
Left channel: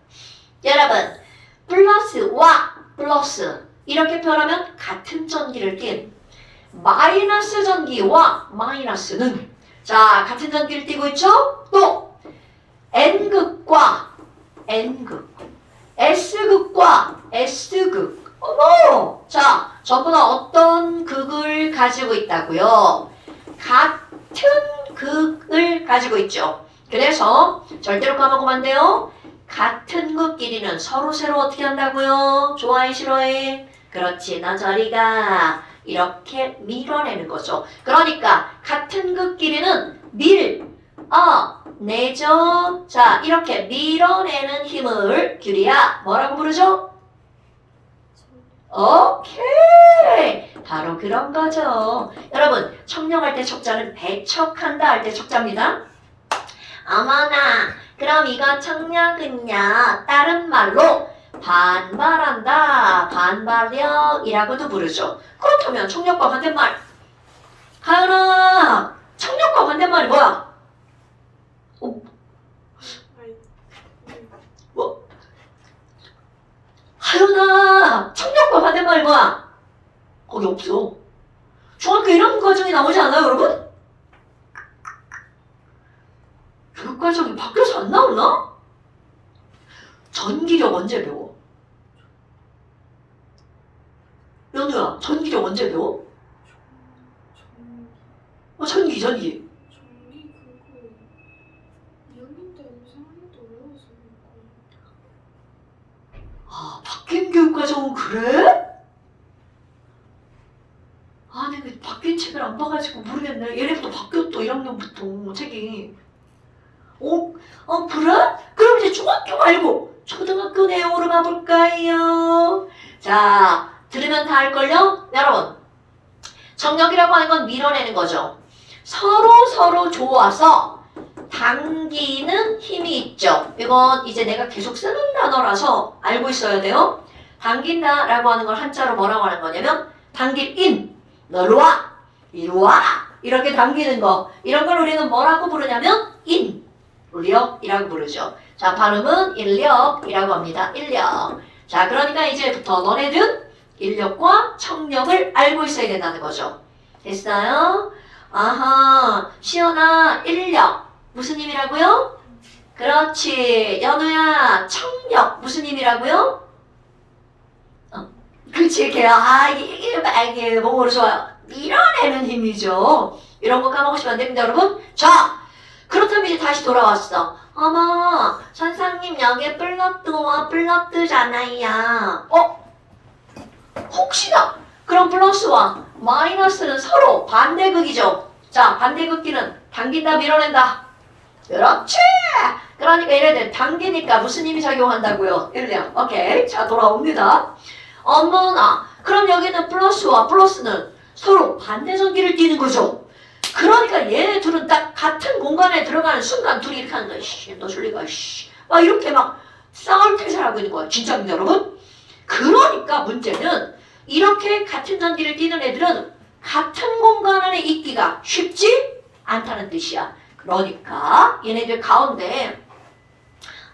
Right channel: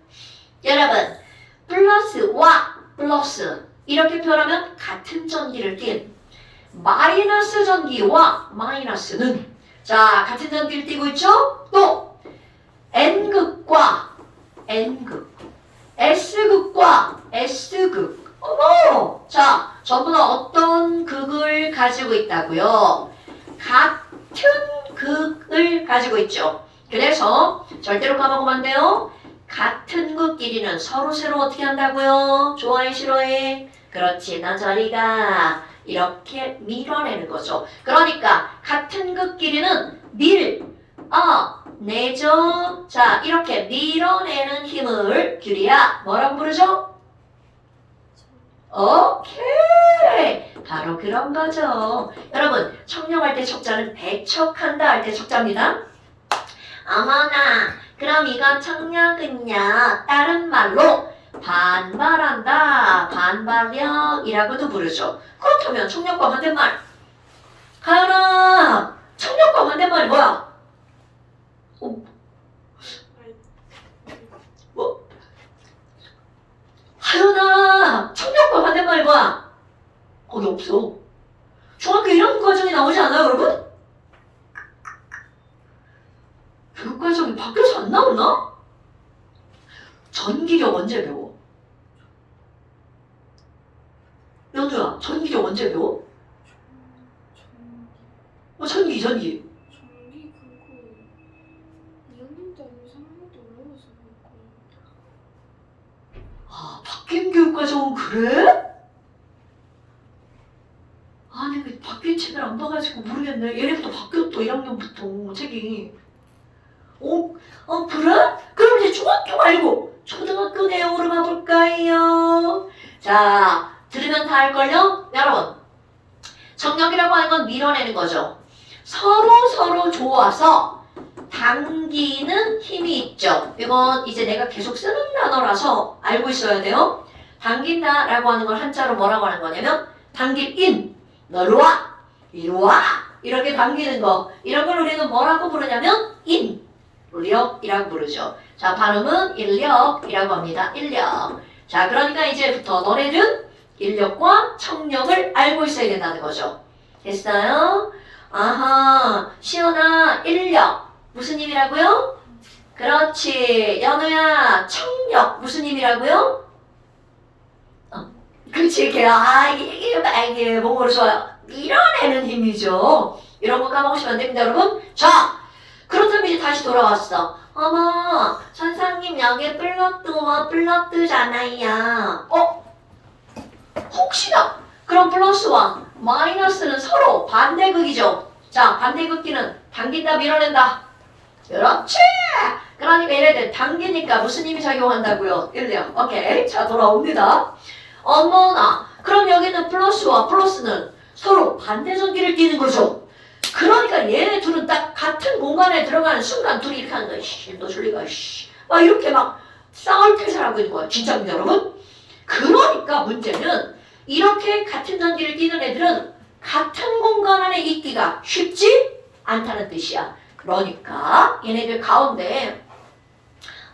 여러분 플러스와 플러스 이렇게 표현하면 같은 전기를 띤 마이너스 전기와 마이너스는 자 같은 전기를 띠고 있죠. 또 N극과 N극 S극과 S극 어머 자 전부 다 어떤 극을 가지고 있다고요? 같은 극을 가지고 있죠. 그래서 절대로 까먹으면 안 돼요. 같은 것끼리는 서로 어떻게 한다고요? 좋아해 싫어해? 그렇지 너 저리 가 이렇게 밀어내는 거죠. 그러니까 같은 것끼리는 내죠. 자 이렇게 밀어내는 힘을 규리야 뭐라고 부르죠? 오케이 바로 그런 거죠. 여러분 청룡할 때 척자는 배척한다 할 때 척자입니다. 어머나 그럼 이거 청력은요 다른 말로 반발한다 반발력이라고도 부르죠. 그렇다면 청력과 반대말 가연아 청력과 반대말이 뭐야? 가연아 청력과 반대말이 뭐야? 거기 없어. 중학교 1학년 과정에 나오지 않아요 여러분? 교육과정이 바뀌어서 안 나오나? 전기력 언제 배워? 연우야 전기력 언제 배워? 전기 전기 그거 2학년 때 아니면 3학년 때 올라가서 했고. 바뀐 교육과정은 그래? 아니 왜 바뀐 책을 안 봐가지고 모르겠네. 얘네부터 바뀌었어 1학년부터 책이. 그래? 그럼 이제 중학교 말고 초등학교 내용으로 가볼까요? 자 들으면 다 알걸요? 여러분 정력이라고 하는 건 밀어내는 거죠. 서로 좋아서 당기는 힘이 있죠. 이건 이제 내가 계속 쓰는 단어라서 알고 있어야 돼요. 당긴다 라고 하는 걸 한자로 뭐라고 하는 거냐면 당길 인 너로 와 이리 와 이렇게 당기는 거 이런 걸 우리는 뭐라고 부르냐면 인력이라고 부르죠. 자 발음은 인력이라고 합니다. 인력. 자 그러니까 이제부터 너네들은 인력과 청력을 알고 있어야 된다는 거죠. 됐어요? 아하 시연아 인력 무슨 힘이라고요? 그렇지 연우야 청력 무슨 힘이라고요? 그렇지 걔야 이게 몸으로 좋아 밀어내는 힘이죠. 이런 거 까먹으시면 안 됩니다 여러분. 자 그렇다면 이제 다시 돌아왔어. 어머 선생님 여기에 플러트잖아요. 혹시나 그럼 플러스와 마이너스는 서로 반대극이죠. 자 반대극기는 당긴다 밀어낸다. 그렇지. 그러니까 얘네들 당기니까 무슨 힘이 작용한다고요? 일령. 오케이 자 돌아옵니다. 어머나 그럼 여기는 플러스와 플러스는 서로 반대 전기를 띠는 거죠. 그러니까 얘네 둘은 딱 같은 공간에 들어가는 순간 둘이 이렇게 하는 거야. 너 졸리가 막 이렇게 막 싸울 태세를 하고 있는 거야. 진짜입니다 여러분. 그러니까 문제는 이렇게 같은 전기를 띠는 애들은 같은 공간 안에 있기가 쉽지 않다는 뜻이야. 그러니까 얘네들 가운데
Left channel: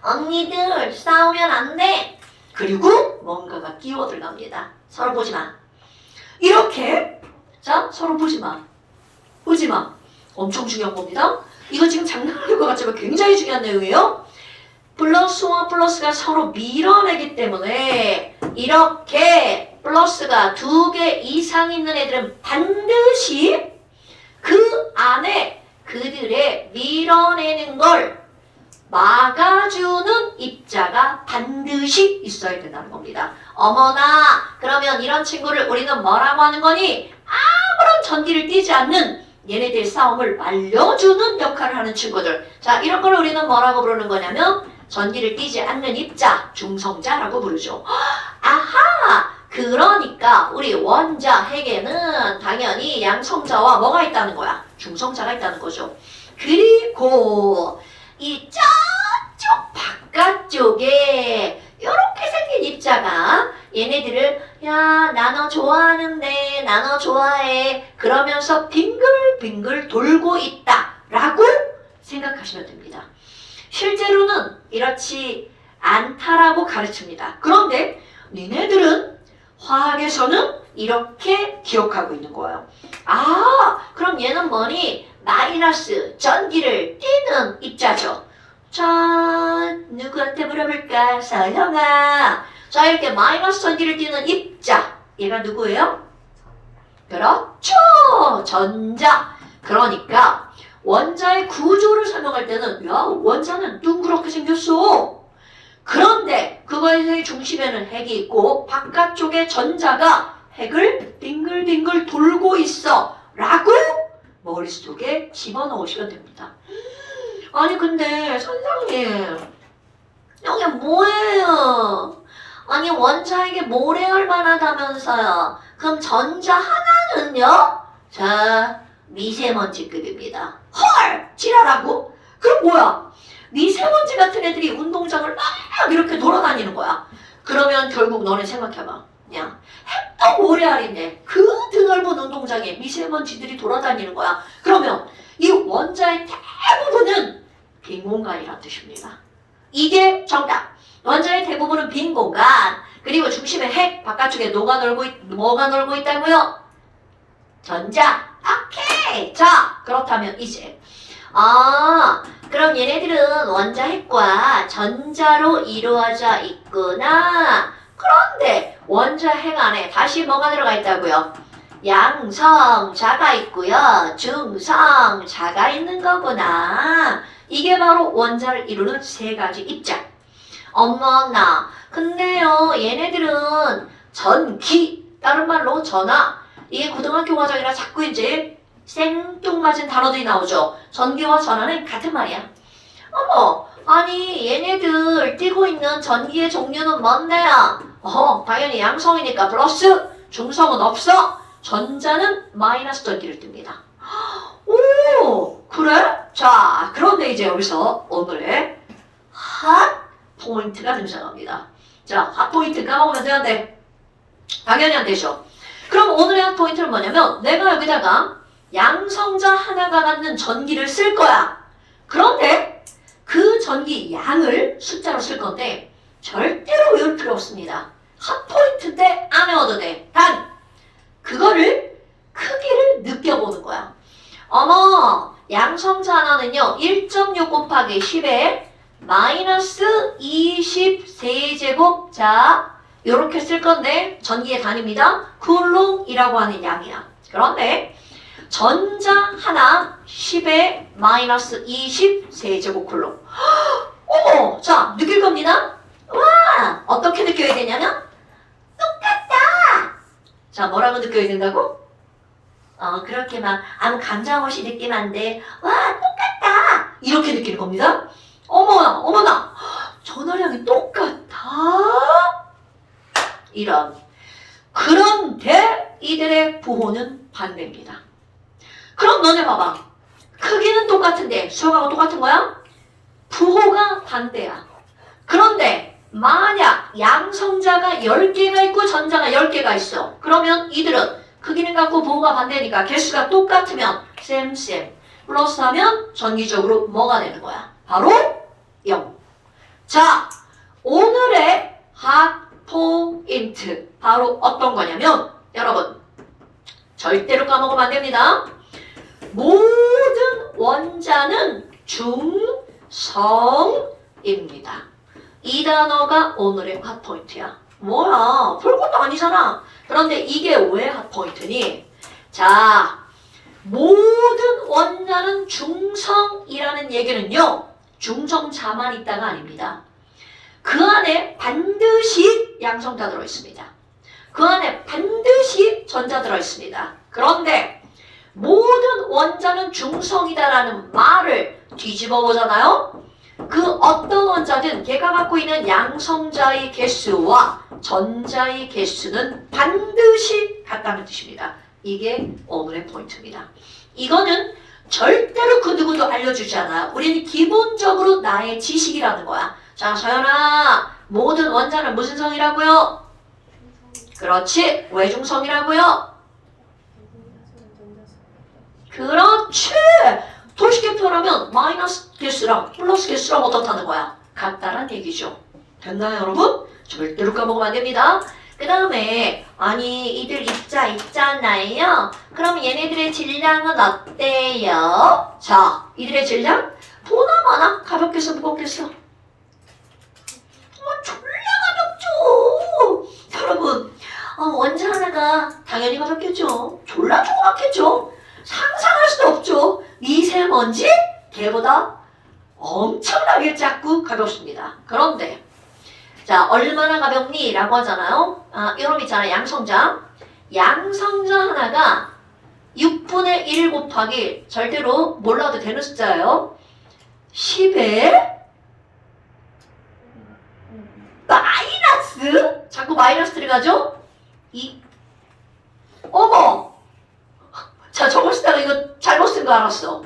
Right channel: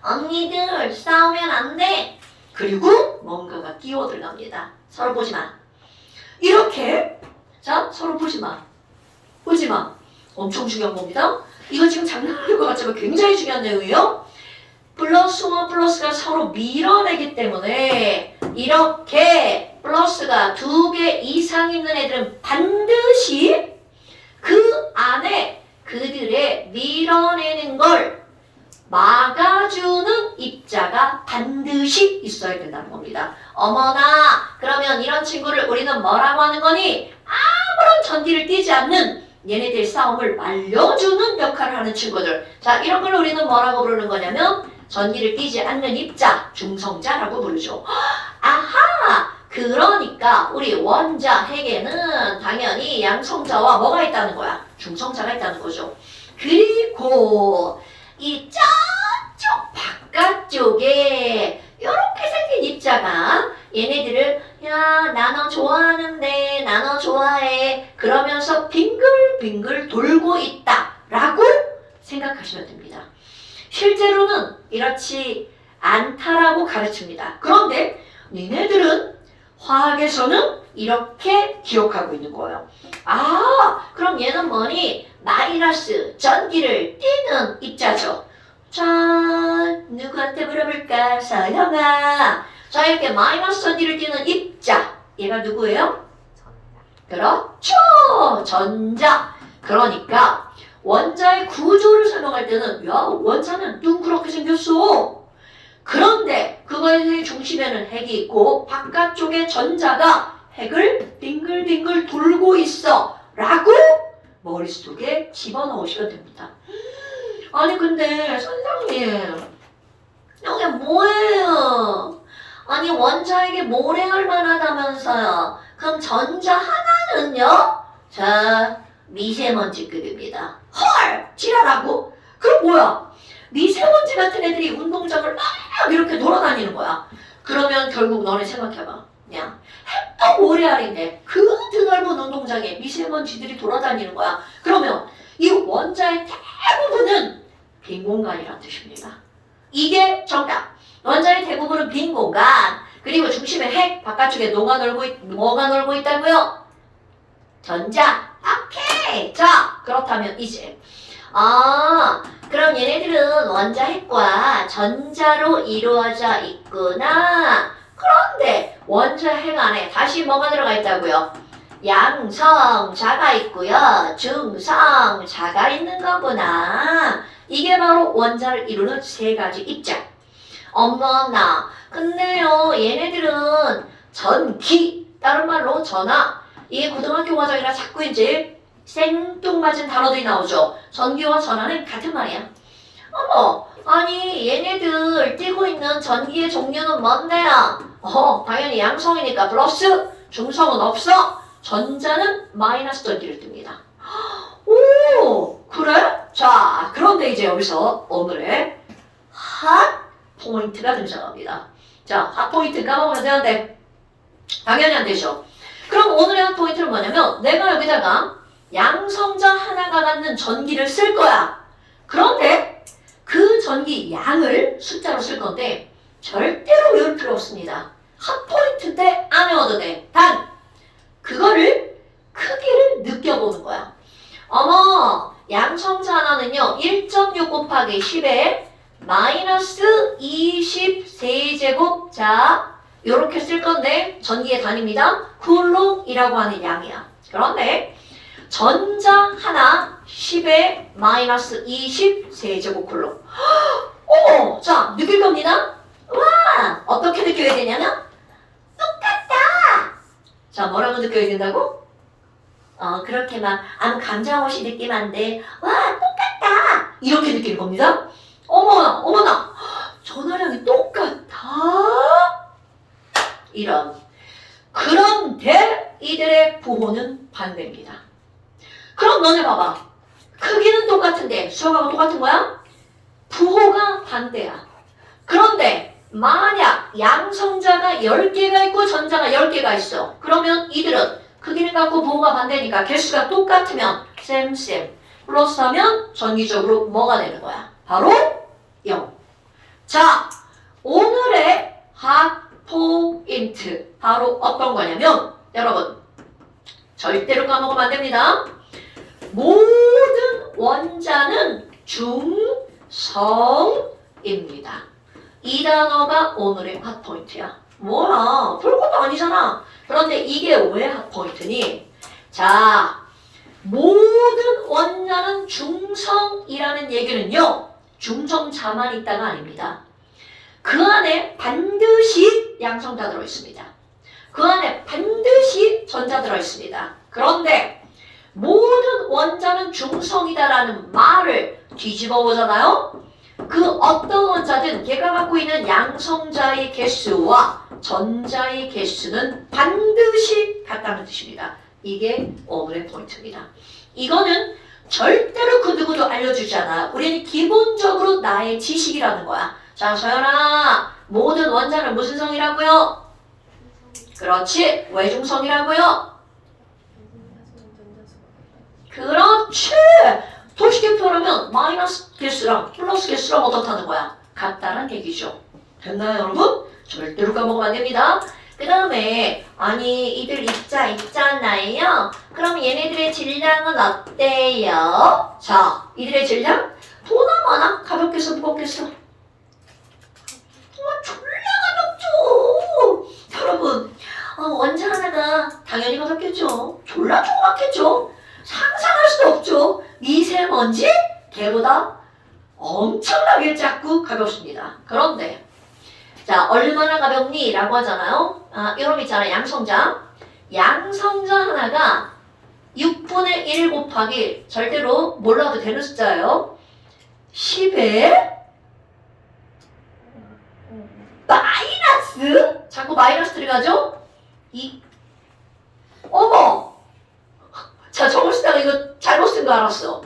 언니들 싸우면 안 돼. 그리고 뭔가가 끼어 들어갑니다. 서로 보지 마. 이렇게 자 서로 보지 마. 보지 마. 엄청 중요한 겁니다. 이거 지금 장난하는 것 같지만 굉장히 중요한 내용이에요. 플러스와 플러스가 서로 밀어내기 때문에 이렇게 플러스가 2개 이상 있는 애들은 반드시 그 안에 그들의 밀어내는 걸 막아주는 입자가 반드시 있어야 된다는 겁니다. 어머나 그러면 이런 친구를 우리는 뭐라고 하는 거니? 아무런 전기를 띠지 않는 얘네들 싸움을 말려주는 역할을 하는 친구들. 자 이런 걸 우리는 뭐라고 부르는 거냐면 전기를 띠지 않는 입자, 중성자라고 부르죠. 아하! 그러니까 우리 원자 핵에는 당연히 양성자와 뭐가 있다는 거야? 중성자가 있다는 거죠. 그리고 이 저쪽 바깥쪽에 이렇게 생긴 입자가 얘네들을 야 나 너 좋아하는데 나 너 좋아해 그러면서 빙글빙글 돌고 있다 라고 생각하시면 됩니다. 실제로는 이렇지 않다라고 가르칩니다. 그런데 니네들은 화학에서는 이렇게 기억하고 있는 거예요. 그럼 얘는 뭐니? 마이너스 전기를 띠는 입자죠. 자 누구한테 물어볼까? 서영아. 자 이렇게 마이너스 전기를 띠는 입자 얘가 누구예요? 그렇죠. 전자. 그러니까 원자의 구조를 설명할 때는 야 원자는 둥그렇게 생겼어. 중심에는 핵이 있고 바깥쪽에 전자가 핵을 빙글빙글 돌고 있어 라고 머릿속에 집어넣으시면 됩니다. 아니 근데 선생님 여기 뭐예요? 아니 원자에게 모래알만 하다면서요. 그럼 전자 하나는요? 자 미세먼지급입니다. 헐! 지랄하고? 그럼 뭐야? 미세먼지 같은 애들이 운동장을 막 이렇게 돌아다니는 거야. 그러면 결국 너네 생각해봐. 그냥 핵도 모래알인데 그 드넓은 운동장에 미세먼지들이 돌아다니는 거야. 그러면 이 원자의 대부분은 빈 공간이란 뜻입니다. 이게 정답. 원자의 대부분은 빈 공간. 그리고 중심에 핵, 바깥쪽에 뭐가 놀고 있다고요? 전자. 오케이. 자, 그렇다면 이제 그럼 얘네들은 원자 핵과 전자로 이루어져 있구나. 그런데 원자 핵 안에 다시 뭐가 들어가 있다고요? 양성자가 있고요. 중성자가 있는 거구나. 이게 바로 원자를 이루는 세 가지 입장. 어머나. 근데요, 얘네들은 전기, 다른 말로 전화. 이게 고등학교 과정이라 자꾸 이제 생뚱맞은 단어들이 나오죠. 전기와 전화는 같은 말이야. 어머, 아니 얘네들 띄고 있는 전기의 종류는 뭔데요? 당연히 양성이니까 플러스, 중성은 없어. 전자는 마이너스 전기를 띱니다. 오, 그래? 자, 그런데 이제 여기서 오늘의 핫 포인트가 등장합니다. 자, 핫 포인트 까먹으면 되는데 당연히 안 되죠. 그럼 오늘의 핫 포인트는 뭐냐면 내가 여기다가 양성자 하나가 갖는 전기를 쓸 거야. 그런데 그 전기 양을 숫자로 쓸 건데 절대로 외울 필요 없습니다. 핫 포인트인데 안 외워도 돼. 단 그거를 크기를 느껴보는 거야. 어머, 양성자 하나는요 1.6 곱하기 10에 마이너스 20 세제곱. 자, 요렇게 쓸 건데 전기의 단위입니다. 쿨롱이라고 하는 양이야. 그런데 전자 하나 10에 마이너스 20 세제곱 쿨롱. 자, 느낄 겁니다. 와, 어떻게 느껴야 되냐면 똑같다. 자, 뭐라고 느껴야 된다고? 그렇게 막 아무 감정 없이 느끼면 안 돼. 와, 똑같다. 이렇게 느낄 겁니다. 어머나, 어머나. 전화량이 똑같아. 이런. 그런데 이들의 부호는 반대입니다. 그럼 너네 봐봐. 크기는 똑같은데 수학하고 똑같은 거야? 부호가 반대야. 그런데 만약 양성자가 10개가 있고 전자가 10개가 있어. 그러면 이들은 크기는 같고 부호가 반대니까 개수가 똑같으면 쌤 플러스하면 전기적으로 뭐가 되는 거야? 바로 0. 자, 오늘의 핫 포인트 바로 어떤 거냐면 여러분 절대로 까먹으면 안 됩니다. 모든 원자는 중성입니다. 이 단어가 오늘의 핫포인트야. 뭐야, 별것도 아니잖아. 그런데 이게 왜 핫포인트니? 자, 모든 원자는 중성이라는 얘기는요 중성자만 있다가 아닙니다. 그 안에 반드시 양성자 들어있습니다. 그 안에 반드시 전자 들어있습니다. 그런데 모든 원자는 중성이다라는 말을 뒤집어 보잖아요. 그 어떤 원자든 걔가 갖고 있는 양성자의 개수와 전자의 개수는 반드시 같다는 뜻입니다. 이게 오늘의 포인트입니다. 이거는 절대로 그 누구도 알려주지 않아. 우리는 기본적으로 나의 지식이라는 거야. 자, 서연아, 모든 원자는 무슨 성이라고요? 그렇지, 외중성이라고요? 그렇지. 도식의 표현하면 마이너스 개수랑 플러스 개수랑 어떻다는 거야? 같다란 얘기죠. 됐나요, 여러분? 절대로 까먹으면 안 됩니다. 그 다음에 아니 이들 입자 있잖아요. 그럼 얘네들의 질량은 어때요? 자, 이들의 질량? 보나 마나? 가볍겠어, 무겁겠어? 졸라 가볍죠. 여러분, 원자 하나가 당연히 가볍겠죠. 졸라 조그맣겠죠. 상상할 수도 없죠. 미세먼지 걔보다 엄청나게 작고 가볍습니다. 그런데 자, 얼마나 가볍니? 라고 하잖아요. 이놈 있잖아요. 양성자. 양성자 하나가 6분의 1 곱하기 절대로 몰라도 되는 숫자예요. 10에 마이너스 자꾸 마이너스 들어가죠? 2 어머! 자, 저거 쓰다가 이거 잘못 쓴 거 알았어.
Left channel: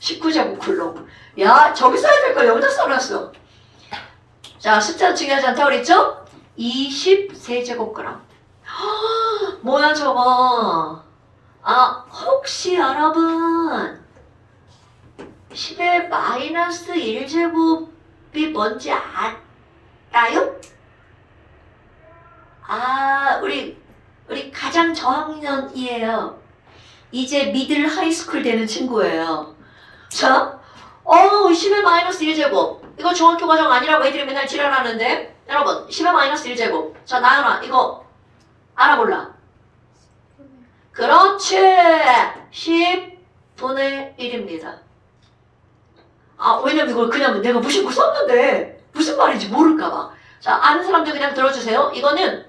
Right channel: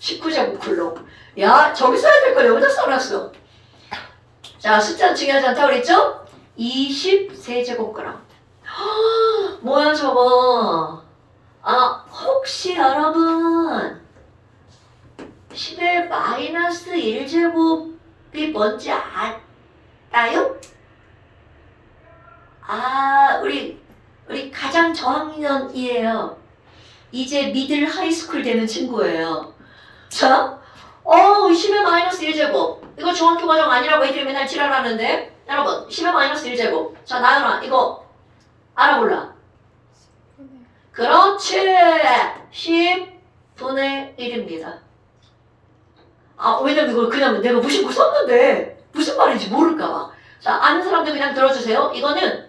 19제곱글로. 야, 저기 써야 될 거 여기다 써놨어. 자, 숫자 중요하지 않다고 그랬죠? 23제곱그램. 뭐야 저거. 혹시 여러분 10의 마이너스 1제곱이 뭔지 알아요? 우리 가장 저학년이에요. 이제 미들 하이스쿨 되는 친구예요. 자, 10의 마이너스 1제곱. 이거 중학교 과정 아니라고 애들이 맨날 지랄하는데. 여러분, 10의 마이너스 1제곱. 자, 나연아, 이거 알아 몰라? 그렇지. 10분의 1입니다. 왜냐면 이걸 그냥 내가 무심코 썼는데 무슨 말인지 모를까봐. 자, 아는 사람들 그냥 들어주세요. 이거는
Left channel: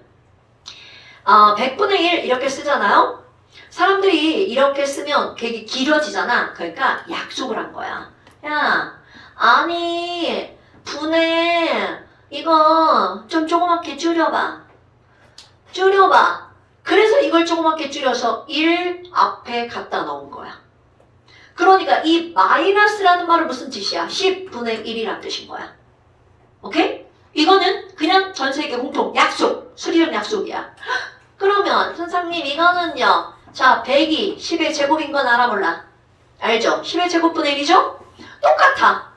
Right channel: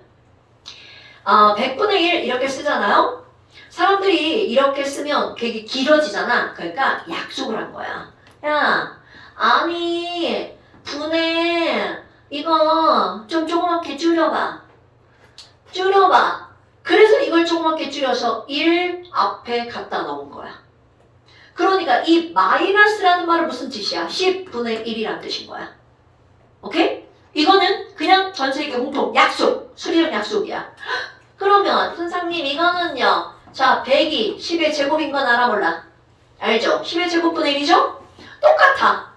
100분의 1 이렇게 쓰잖아요. 사람들이 이렇게 쓰면 되게 길어지잖아. 그러니까 약속을 한 거야. 야, 아니 분의 이거 좀 조그맣게 줄여봐. 그래서 이걸 조그맣게 줄여서 1 앞에 갖다 넣은 거야. 그러니까 이 마이너스라는 말은 무슨 뜻이야? 10분의 1이라는 뜻인 거야. 오케이? 이거는 그냥 전 세계 공통 약속, 수리형 약속이야. 그러면 선생님 이거는요. 자, 100이 10의 제곱인 건 알아 몰라? 알죠? 10의 제곱분의 1이죠? 똑같아.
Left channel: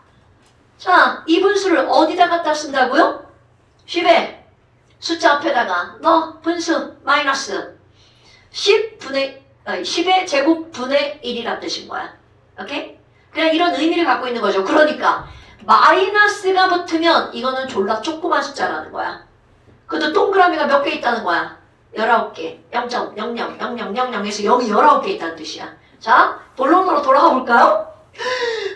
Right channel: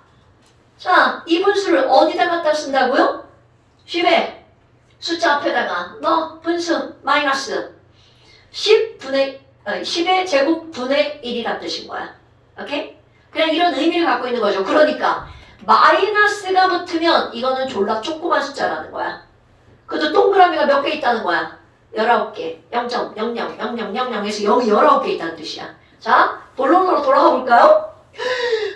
자, 이 분수를 어디다 갖다 쓴다고요? 10의 숫자 앞에다가 분수 마이너스 10의 제곱분의 1이란 뜻인 거야. 오케이? 그냥 이런 의미를 갖고 있는 거죠. 그러니까 마이너스가 붙으면 이거는 졸라 조그만 숫자라는 거야. 그것도 동그라미가 몇 개 있다는 거야. 19개. 0.000000에서 0이 19개 있다는 뜻이야. 자, 본론으로 돌아가 볼까요?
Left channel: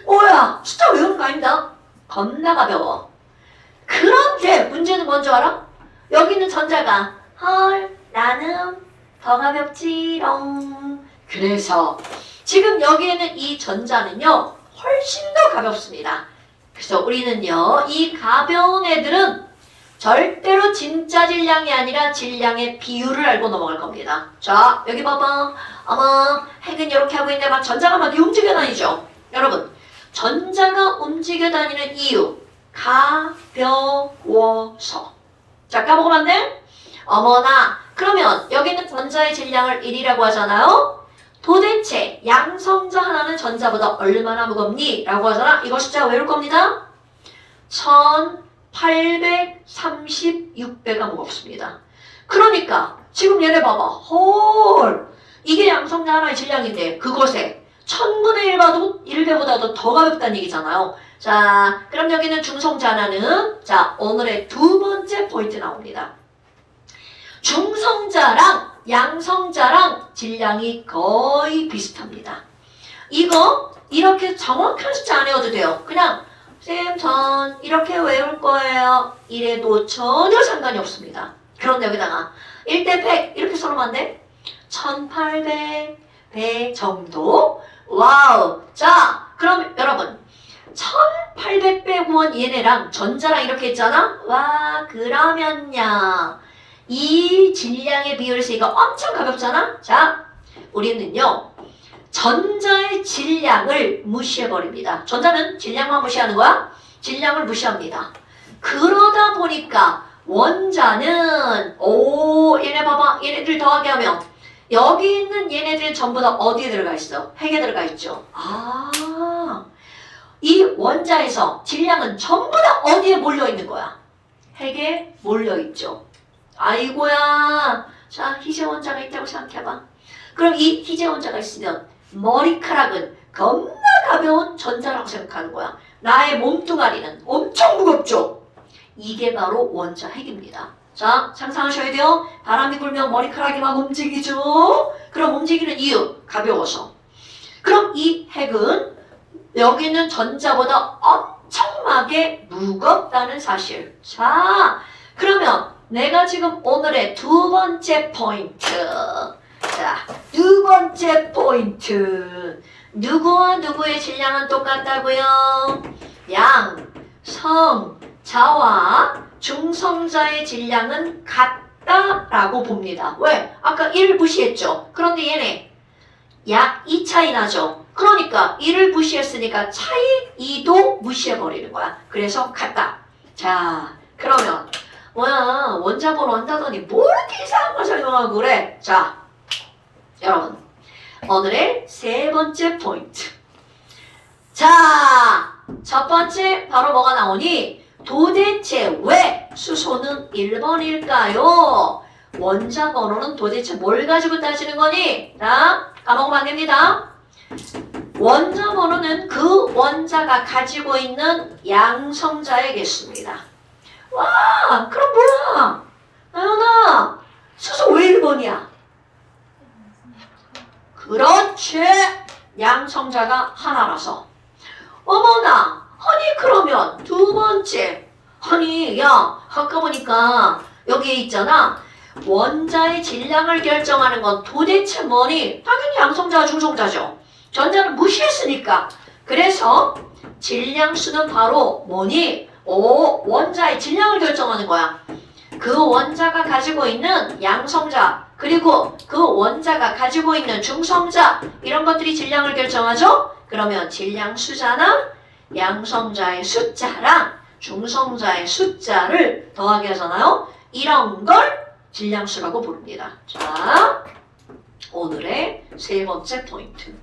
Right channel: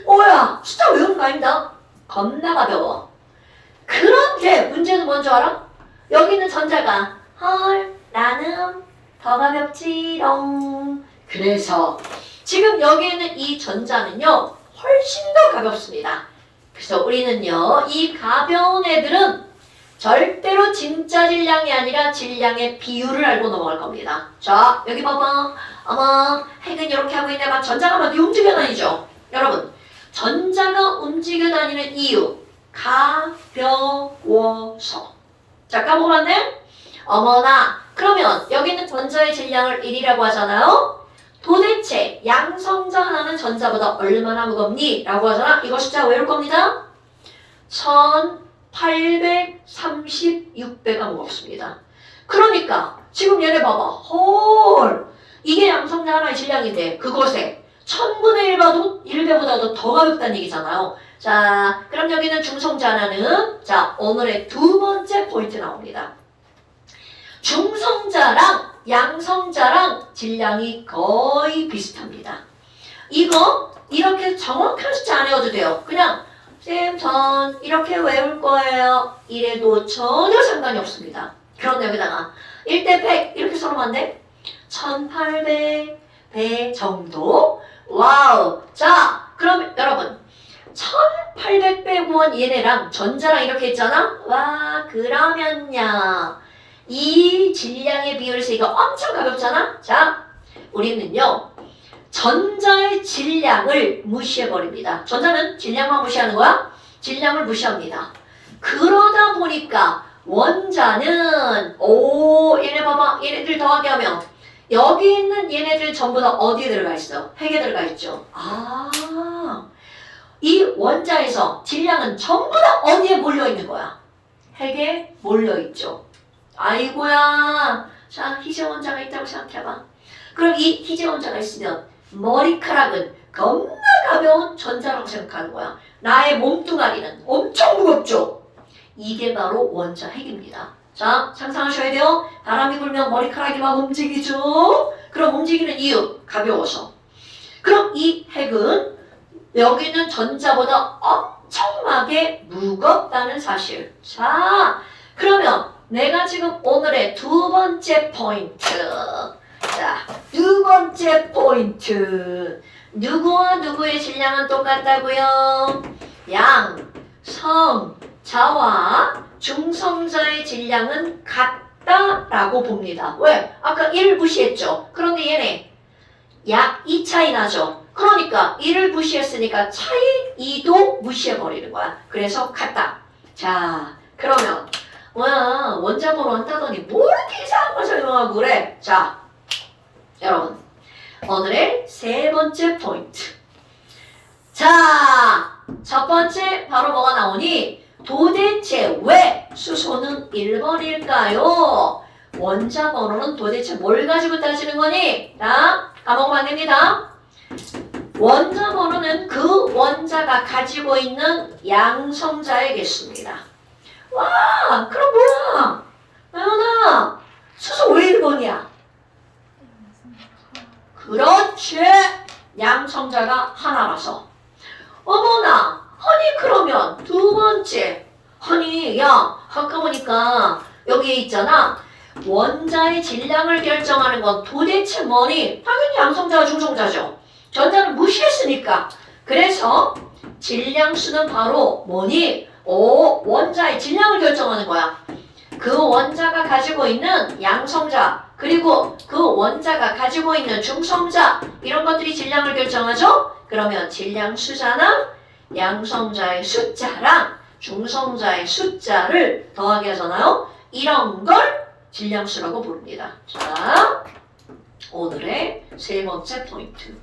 뭐야, 숫자 외우는 거 아닙니다. 겁나 가벼워. 그런데 문제는 뭔지 알아? 여기 있는 전자가 헐, 나는 더 가볍지롱. 그래서 지금 여기에는 이 전자는요 훨씬 더 가볍습니다. 그래서 우리는요 이 가벼운 애들은 절대로 진짜 질량이 아니라 질량의 비율을 알고 넘어갈 겁니다. 자, 여기 봐봐. 핵은 이렇게 하고 있는데 막 전자가 막 움직여 다니죠. 여러분, 전자가 움직여 다니는 이유, 가벼워서. 자, 까먹으면 안 돼? 어머나, 그러면 여기는 전자의 질량을 1이라고 하잖아요. 도대체 양성자 하나는 전자보다 얼마나 무겁니? 라고 하잖아. 이거 숫자 외울 겁니다. 1836배가 무겁습니다. 그러니까 지금 얘네 봐봐. 헐, 이게 양성자 하나의 질량인데 그것에 1000분의 1배보다도 더 가볍다는 얘기잖아요. 자, 그럼 여기는 중성자 하나는 자, 오늘의 두 번째 포인트 나옵니다. 중성자랑 양성자랑 질량이 거의 비슷합니다. 이거 이렇게 정확한 숫자 안 외워도 돼요. 그냥 쌤, 전 이렇게 외울 거예요. 이래도 전혀 상관이 없습니다. 그런데 여기다가 1대 100 이렇게 써놓으면 안 돼? 1800배 정도? 와우. 자, 그럼 여러분 1800배 구원 얘네랑 전자랑 이렇게 했잖아? 와, 그러면요 이 질량의 비율에서 이거 엄청 가볍잖아? 자, 우리는요 전자의 질량을 무시해버립니다. 전자는 질량만 무시하는 거야? 질량을 무시합니다. 그러다 보니까 원자는 얘네 봐봐. 얘네들 더하게 하면 여기 있는 얘네들은 전부 다 어디에 들어가 있어? 핵에 들어가 있죠. 이 원자에서 질량은 전부 다 어디에 몰려있는 거야? 핵에 몰려있죠. 아이고야. 자, 희재 원자가 있다고 생각해봐. 그럼 이 희재 원자가 있으면 머리카락은 겁나 가벼운 전자라고 생각하는 거야. 나의 몸뚱아리는 엄청 무겁죠. 이게 바로 원자 핵입니다. 자, 상상하셔야 돼요. 바람이 불면 머리카락이 막 움직이죠. 그럼 움직이는 이유, 가벼워서. 그럼 이 핵은 여기 있는 전자보다 엄청 엄청나게 무겁다는 사실. 자, 그러면 내가 지금 오늘의 두 번째 포인트. 자, 두 번째 포인트. 누구와 누구의 질량은 똑같다고요? 양, 성, 자와 중성자의 질량은 같다라고 봅니다. 왜? 아까 1을 무시했죠. 그런데 얘네 약 2 차이 나죠. 그러니까 1을 무시했으니까 차이 2도 무시해버리는 거야. 그래서 같다. 자, 그러면 뭐야 원자번호 한다더니 뭐 이렇게 이상한 거 설명하고 그래. 자, 여러분 오늘의 세 번째 포인트. 자, 첫 번째 바로 뭐가 나오니? 도대체 왜 수소는 1번일까요? 원자 번호는 도대체 뭘 가지고 따지는 거니? 자, 까먹으면 안 됩니다. 원자 번호는 그 원자가 가지고 있는 양성자의 개수입니다. 와, 그럼 뭐야? 나연아, 수소 왜 1번이야? 그렇지. 양성자가 하나라서. 어머나, 아니 그러면 두 번째. 아니 야, 아까 보니까 여기에 있잖아. 원자의 질량을 결정하는 건 도대체 뭐니? 당연히 양성자와 중성자죠. 전자를 무시했으니까. 그래서 질량수는 바로 뭐니? 오, 원자의 질량을 결정하는 거야. 그 원자가 가지고 있는 양성자 그리고 그 원자가 가지고 있는 중성자 이런 것들이 질량을 결정하죠? 그러면 질량수잖아? 양성자의 숫자랑 중성자의 숫자를 더하기 해서나요? 이런 걸 질량수라고 부릅니다. 자, 오늘의 세 번째 포인트.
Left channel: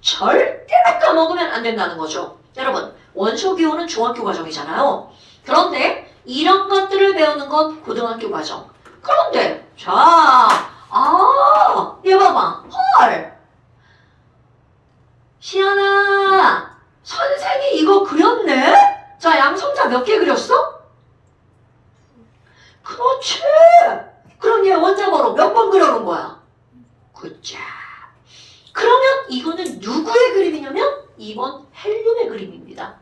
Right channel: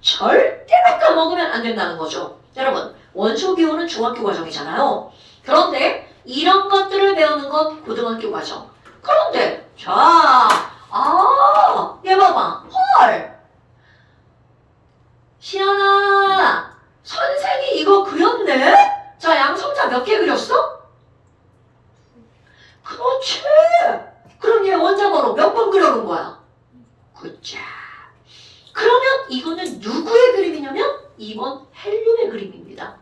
절대로 까먹으면 안 된다는 거죠. 여러분, 원소기호는 중학교 과정이잖아요. 그런데 이런 것들을 배우는 건 고등학교 과정. 그런데 자, 얘 봐봐. 헐. 시연아, 선생이 이거 그렸네? 자, 양성자 몇 개 그렸어? 그렇지. 그럼 얘 원자번호 몇 번 그려놓은 거야? 굿자. 그러면 이거는 누구의 그림이냐면 2번 헬륨의 그림입니다.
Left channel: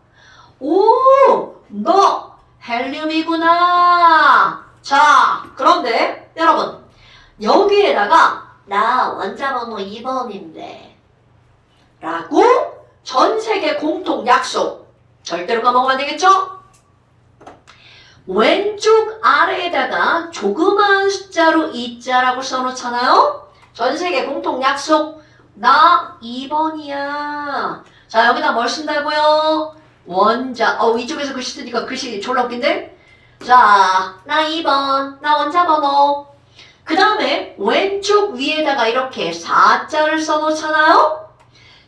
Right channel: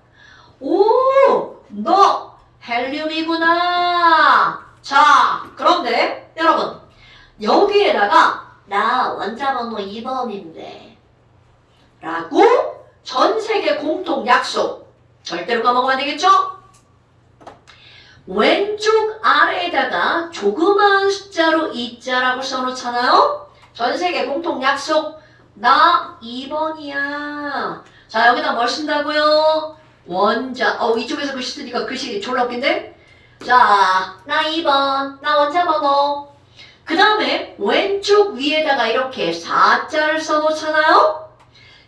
오, 너 헬륨이구나. 자, 그런데 여러분 여기에다가 나 원자번호 2번인데 라고 전 세계 공통 약속 절대로 까먹으면 안 되겠죠? 왼쪽 아래에다가 조그마한 숫자로 2자라고 써놓잖아요. 전 세계 공통 약속 나 2번이야. 자, 여기다 뭘 쓴다고요? 원자. 이쪽에서 글씨 쓰니까 글씨 졸라 웃긴데? 자, 나 2번. 나 원자번호. 그 다음에 왼쪽 위에다가 이렇게 4자를 써놓잖아요?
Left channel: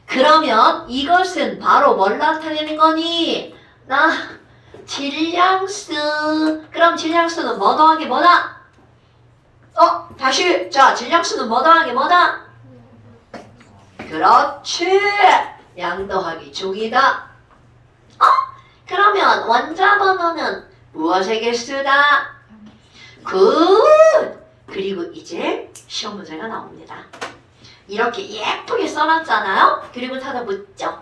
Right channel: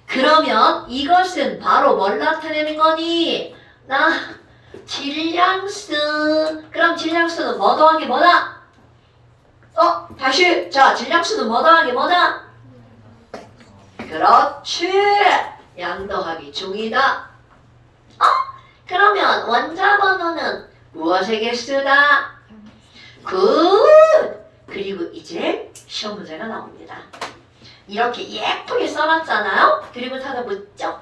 그러면 이것은 바로 뭘 나타내는 거니? 나 질량수. 그럼 질량수는 뭐 더하기 뭐다? 다시. 자, 질량수는 뭐 더하기 뭐다? 그렇지. 양 더하기 중이다. 그러면 원자 번호는 무엇의 개수다? 굿. 그리고 이제 시험 문제가 나옵니다. 이렇게 예쁘게 써놨잖아요. 그리고 타다 묻죠.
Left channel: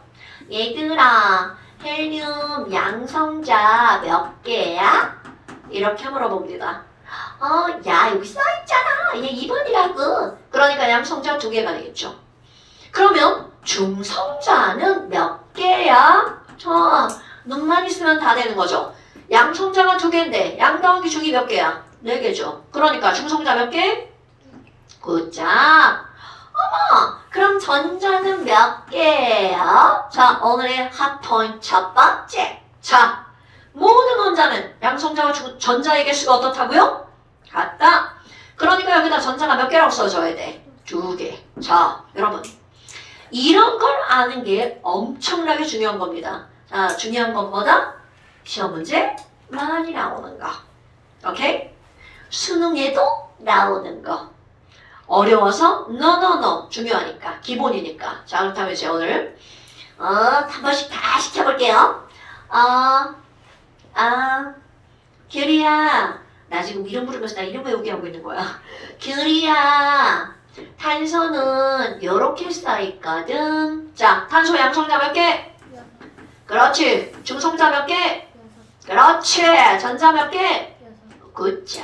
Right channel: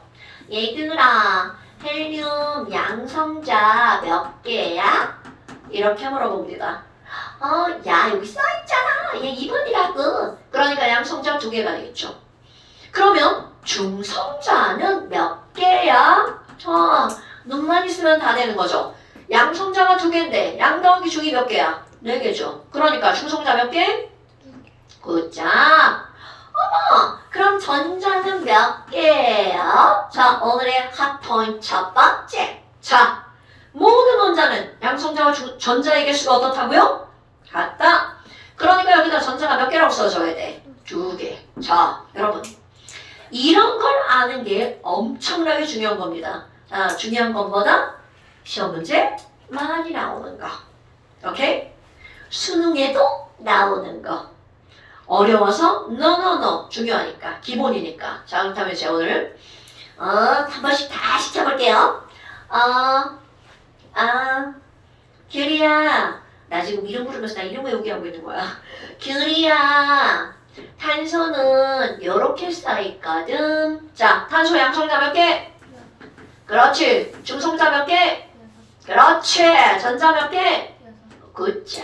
얘들아, 헬륨 양성자 몇 개야? 이렇게 물어봅니다. 야, 여기 써있잖아. 얘 2번이라고. 그러니까 양성자 2개가 되겠죠. 그러면 중성자는 몇 개야? 눈만 있으면 다 되는 거죠. 양성자가 2개인데 양 더하기 중이 몇 개야? 4개죠. 그러니까 중성자 몇 개? 굿자. 그럼 전자는 몇 개예요? 자, 오늘의 핫포인트 첫 번째. 자, 모든 원자는 양성자와 전자의 개수가 어떻다고요? 같다. 그러니까 여기다 전자가 몇 개라고 써줘야 돼? 2개. 자, 여러분. 이런 걸 아는 게 엄청나게 중요한 겁니다. 자, 중요한 것보다 시험 문제 많이 나오는 거. 오케이? 수능에도 나오는 거. 어려워서 no 중요하니까 기본이니까. 자, 그렇다면 이제 오늘 한 번씩 다 시켜볼게요. 규리야, 나 지금 이름 부르면서 나 이름 외우기 하고 있는 거야. 규리야, 탄소는 요렇게 쌓여있거든. 자, 탄소 양성자 몇 개? 그렇지. 중성자 몇 개? 그렇지. 전자 몇 개? 굿자.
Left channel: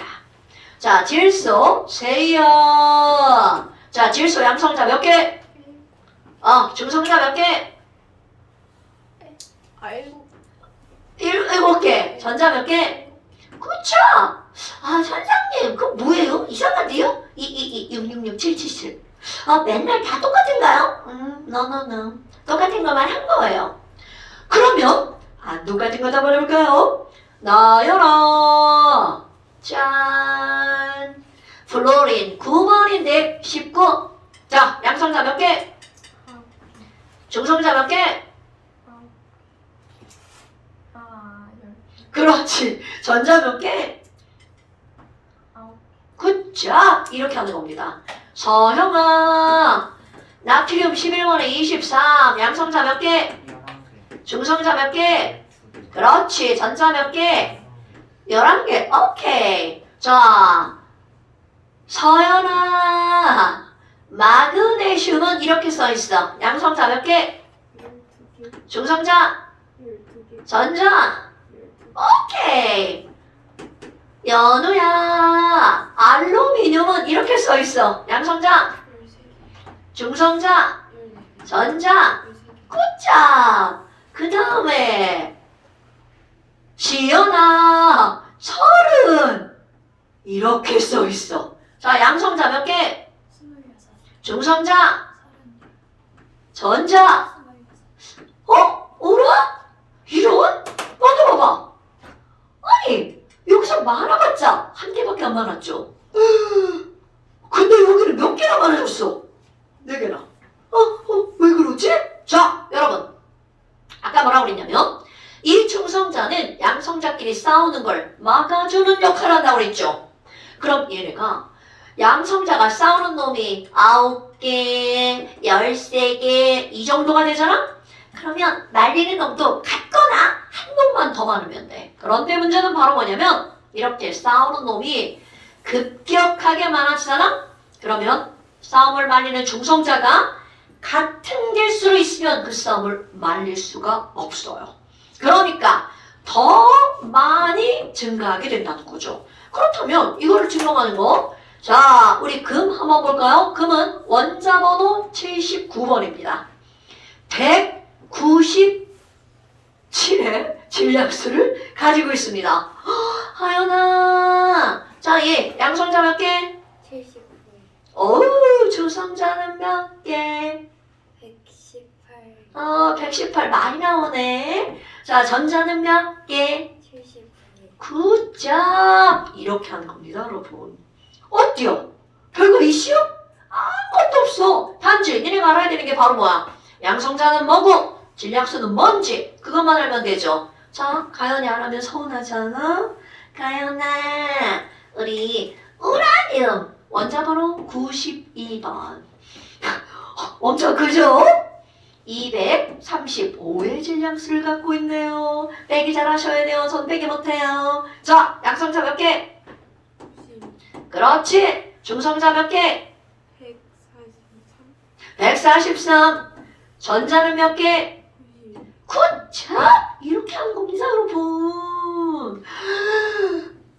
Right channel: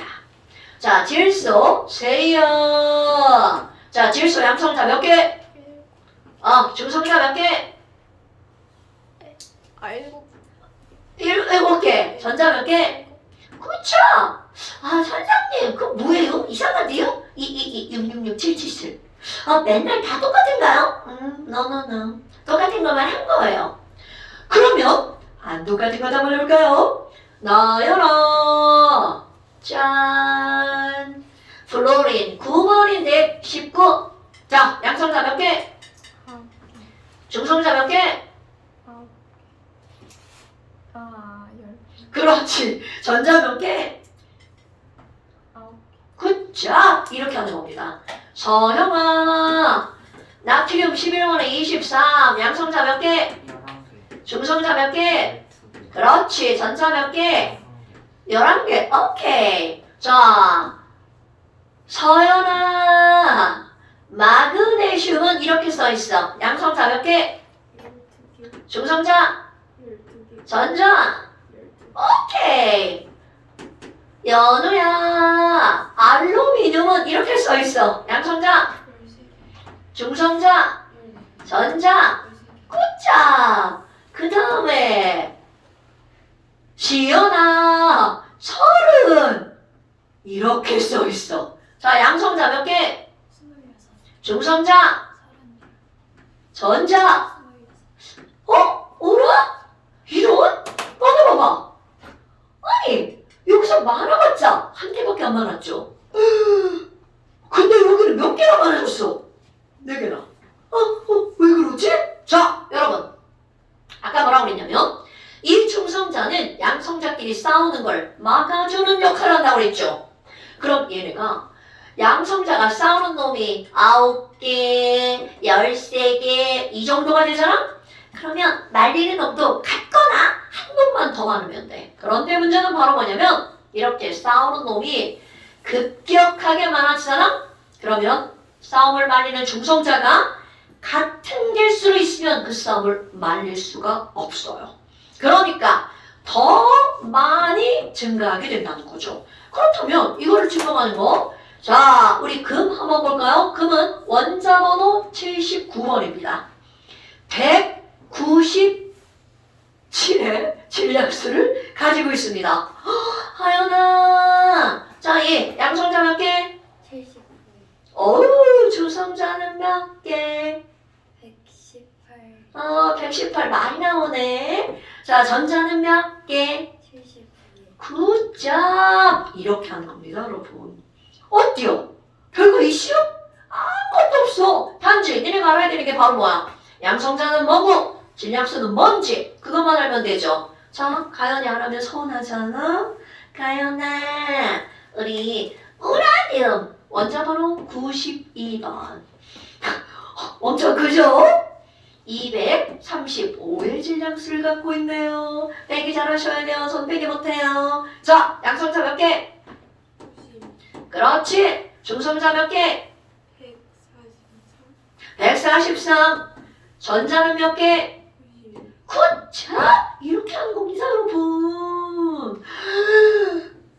자, 질소 세요. 자, 질소 양성자 몇 개? 중성자 몇 개? 일곱 개. 전자 몇 개? 그쵸? 선생님, 그거 뭐예요? 이상한데요? 66677. 맨날 다 똑같은가요? no. 똑같은 것만 한 거예요. 그러면, 안 똑같은 거 한번 해볼까요? 나열아. 짠. 플로린 9번인데 19. 자, 양성자 몇 개? 중성자 몇 개? 그렇지. 전자 몇 개? 굿자. 이렇게 하는 겁니다. 서형아. 나트륨 11번에 23. 양성자 몇 개? 11개. 중성자 몇 개? 12개. 그렇지. 전자 몇 개? 11개. 오케이. 자, 서연아. 마그네슘은 이렇게 써 있어. 양성자 몇 개? 중성자? 전자? 오케이. 연우야. 알루미늄은 이렇게 써 있어. 양성자? 중성자? 전자? 굿자. 그 다음에 지연아. 철은 이렇게 써 있어. 자, 양성자 몇 개? 중성자? 전자? 어라? 이런? 어디 봐봐. 아니, 여기서 많아봤자 한 개밖에 안 많았죠. 근데 여기는 몇 개나 많아졌어? 4개나. 왜 그러지? 자, 여러분. 아까 뭐라고 그랬냐면 이 중성자는 양성자끼리 싸우는 걸 막아주는 역할을 한다고 그랬죠. 그럼 얘네가 양성자가 싸우는 놈이 9개, 13개 이 정도가 되잖아? 그러면 말리는 놈도 같거나 한 놈만 더 많으면 돼. 그런데 문제는 바로 뭐냐면 이렇게 싸우는 놈이 급격하게 많아지잖아? 그러면 싸움을 말리는 중성자가 같은 개수로 있으면 그 싸움을 말릴 수가 없어요. 그러니까 더 많이 증가하게 된다는 거죠. 그렇다면 이거를 증명하는 거. 자, 우리 금 한번 볼까요? 금은 원자 번호 79번입니다. 197의 질량수를 가지고 있습니다. 하연아. 자, 얘 양성자 몇 개? 79, 어우, 중성자는 몇 개? 118, 118 많이 나오네. 자, 전자는 몇 개? 79, 굿잡. 이렇게 하는 겁니다, 여러분. 어때요? 별거 있어요? 아무것도 없어. 단지 니네가 알아야 되는 게 바로 뭐야? 양성자는 뭐고 질량수는 뭔지 그것만 알면 되죠. 자, 가연이 안 하면 서운하잖아. 가연아, 우리 우라늄 원자번호 92번. 엄청 크죠? 235의 질량수를 갖고 있네요. 빼기 잘 하셔야 돼요. 손 빼기 못해요. 자, 양성자 몇 개? 90, 그렇지. 중성자 몇 개? 143, 143. 전자는 몇 개? 90, 굿자. 이렇게 하는 겁니다, 여러분.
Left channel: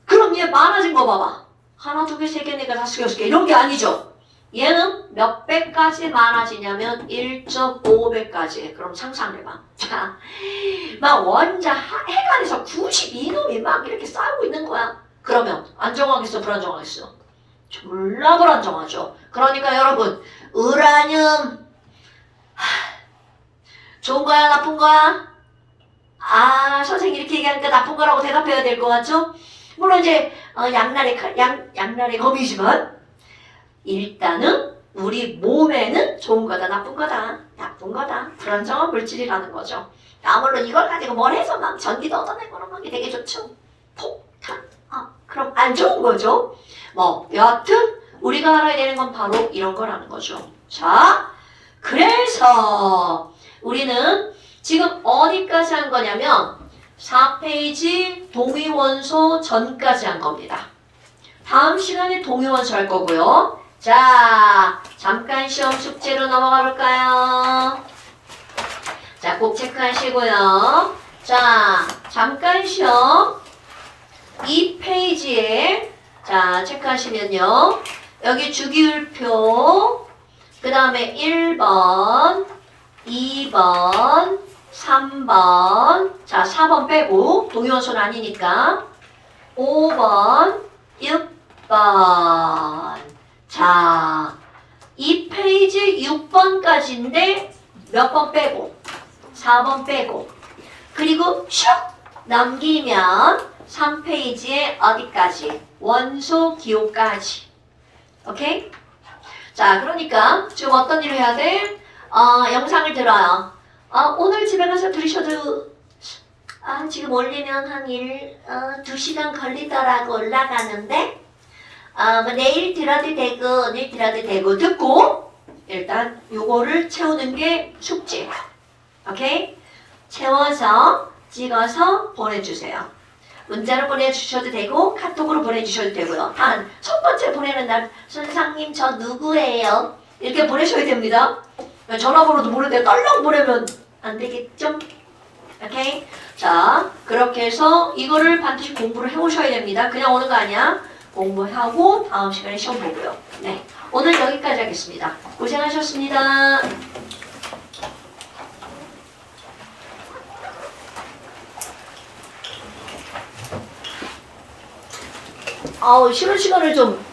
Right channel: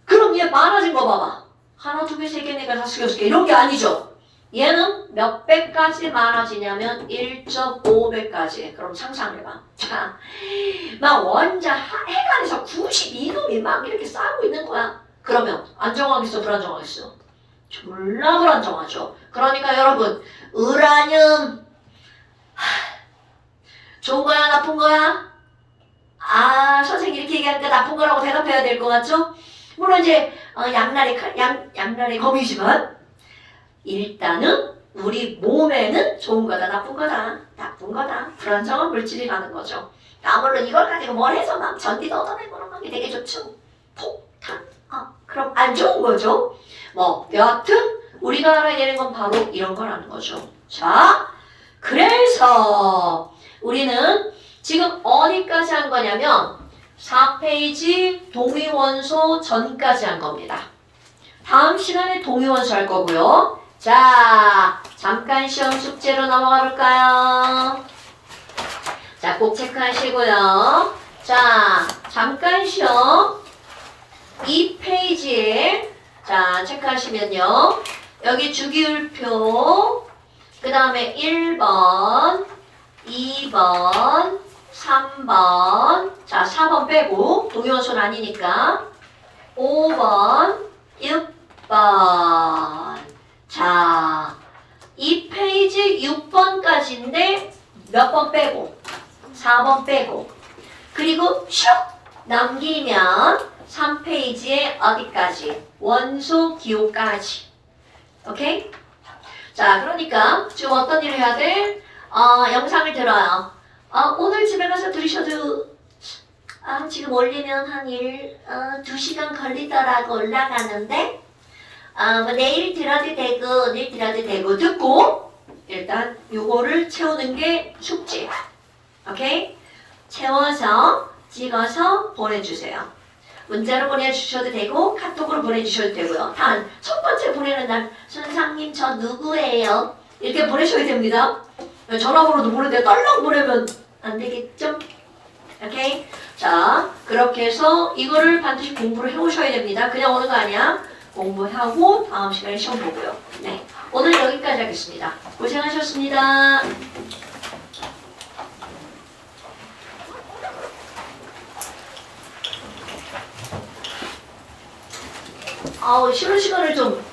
그럼 얘 많아진 거 봐봐. 하나, 두 개, 세 개, 네 개, 다섯 개, 여섯 개 이런 게 아니죠. 얘는 몇 배까지 많아지냐면 1.5배까지. 그럼 상상해봐. 자, 막 원자 해관에서 92놈이 막 이렇게 싸우고 있는 거야. 그러면 안정하겠어, 불안정하겠어? 졸라 불안정하죠. 그러니까 여러분, 우라늄 좋은 거야, 나쁜 거야? 선생님이 이렇게 얘기하니까 나쁜 거라고 대답해야 될 것 같죠? 물론 이제 양날의 검이지만 일단은 우리 몸에는 좋은 거다, 나쁜 거다, 불안정한 물질이라는 거죠. 물론 이걸 가지고 뭘 해서 막 전기도 얻어내고 그런 게 되게 좋죠. 폭탄. 그럼 안 좋은 거죠. 여하튼 우리가 알아야 되는 건 바로 이런 거라는 거죠. 자, 그래서 우리는 지금 어디까지 한 거냐면 4페이지 동위원소 전까지 한 겁니다. 다음 시간에 동위원소 할 거고요. 자, 잠깐 시험 숙제로 넘어가 볼까요? 자, 꼭 체크하시고요. 자, 잠깐 시험. 이 페이지에 자, 체크하시면요. 여기 주기율표, 그 다음에 1번, 2번, 3번, 자, 4번 빼고, 동요수는 아니니까, 5번, 6번. 자, 이 페이지 6번까지인데, 몇 번 빼고, 4번 빼고, 그리고 슉! 넘기면 3페이지에 어디까지? 원소 기호까지. 오케이? 자, 그러니까 지금 어떤 일을 해야 돼? 영상을 들어요. 오늘 집에 가서 들으셔도 지금 올리면 한 2시간 걸리더라고 올라가는데 뭐 내일 들어도 되고 오늘 들어도 되고 듣고 일단 요거를 채우는 게 숙제. 오케이? 채워서 찍어서 보내주세요. 문자로 보내주셔도 되고 카톡으로 보내주셔도 되고요. 단 첫 번째 보내는 날 선생님 저 누구예요? 이렇게 보내셔야 됩니다. 전화번호도 모르는데 떨렁 보내면 안 되겠죠? 오케이? 자, 그렇게 해서 이거를 반드시 공부를 해오셔야 됩니다. 그냥 오는 거 아니야. 공부하고 다음 시간에 시험 보고요. 네, 오늘 여기까지 하겠습니다. 고생하셨습니다. 쉬는 시간을 좀